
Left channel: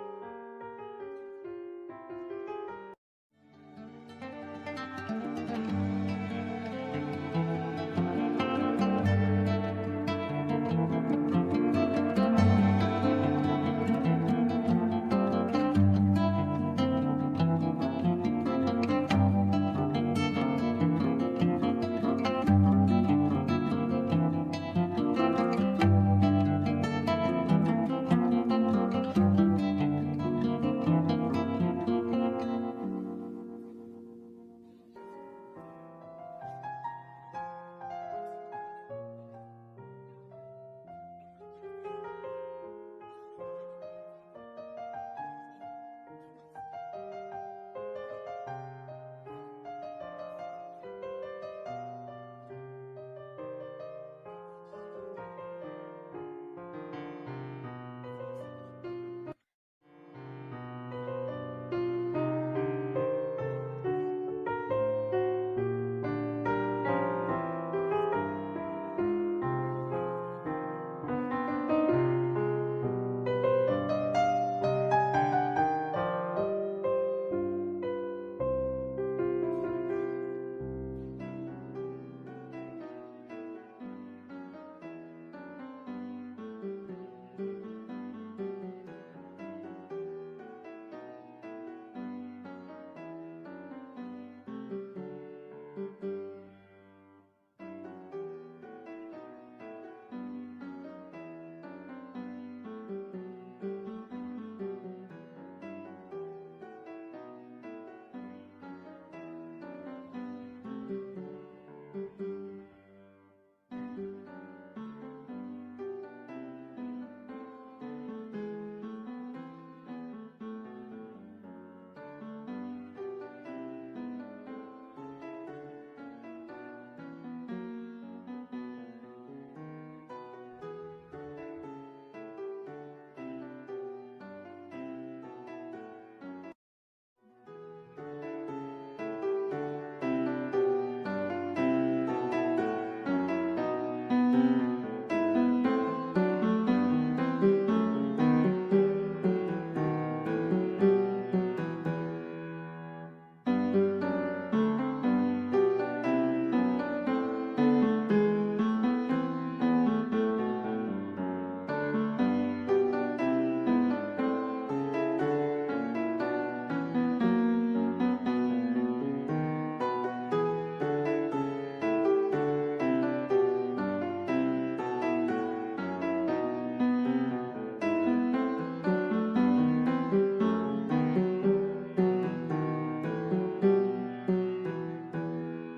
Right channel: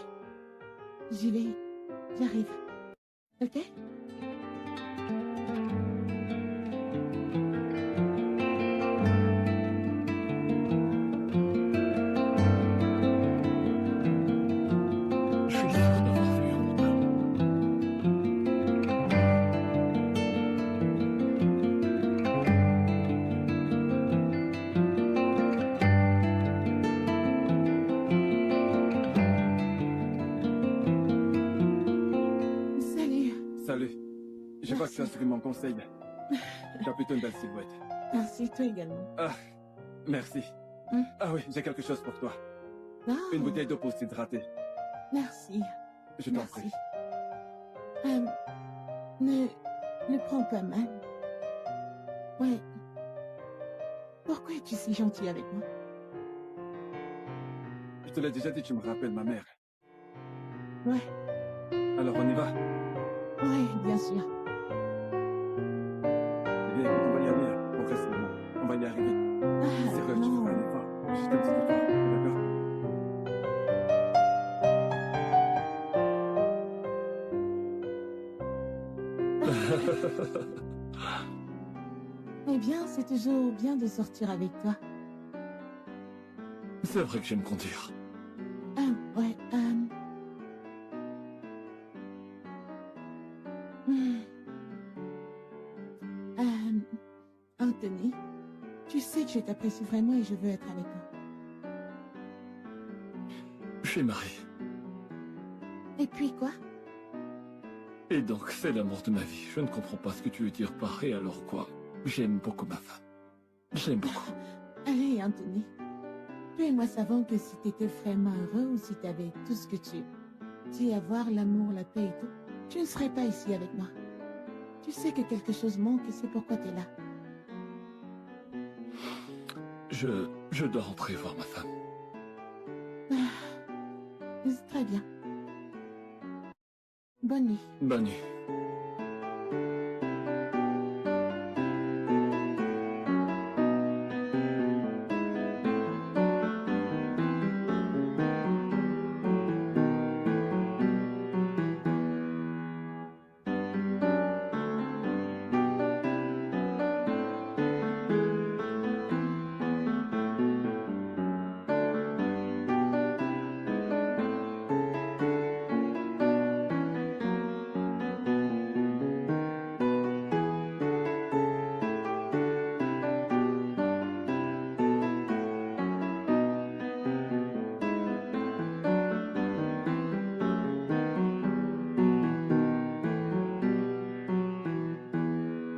J'y vais. J'arrive. Ok? Je suis sûr d'avoir vu un homme. Salut. Salut. Je vois que tu as suivi mon conseil. Tu as plutôt une belle silhouette. Merci, toi également. Ah, merci. Ah oui, j'ai quelque chose pour toi. Ah, Une bouteille d'eau pour s'hydrater. merci. Je t'en Merci. prie. Ne prends pas mal. Ouais. Pourquoi es-tu si gentil avec moi? Je te l'ai déjà dit, tu me rappelles ma mère. Ouais. Alors on y va. Ouais, bien sûr. Bien, on va y aller. Progressivement. On va y arriver. C'est vrai, tu vas aller voir. Je te dis d'accord? Eh bien, c'est toujours bien de sortir avec toi. C'est vrai que j'aime conduire. Ouais, hmm. Anthony, tu sais que je t'apprécie vraiment et je veux être avec toi. Je suis marié. Et puis quoi? Et donc, c'est l'amour de ma vie. Je ne comprends pas ce que tu veux dire par et alors quoi. J'aime beaucoup ma femme. J'aime beaucoup. Allez, Anthony. Toi et moi savons que si t'étais vraiment heureux ou si t'avais tout ce que tu dis avoir, l'amour, la paix et tout, tu ne serais pas ici avec moi. Tu sais que quelque chose manque et c'est pourquoi t'es là. Je dois rentrer voir ma femme. C'est très bien. Bonne nuit. Bonne nuit.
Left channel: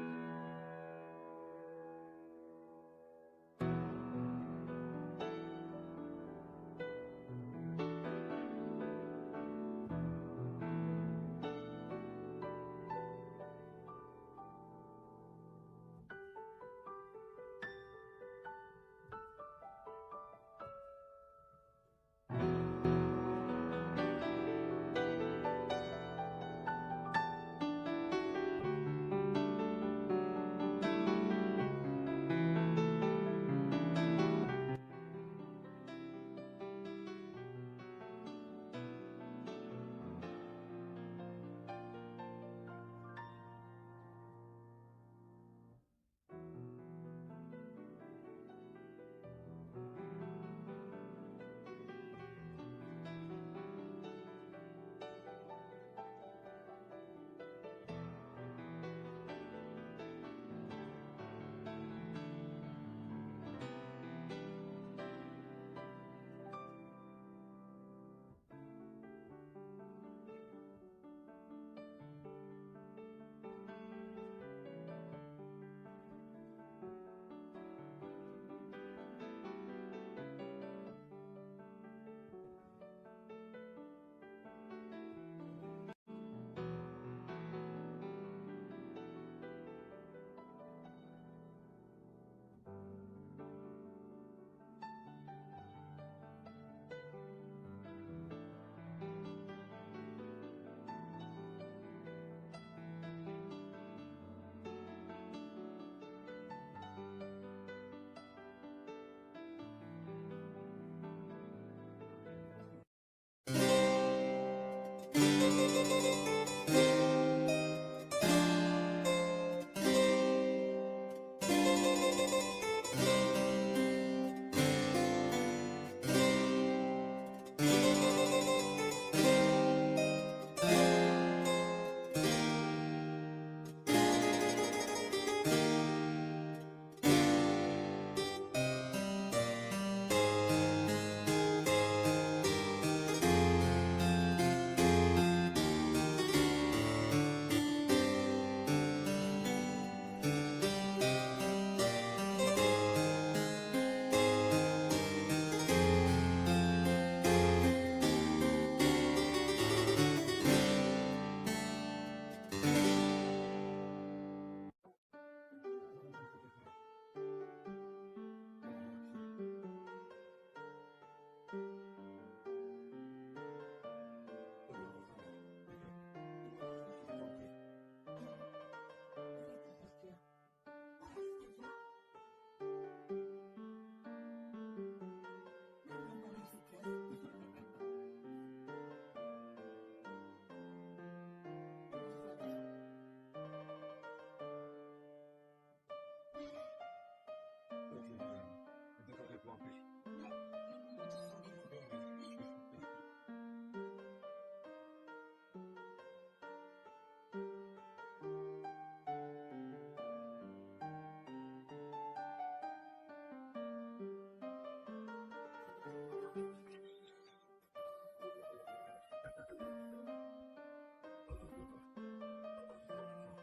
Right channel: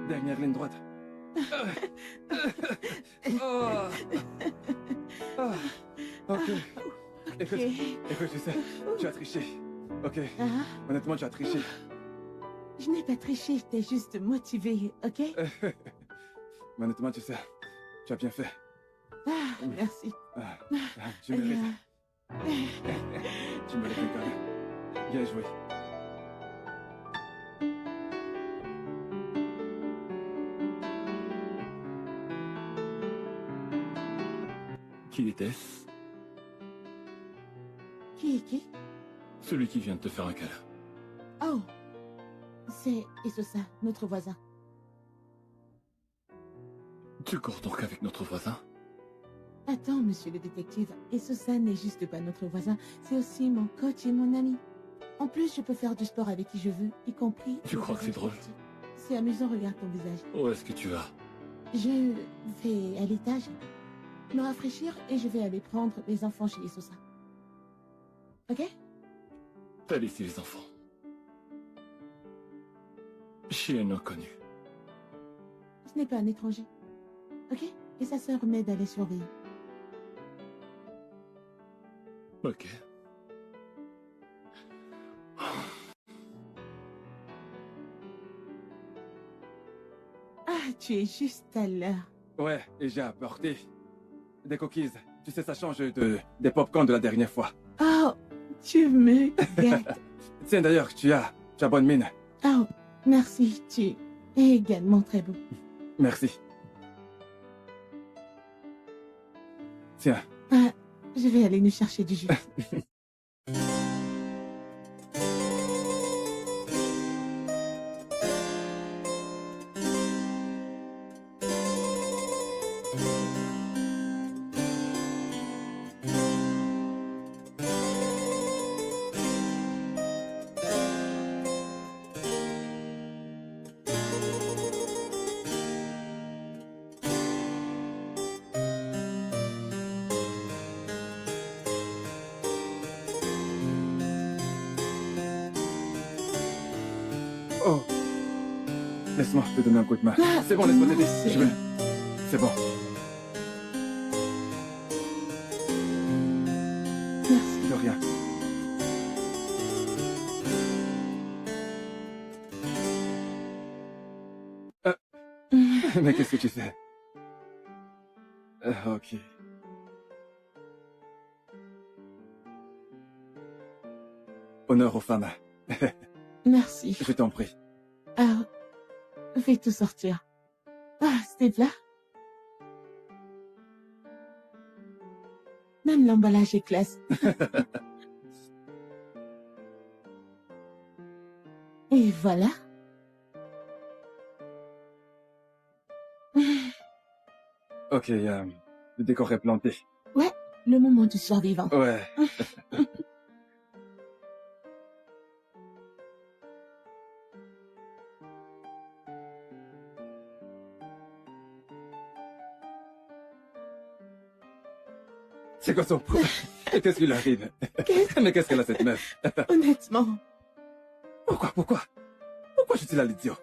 Dernière ligne droite. Oh. Ah. Ok. Écoute, tu sais, tu as triché. Ok. Honnêtement, tu as triché. Je n'ai pas triché, j'étais juste motivée, ok? Mais honnêtement, tu sais, tu as bien fait. Merci. Tu mérites. Tu mérites quand même. Bien joué. Qui était-ce? Qui? Celui qui vient de te faire un câlin. Oh, c'est Esosa, notre voisin. Tu cours donc avec notre voisin? Attends, monsieur le détective, Esosa n'est juste pas notre voisin, c'est aussi mon coach et mon ami. En plus, je peux faire du sport avec qui je veux, y compris... Tu crois que c'est drôle? C'est amusant, regarde ton visage. Où est-ce que tu vas? Je vais à l'étage, me rafraîchir et je vais aller prendre les enfants chez Esosa. Ok? T'as laissé les enfants chez un inconnu. Ce n'est pas un étranger. Ok? Et sa sœur m'aide à les surveiller. Ok. Ah, tu es juste à l'heure. Ouais, et j'ai apporté des cookies Tu sais, ça change des pop-corn de la dernière fois. Oh, tu me gâtes. Tiens, d'ailleurs, tu as bonne mine. Oh, merci, tu es également très beau. Merci. Tiens. Ah, je vais aller nous chercher du jus. Oh. Laisse-moi te donner un coup de main. Ah, C'est bon, laisse-moi t'aider. merci. Je vais. C'est bon. Merci. De rien. Mais qu'est-ce que tu fais? Ok. Honneur aux femmes. Merci. Je t'en prie. Ah, fais tout sortir. Ah, c'était là. Même l'emballage est classe. Et voilà. Ok, le décor est planté. Ouais, le moment du survivant. Ouais. C'est quoi son problème? Qu'est-ce qui lui arrive? Mais qu'est-ce qu'elle a cette meuf? Honnêtement. Pourquoi je suis là, l'idiot?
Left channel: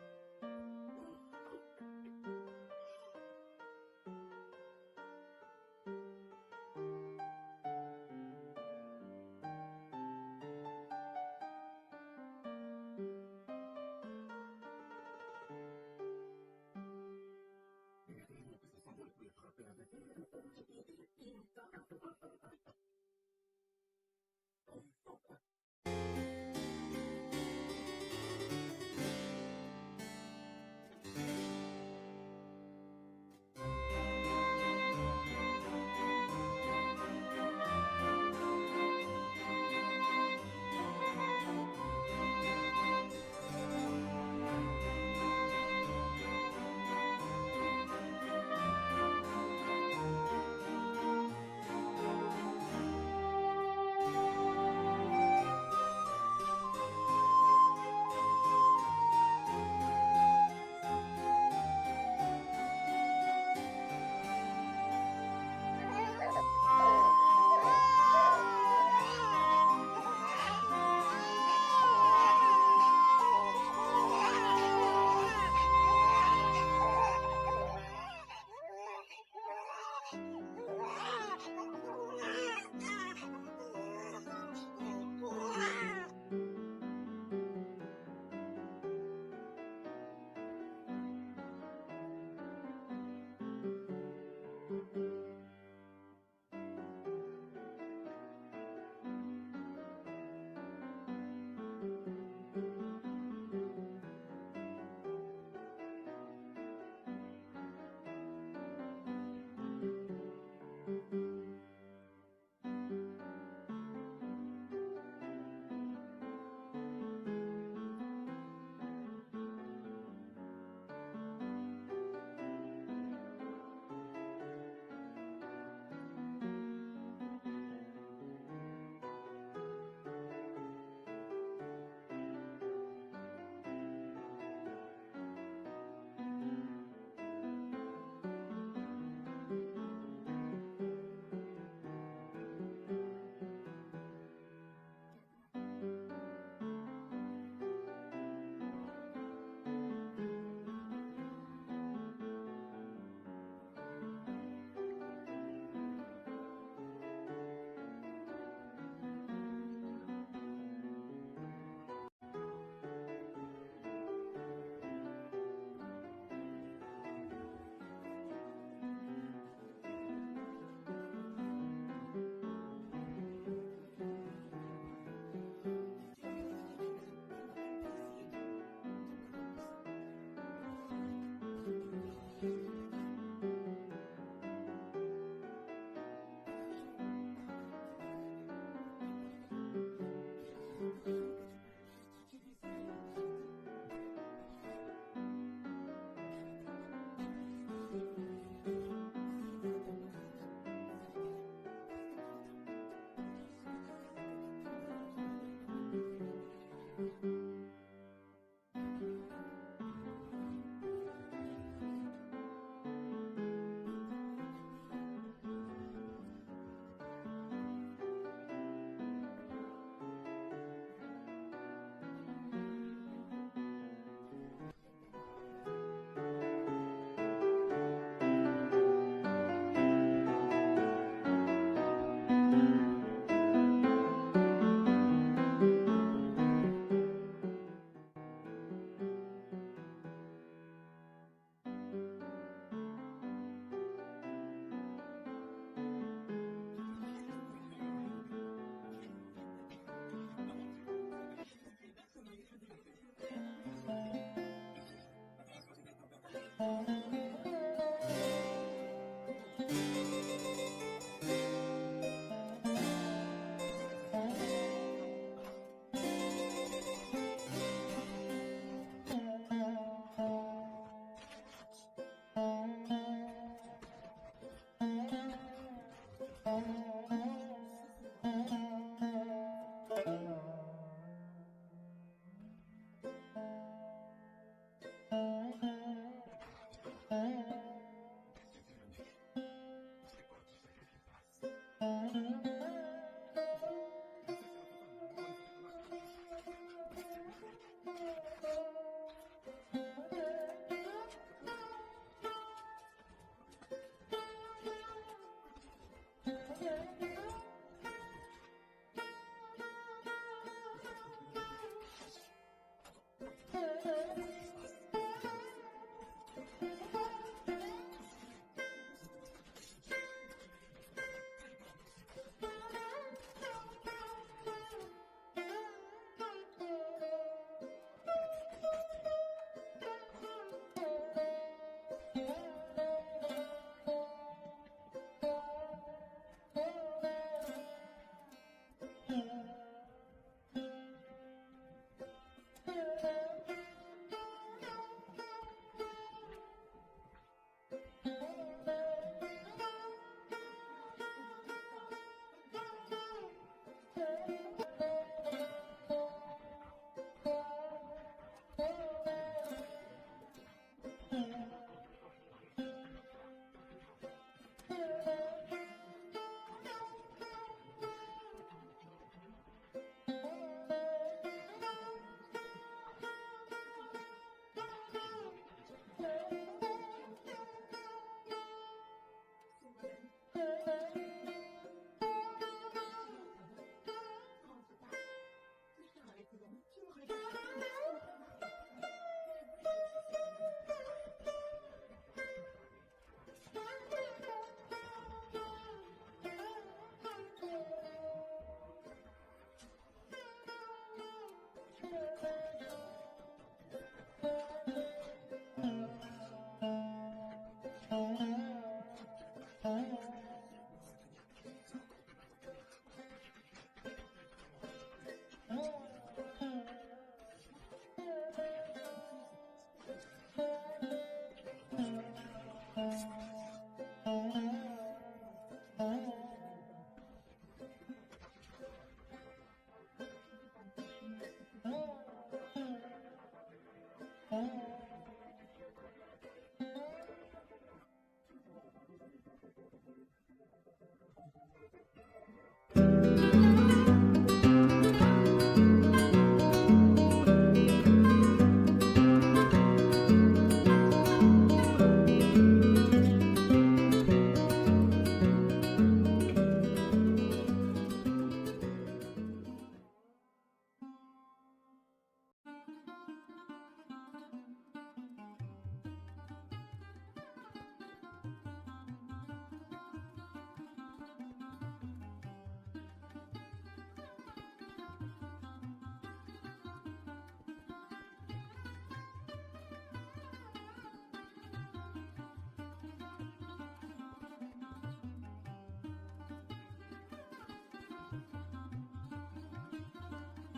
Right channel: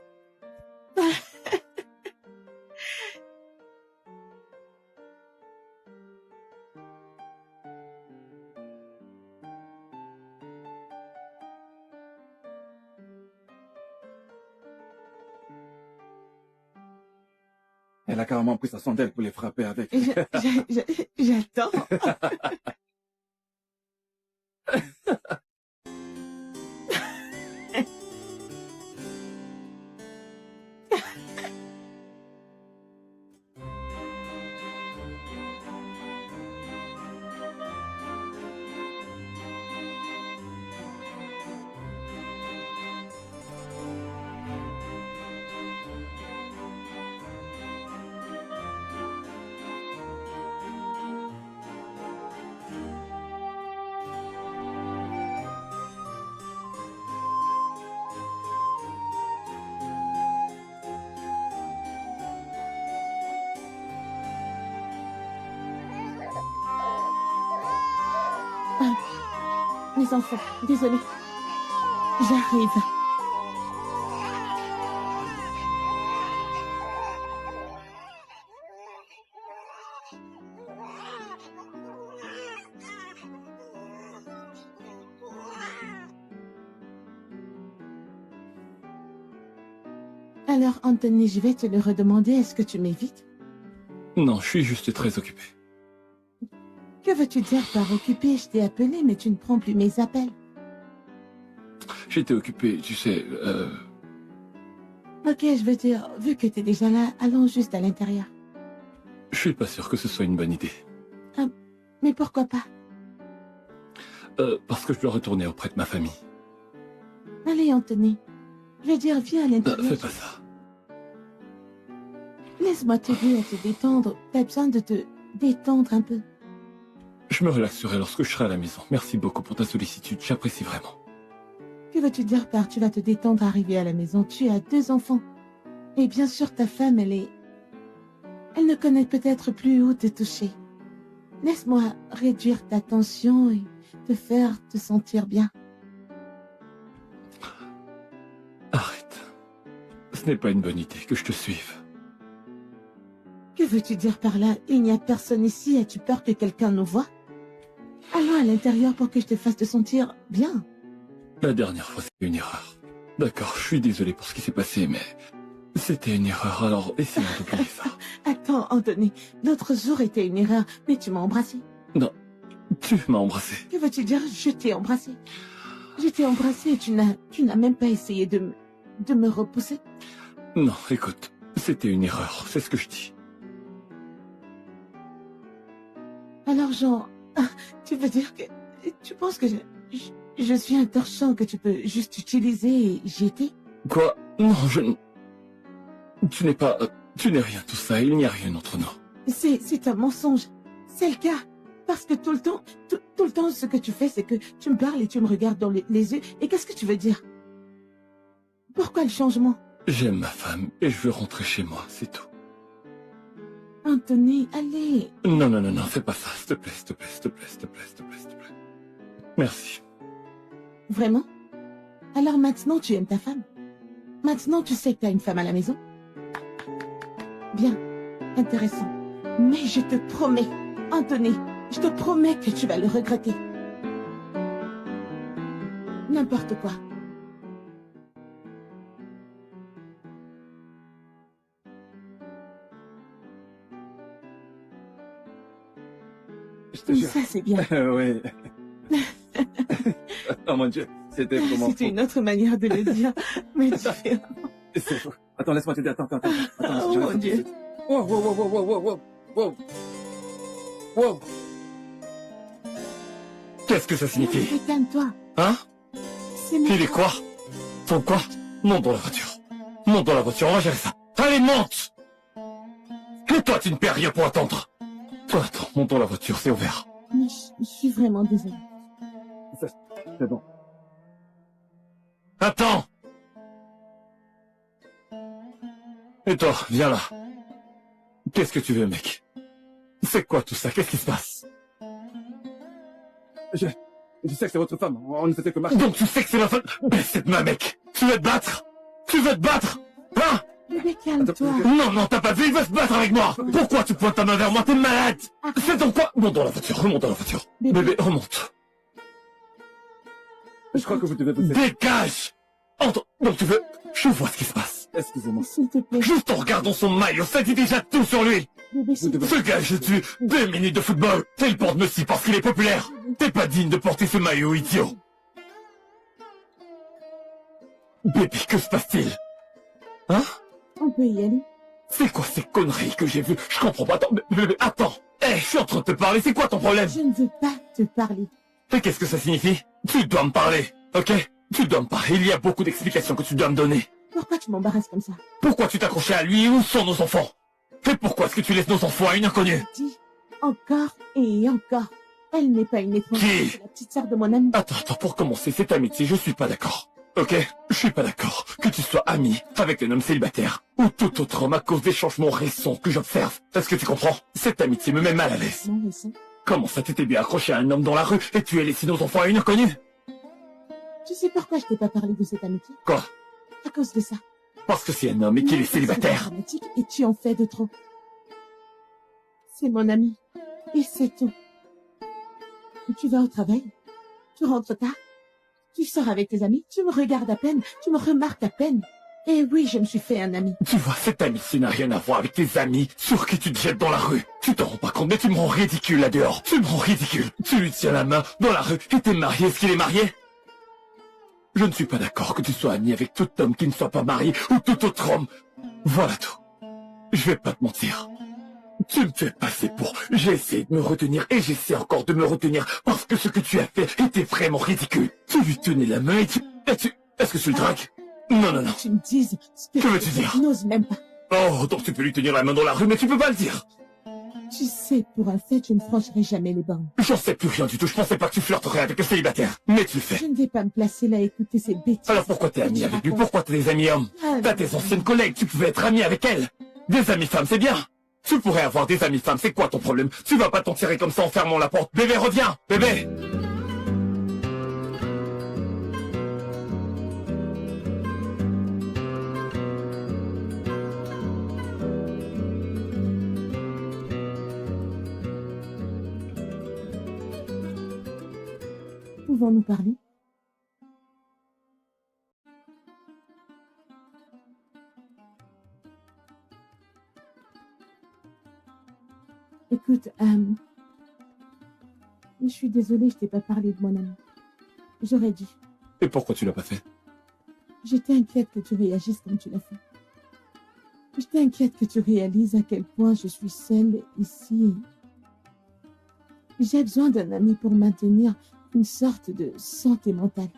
Elle a carrément pris sa sondelle pour les frapper avec. J'attends. Les enfants, désolée. J'arrive. Alors, Anthony, je vais te le redemander. Est-ce que tu m'évites? Non, je suis juste très occupé. Que veux-tu dire par occupé? Je t'ai appelé, mais tu ne prends plus mes appels. J'étais occupé, tu sais, Ok, je veux dire, vu que t'es déjà là, allons juste à l'intérieur. je suis pas sûr que ce soit une bonne idée. Mais pourquoi pas? Parce que je dois retourner auprès de ma famille. Allez, Anthony. Je veux dire, viens à l'intérieur. Fais pas ça. Laisse-moi t'aider à te détendre. T'as besoin de te détendre un peu. Je me relaxerai lorsque je serai à la maison. Merci beaucoup pour ta sollicitude, j'apprécie vraiment. Que veux-tu dire par tu vas te détendre arriver à la maison? Tu as 2 enfants. Et bien sûr, ta femme, elle ne connaît peut-être plus où te toucher. Laisse-moi réduire ta tension et te faire te sentir bien. Arrête. Ce n'est pas une bonne idée que je te suive. Que veux-tu dire par là? Il n'y a personne ici. As-tu peur que quelqu'un nous voie? Allons à l'intérieur pour que je te fasse te sentir bien. La dernière fois, c'était une erreur. D'accord, je suis désolé pour ce qui s'est passé, mais c'était une erreur, alors essayons d'oublier ça. Attends, Anthony. L'autre jour était une erreur, mais tu m'as embrassé. Non, tu m'as embrassé. Que veux-tu dire? Je t'ai embrassé. Je t'ai embrassé et tu n'as même pas essayé de me repousser. Non, écoute, c'était une erreur, c'est ce que je dis. Alors, Jean, tu veux dire que tu penses que je suis un torchon que tu peux juste utiliser et jeter? Quoi? Non, je... Tu n'es pas... Tu n'es rien tout ça, il n'y a rien entre nous. C'est un mensonge. C'est le cas. Parce que tout le temps, ce que tu fais, c'est que tu me parles et tu me regardes dans les yeux. Et qu'est-ce que tu veux dire? Pourquoi le changement? J'aime ma femme et je veux rentrer chez moi, c'est tout. Anthony, allez. Non, non, non, non, fais pas ça, s'il te plaît, s'il te plaît, s'il te plaît, s'il te plaît, s'il te plaît, s'il te plaît. Merci. Vraiment? Alors maintenant, tu aimes ta femme? Maintenant, tu sais que tu as une femme à la maison? Bien. Intéressant. Mais je te promets, Anthony, je te promets que tu vas le regretter. N'importe quoi. Je te jure. Ça, c'est bien. Oui. Oh mon Dieu, c'était vraiment C'était fou. une autre manière de le dire. Mais tu fais... C'est fou. Attends, laisse-moi t'aider. Attends. Oh mon Dieu. Wow. Wow. Qu'est-ce que ça signifie? Calme-toi. Hein? C'est mon... Il est quoi? Ton quoi? Monte dans la voiture. Monte dans la voiture, on va gérer ça. Allez, monte! Et toi, tu ne perds rien pour attendre. Toi, attends, monte dans la voiture, c'est ouvert. Mais je suis vraiment désolée. C'est bon. Attends! Et toi, viens là. Qu'est-ce que tu veux, mec? C'est quoi tout ça? Qu'est-ce qui se passe? Je sais que c'est votre femme. On ne faisait que marcher. Donc tu sais que c'est ma femme? Baisse cette main, mec! Tu veux te battre? Tu veux te battre? Hein? Bébé, calme-toi. Non, t'as pas vu, il veut se battre avec moi! Pourquoi tu pointes ta main vers moi? T'es malade! C'est donc quoi? Monte dans la voiture, remonte dans la voiture. Bébé, remonte. Je crois que vous devez vous... Dégage! Entre... Donc tu veux... Je vois ce qui se passe. Excusez-moi. S'il te plaît. Juste en regardant son maillot, ça dit déjà tout sur lui! Bébé, s'il te plaît. Ce gars, je tue 2 minutes de football! Et il porte Messi parce qu'il est populaire! T'es pas digne de porter ce maillot, idiot! Bébé, que se passe-t-il? Hein? On peut y aller. C'est quoi ces conneries que j'ai vues? Je comprends pas. Attends, bébé, attends! Je suis en train de te parler, c'est quoi ton problème? Je ne veux pas te parler. Et qu'est-ce que ça signifie? Tu dois me parler, ok? Tu dois me parler, il y a beaucoup d'explications que tu dois me donner. Pourquoi tu m'embarrasses comme ça? Pourquoi tu t'accrochais à lui? Où sont nos enfants? Et pourquoi est-ce que tu laisses nos enfants à une inconnue? Dis encore et encore. Elle n'est pas une étrangère. Qui? C'est la petite sœur de mon ami. Attends, pour commencer, cette amitié, je suis pas d'accord. Ok? Je suis pas d'accord que tu sois ami avec un homme célibataire ou tout autre homme à cause des changements récents que j'observe. Est-ce que tu comprends? Cette amitié me met mal à l'aise. Non, mais ça. Comment ça t'étais bien accroché à un homme dans la rue et tu as laissé nos enfants à une inconnue? Tu sais pourquoi je t'ai pas parlé de cette amitié? Quoi? À cause de ça. Parce que c'est un homme et qu'il est célibataire. C'est dramatique et tu en fais de trop. C'est mon ami. Et c'est tout. Tu vas au travail. Tu rentres tard. Tu sors avec tes amis. Tu me regardes à peine. Tu me remarques à peine. Et oui, je me suis fait un ami. Tu vois, cette amitié n'a rien à voir avec tes amis sur qui tu te jettes dans la rue. Tu t'en rends pas compte, mais tu me rends ridicule là dehors. Tu me rends ridicule. Tu lui tiens la main dans la rue et t'es marié. Est-ce qu'il est marié? Je ne suis pas d'accord que tu sois ami avec tout homme qui ne soit pas marié ou tout autre homme. Voilà tout. Je vais pas te mentir. Tu me fais passer pour... J'ai essayé de me retenir et j'essaie encore de me retenir parce que ce que tu as fait était vraiment ridicule. Tu lui tenais la main et tu... Est-ce que tu le dragues? Non. Tu me dises ce Que veux-tu dire? Je n'ose même pas. Oh, donc tu peux lui tenir la main dans la rue, mais tu peux pas le dire. Tu sais, pour un fait, je ne franchirai jamais les bornes. J'en sais plus rien du tout, je pensais pas que tu flirterais avec un célibataire. Mais tu le fais. Je ne vais pas me placer là à écouter ces bêtises. Alors pourquoi t'es ami avec lui? Pourquoi t'as des amis hommes? T'as tes anciennes collègues, tu pouvais être ami avec elles. Des amis femmes, c'est bien. Tu pourrais avoir des amis femmes, c'est quoi ton problème? Tu vas pas t'en tirer comme ça en fermant la porte. Bébé, reviens! Bébé! Pouvons-nous parler? Écoute, Je suis désolée, je t'ai pas parlé de mon ami. J'aurais dû. Et pourquoi tu l'as pas fait? J'étais inquiète que tu réagisses comme tu l'as fait. J'étais inquiète que tu réalises à quel point je suis seule ici. J'ai besoin d'un ami pour maintenir une sorte de santé mentale.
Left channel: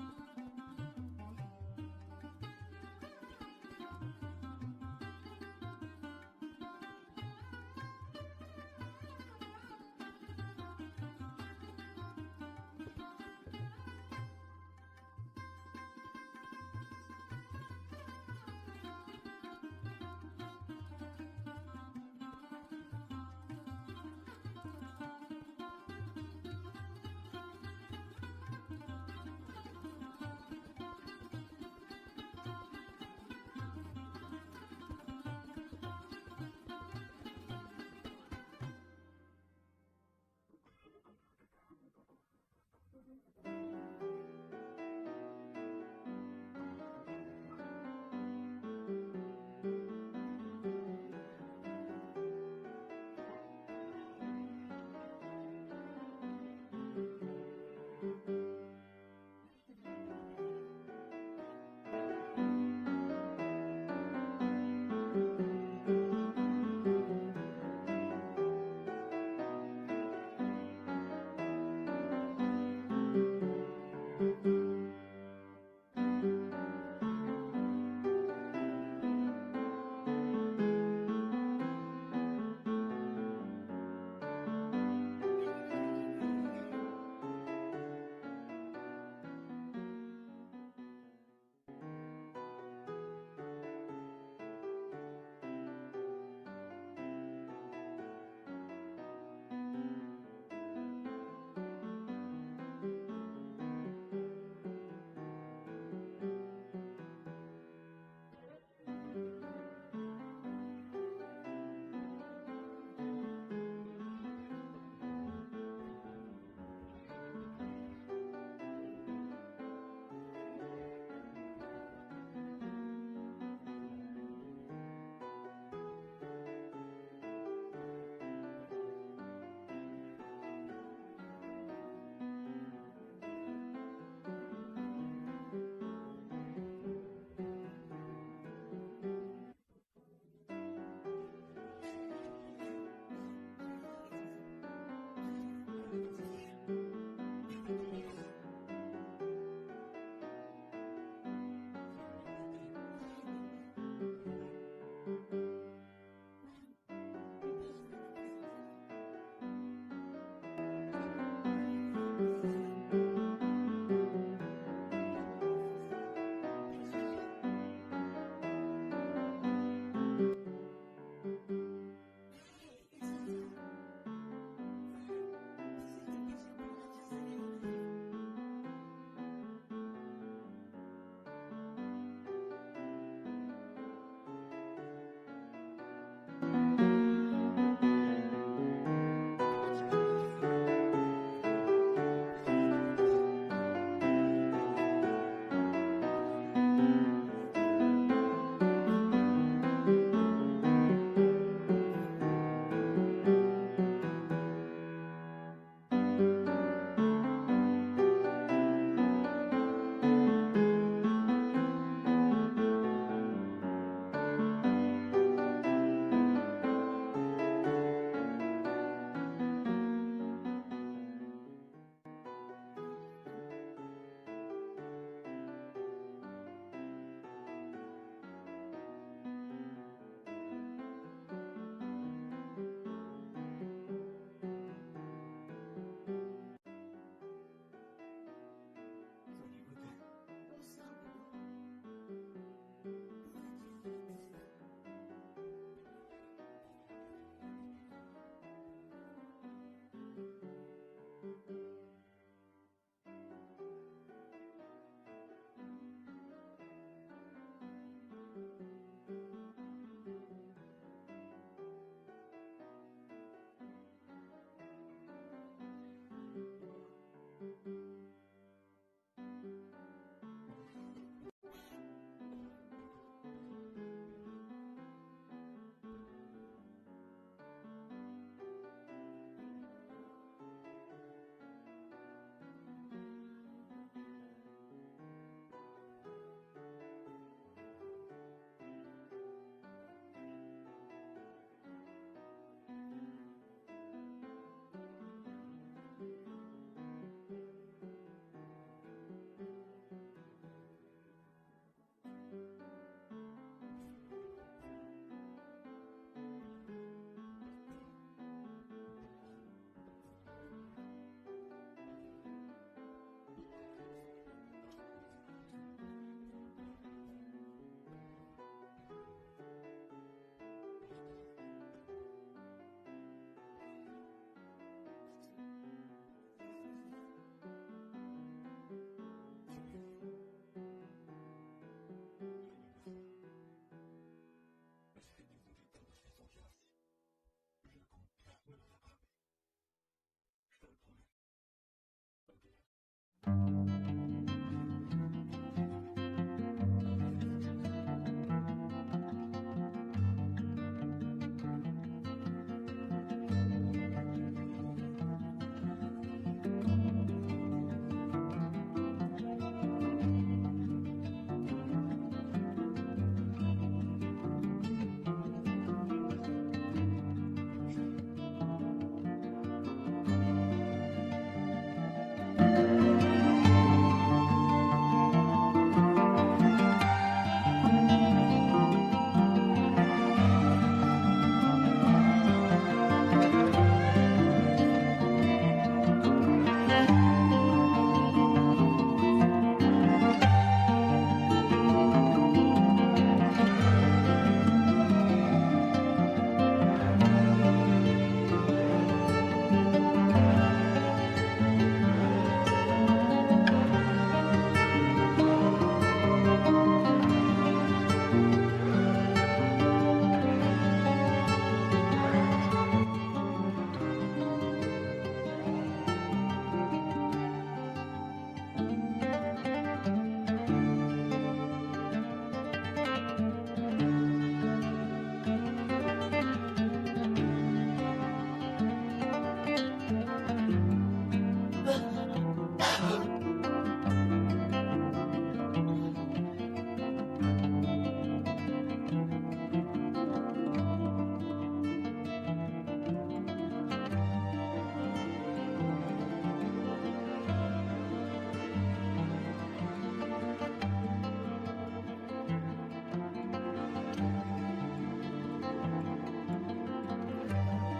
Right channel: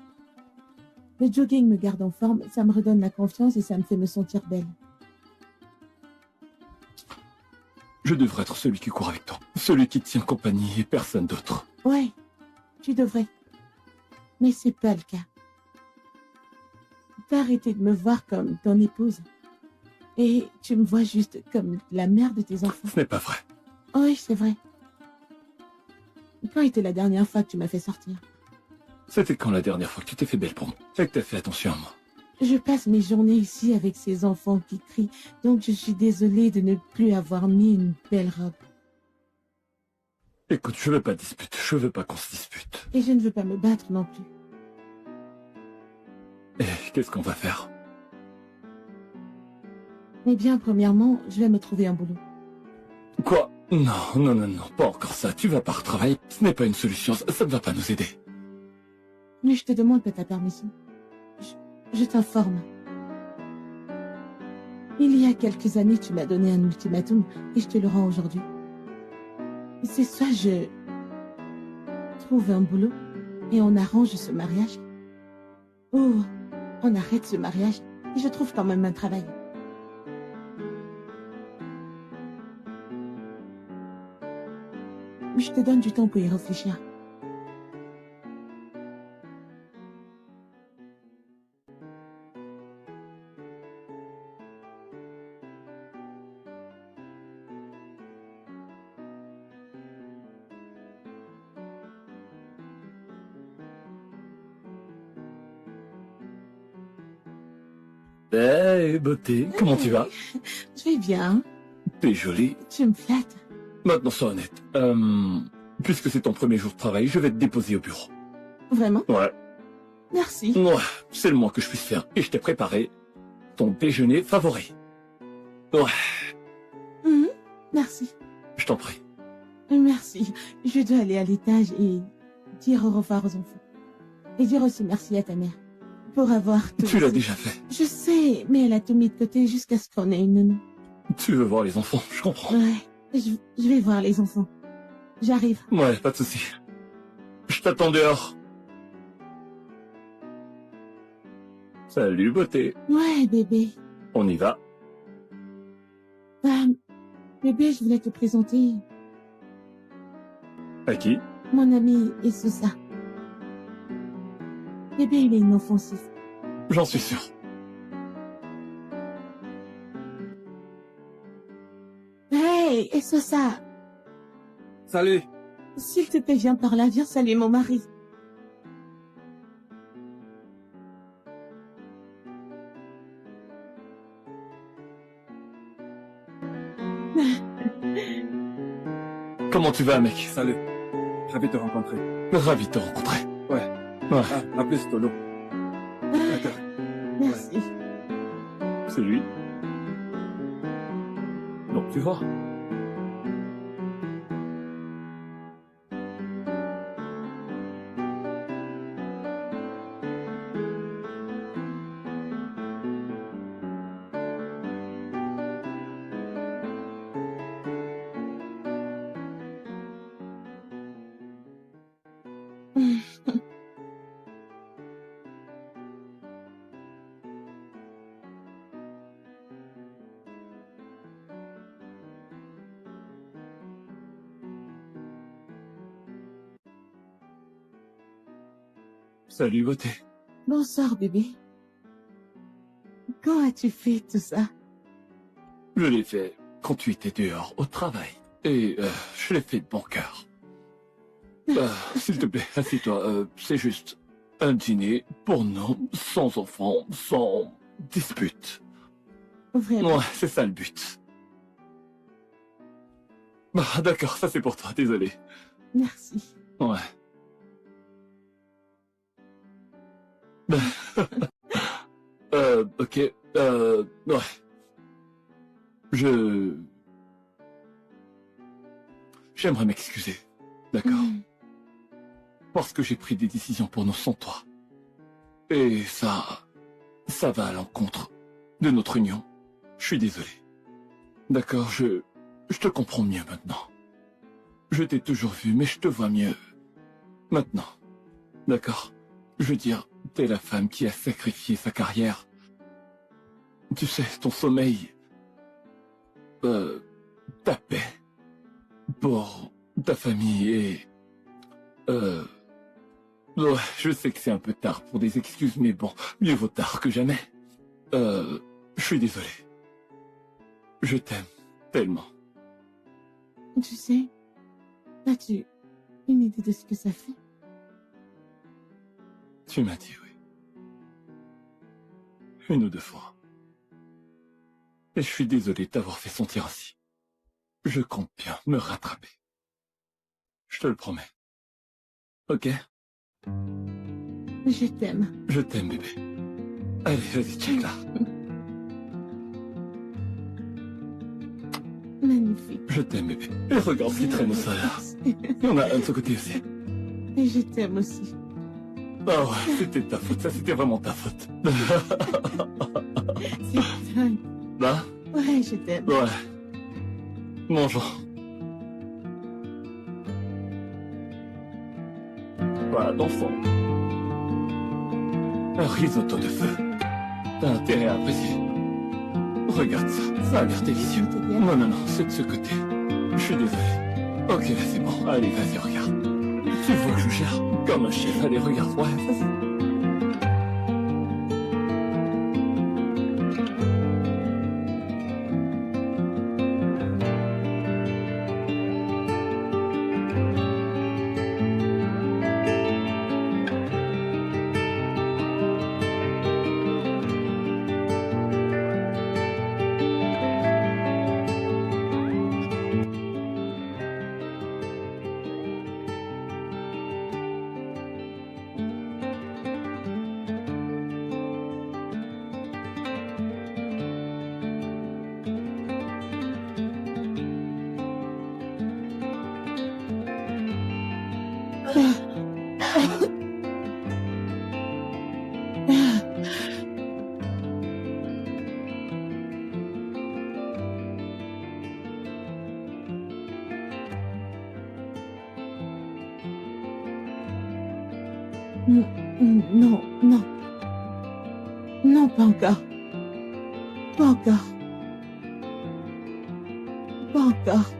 Le jogging me garde en forme, ça me redonne la confiance et ça me fait me sentir belle. Je devrais être celui qui court avec toi. Celui qui te tient compagnie et personne d'autre. Ouais, tu devrais. Mais c'est pas le cas. Tu peux arrêter de me voir comme ton épouse. Et tu me vois juste comme la mère de tes enfants. Ce n'est pas vrai. Oui, c'est vrai. Quand était la dernière fois que tu m'as fait sortir? C'était quand la dernière fois que tu t'es fait belle pour moi? Et que t'as fait attention à moi? Je passe mes journées ici avec ces enfants qui crient, donc je suis désolée de ne plus avoir mis une belle robe. Écoute, je veux pas de dispute. Je veux pas qu'on se dispute. Et je ne veux pas me battre non plus. Et qu'est-ce qu'on va faire? Eh bien, premièrement, je vais me trouver un boulot. Quoi? Non, pas encore ça. Tu vas pas retravailler. Ce n'est pas une solution. Ça ne va pas nous aider. Mais je te demande pas ta permission. Je t'informe. Il y a quelques années, tu m'as donné un ultimatum et je te le rends aujourd'hui. C'est soit je trouve un boulot et on arrange ce mariage, ou on arrête ce mariage et je trouve quand même un travail. Mais je te donne du temps pour y réfléchir. Hey, beauté, comment tu vas? Tu es bien. T'es jolie. Tu me flattes. Maintenant, sois honnête. Puisque c'est ton premier jour de travail, je vais te déposer au bureau. Vraiment? Ouais. Merci. Ouais, c'est le moins que je puisse faire. Et je t'ai préparé ton déjeuner favori. Ouais, Mhm. Merci. je t'en prie. Merci. Je dois aller à l'étage et dire au revoir aux enfants. Et dire aussi merci à ta mère pour avoir tout. Tu l'as déjà fait. Je sais, mais elle a tout mis de côté jusqu'à ce qu'on ait une nounou. Tu veux voir les enfants, je comprends. Ouais, je vais voir les enfants. J'arrive. Ouais, pas de souci. Je t'attends dehors. Salut, beauté. Ouais, bébé. On y va. Bébé, je voulais te présenter À qui? mon ami Isusa. Bébé, il est inoffensif. J'en suis sûr. Hey, Isusa, Salut. s'il te plaît, viens par là, viens saluer mon mari. Comment tu vas, mec? Salut. Ravi de te rencontrer. Ravi de te rencontrer. Ouais. Ouais, À plus, Tolo. D'accord. Merci. c'est lui. Donc, tu vois. Salut, beauté. Bonsoir, bébé. Quand as-tu fait tout ça? Je l'ai fait quand tu étais dehors, au travail. Et je l'ai fait de bon cœur. S'il te plaît, assieds-toi. C'est juste un dîner pour nous, sans enfants, sans dispute. Vraiment? Ouais, c'est ça le but. Bah, d'accord, ça c'est pour toi, désolé. Merci. Ouais. Ok, ouais. J'aimerais m'excuser, d'accord? Parce que j'ai pris des décisions pour nous sans toi. Et ça va à l'encontre de notre union. Je suis désolé. D'accord, je te comprends mieux maintenant. Je t'ai toujours vu, mais je te vois mieux maintenant. D'accord? Je veux dire, t'es la femme qui a sacrifié sa carrière. Tu sais, ton sommeil... ta paix. Pour ta famille et... Ouais, je sais que c'est un peu tard pour des excuses, mais bon, mieux vaut tard que jamais. Je suis désolé. Je t'aime tellement. Tu sais, as-tu une idée de ce que ça fait? Tu m'as dit oui. Une ou deux fois. Et je suis désolé de t'avoir fait sentir ainsi. Je compte bien me rattraper. Je te le promets. Ok? Je t'aime. Je t'aime, bébé. Allez, vas-y, check là. Magnifique. Je t'aime, bébé. Et regarde ce qui traîne au sol. Il y en a un de ce côté aussi. Et je t'aime aussi. Ah ouais, c'était ta faute, ça c'était vraiment ta faute. C'est dingue. Là? Ouais, je t'aime. Ouais. Mangeons. Voilà, l'enfant. Un risotto de feu. T'as intérêt à apprécier. Regarde ça, ça a l'air délicieux. Non, non, non, c'est de ce côté. Je suis désolé. Ok, c'est bon. Allez, vas-y, regarde. Tu vois que je gère comme un chef. Allez, regarde. Ouais, vas-y. Non, non. Non, pas encore. Pas encore. Pas encore.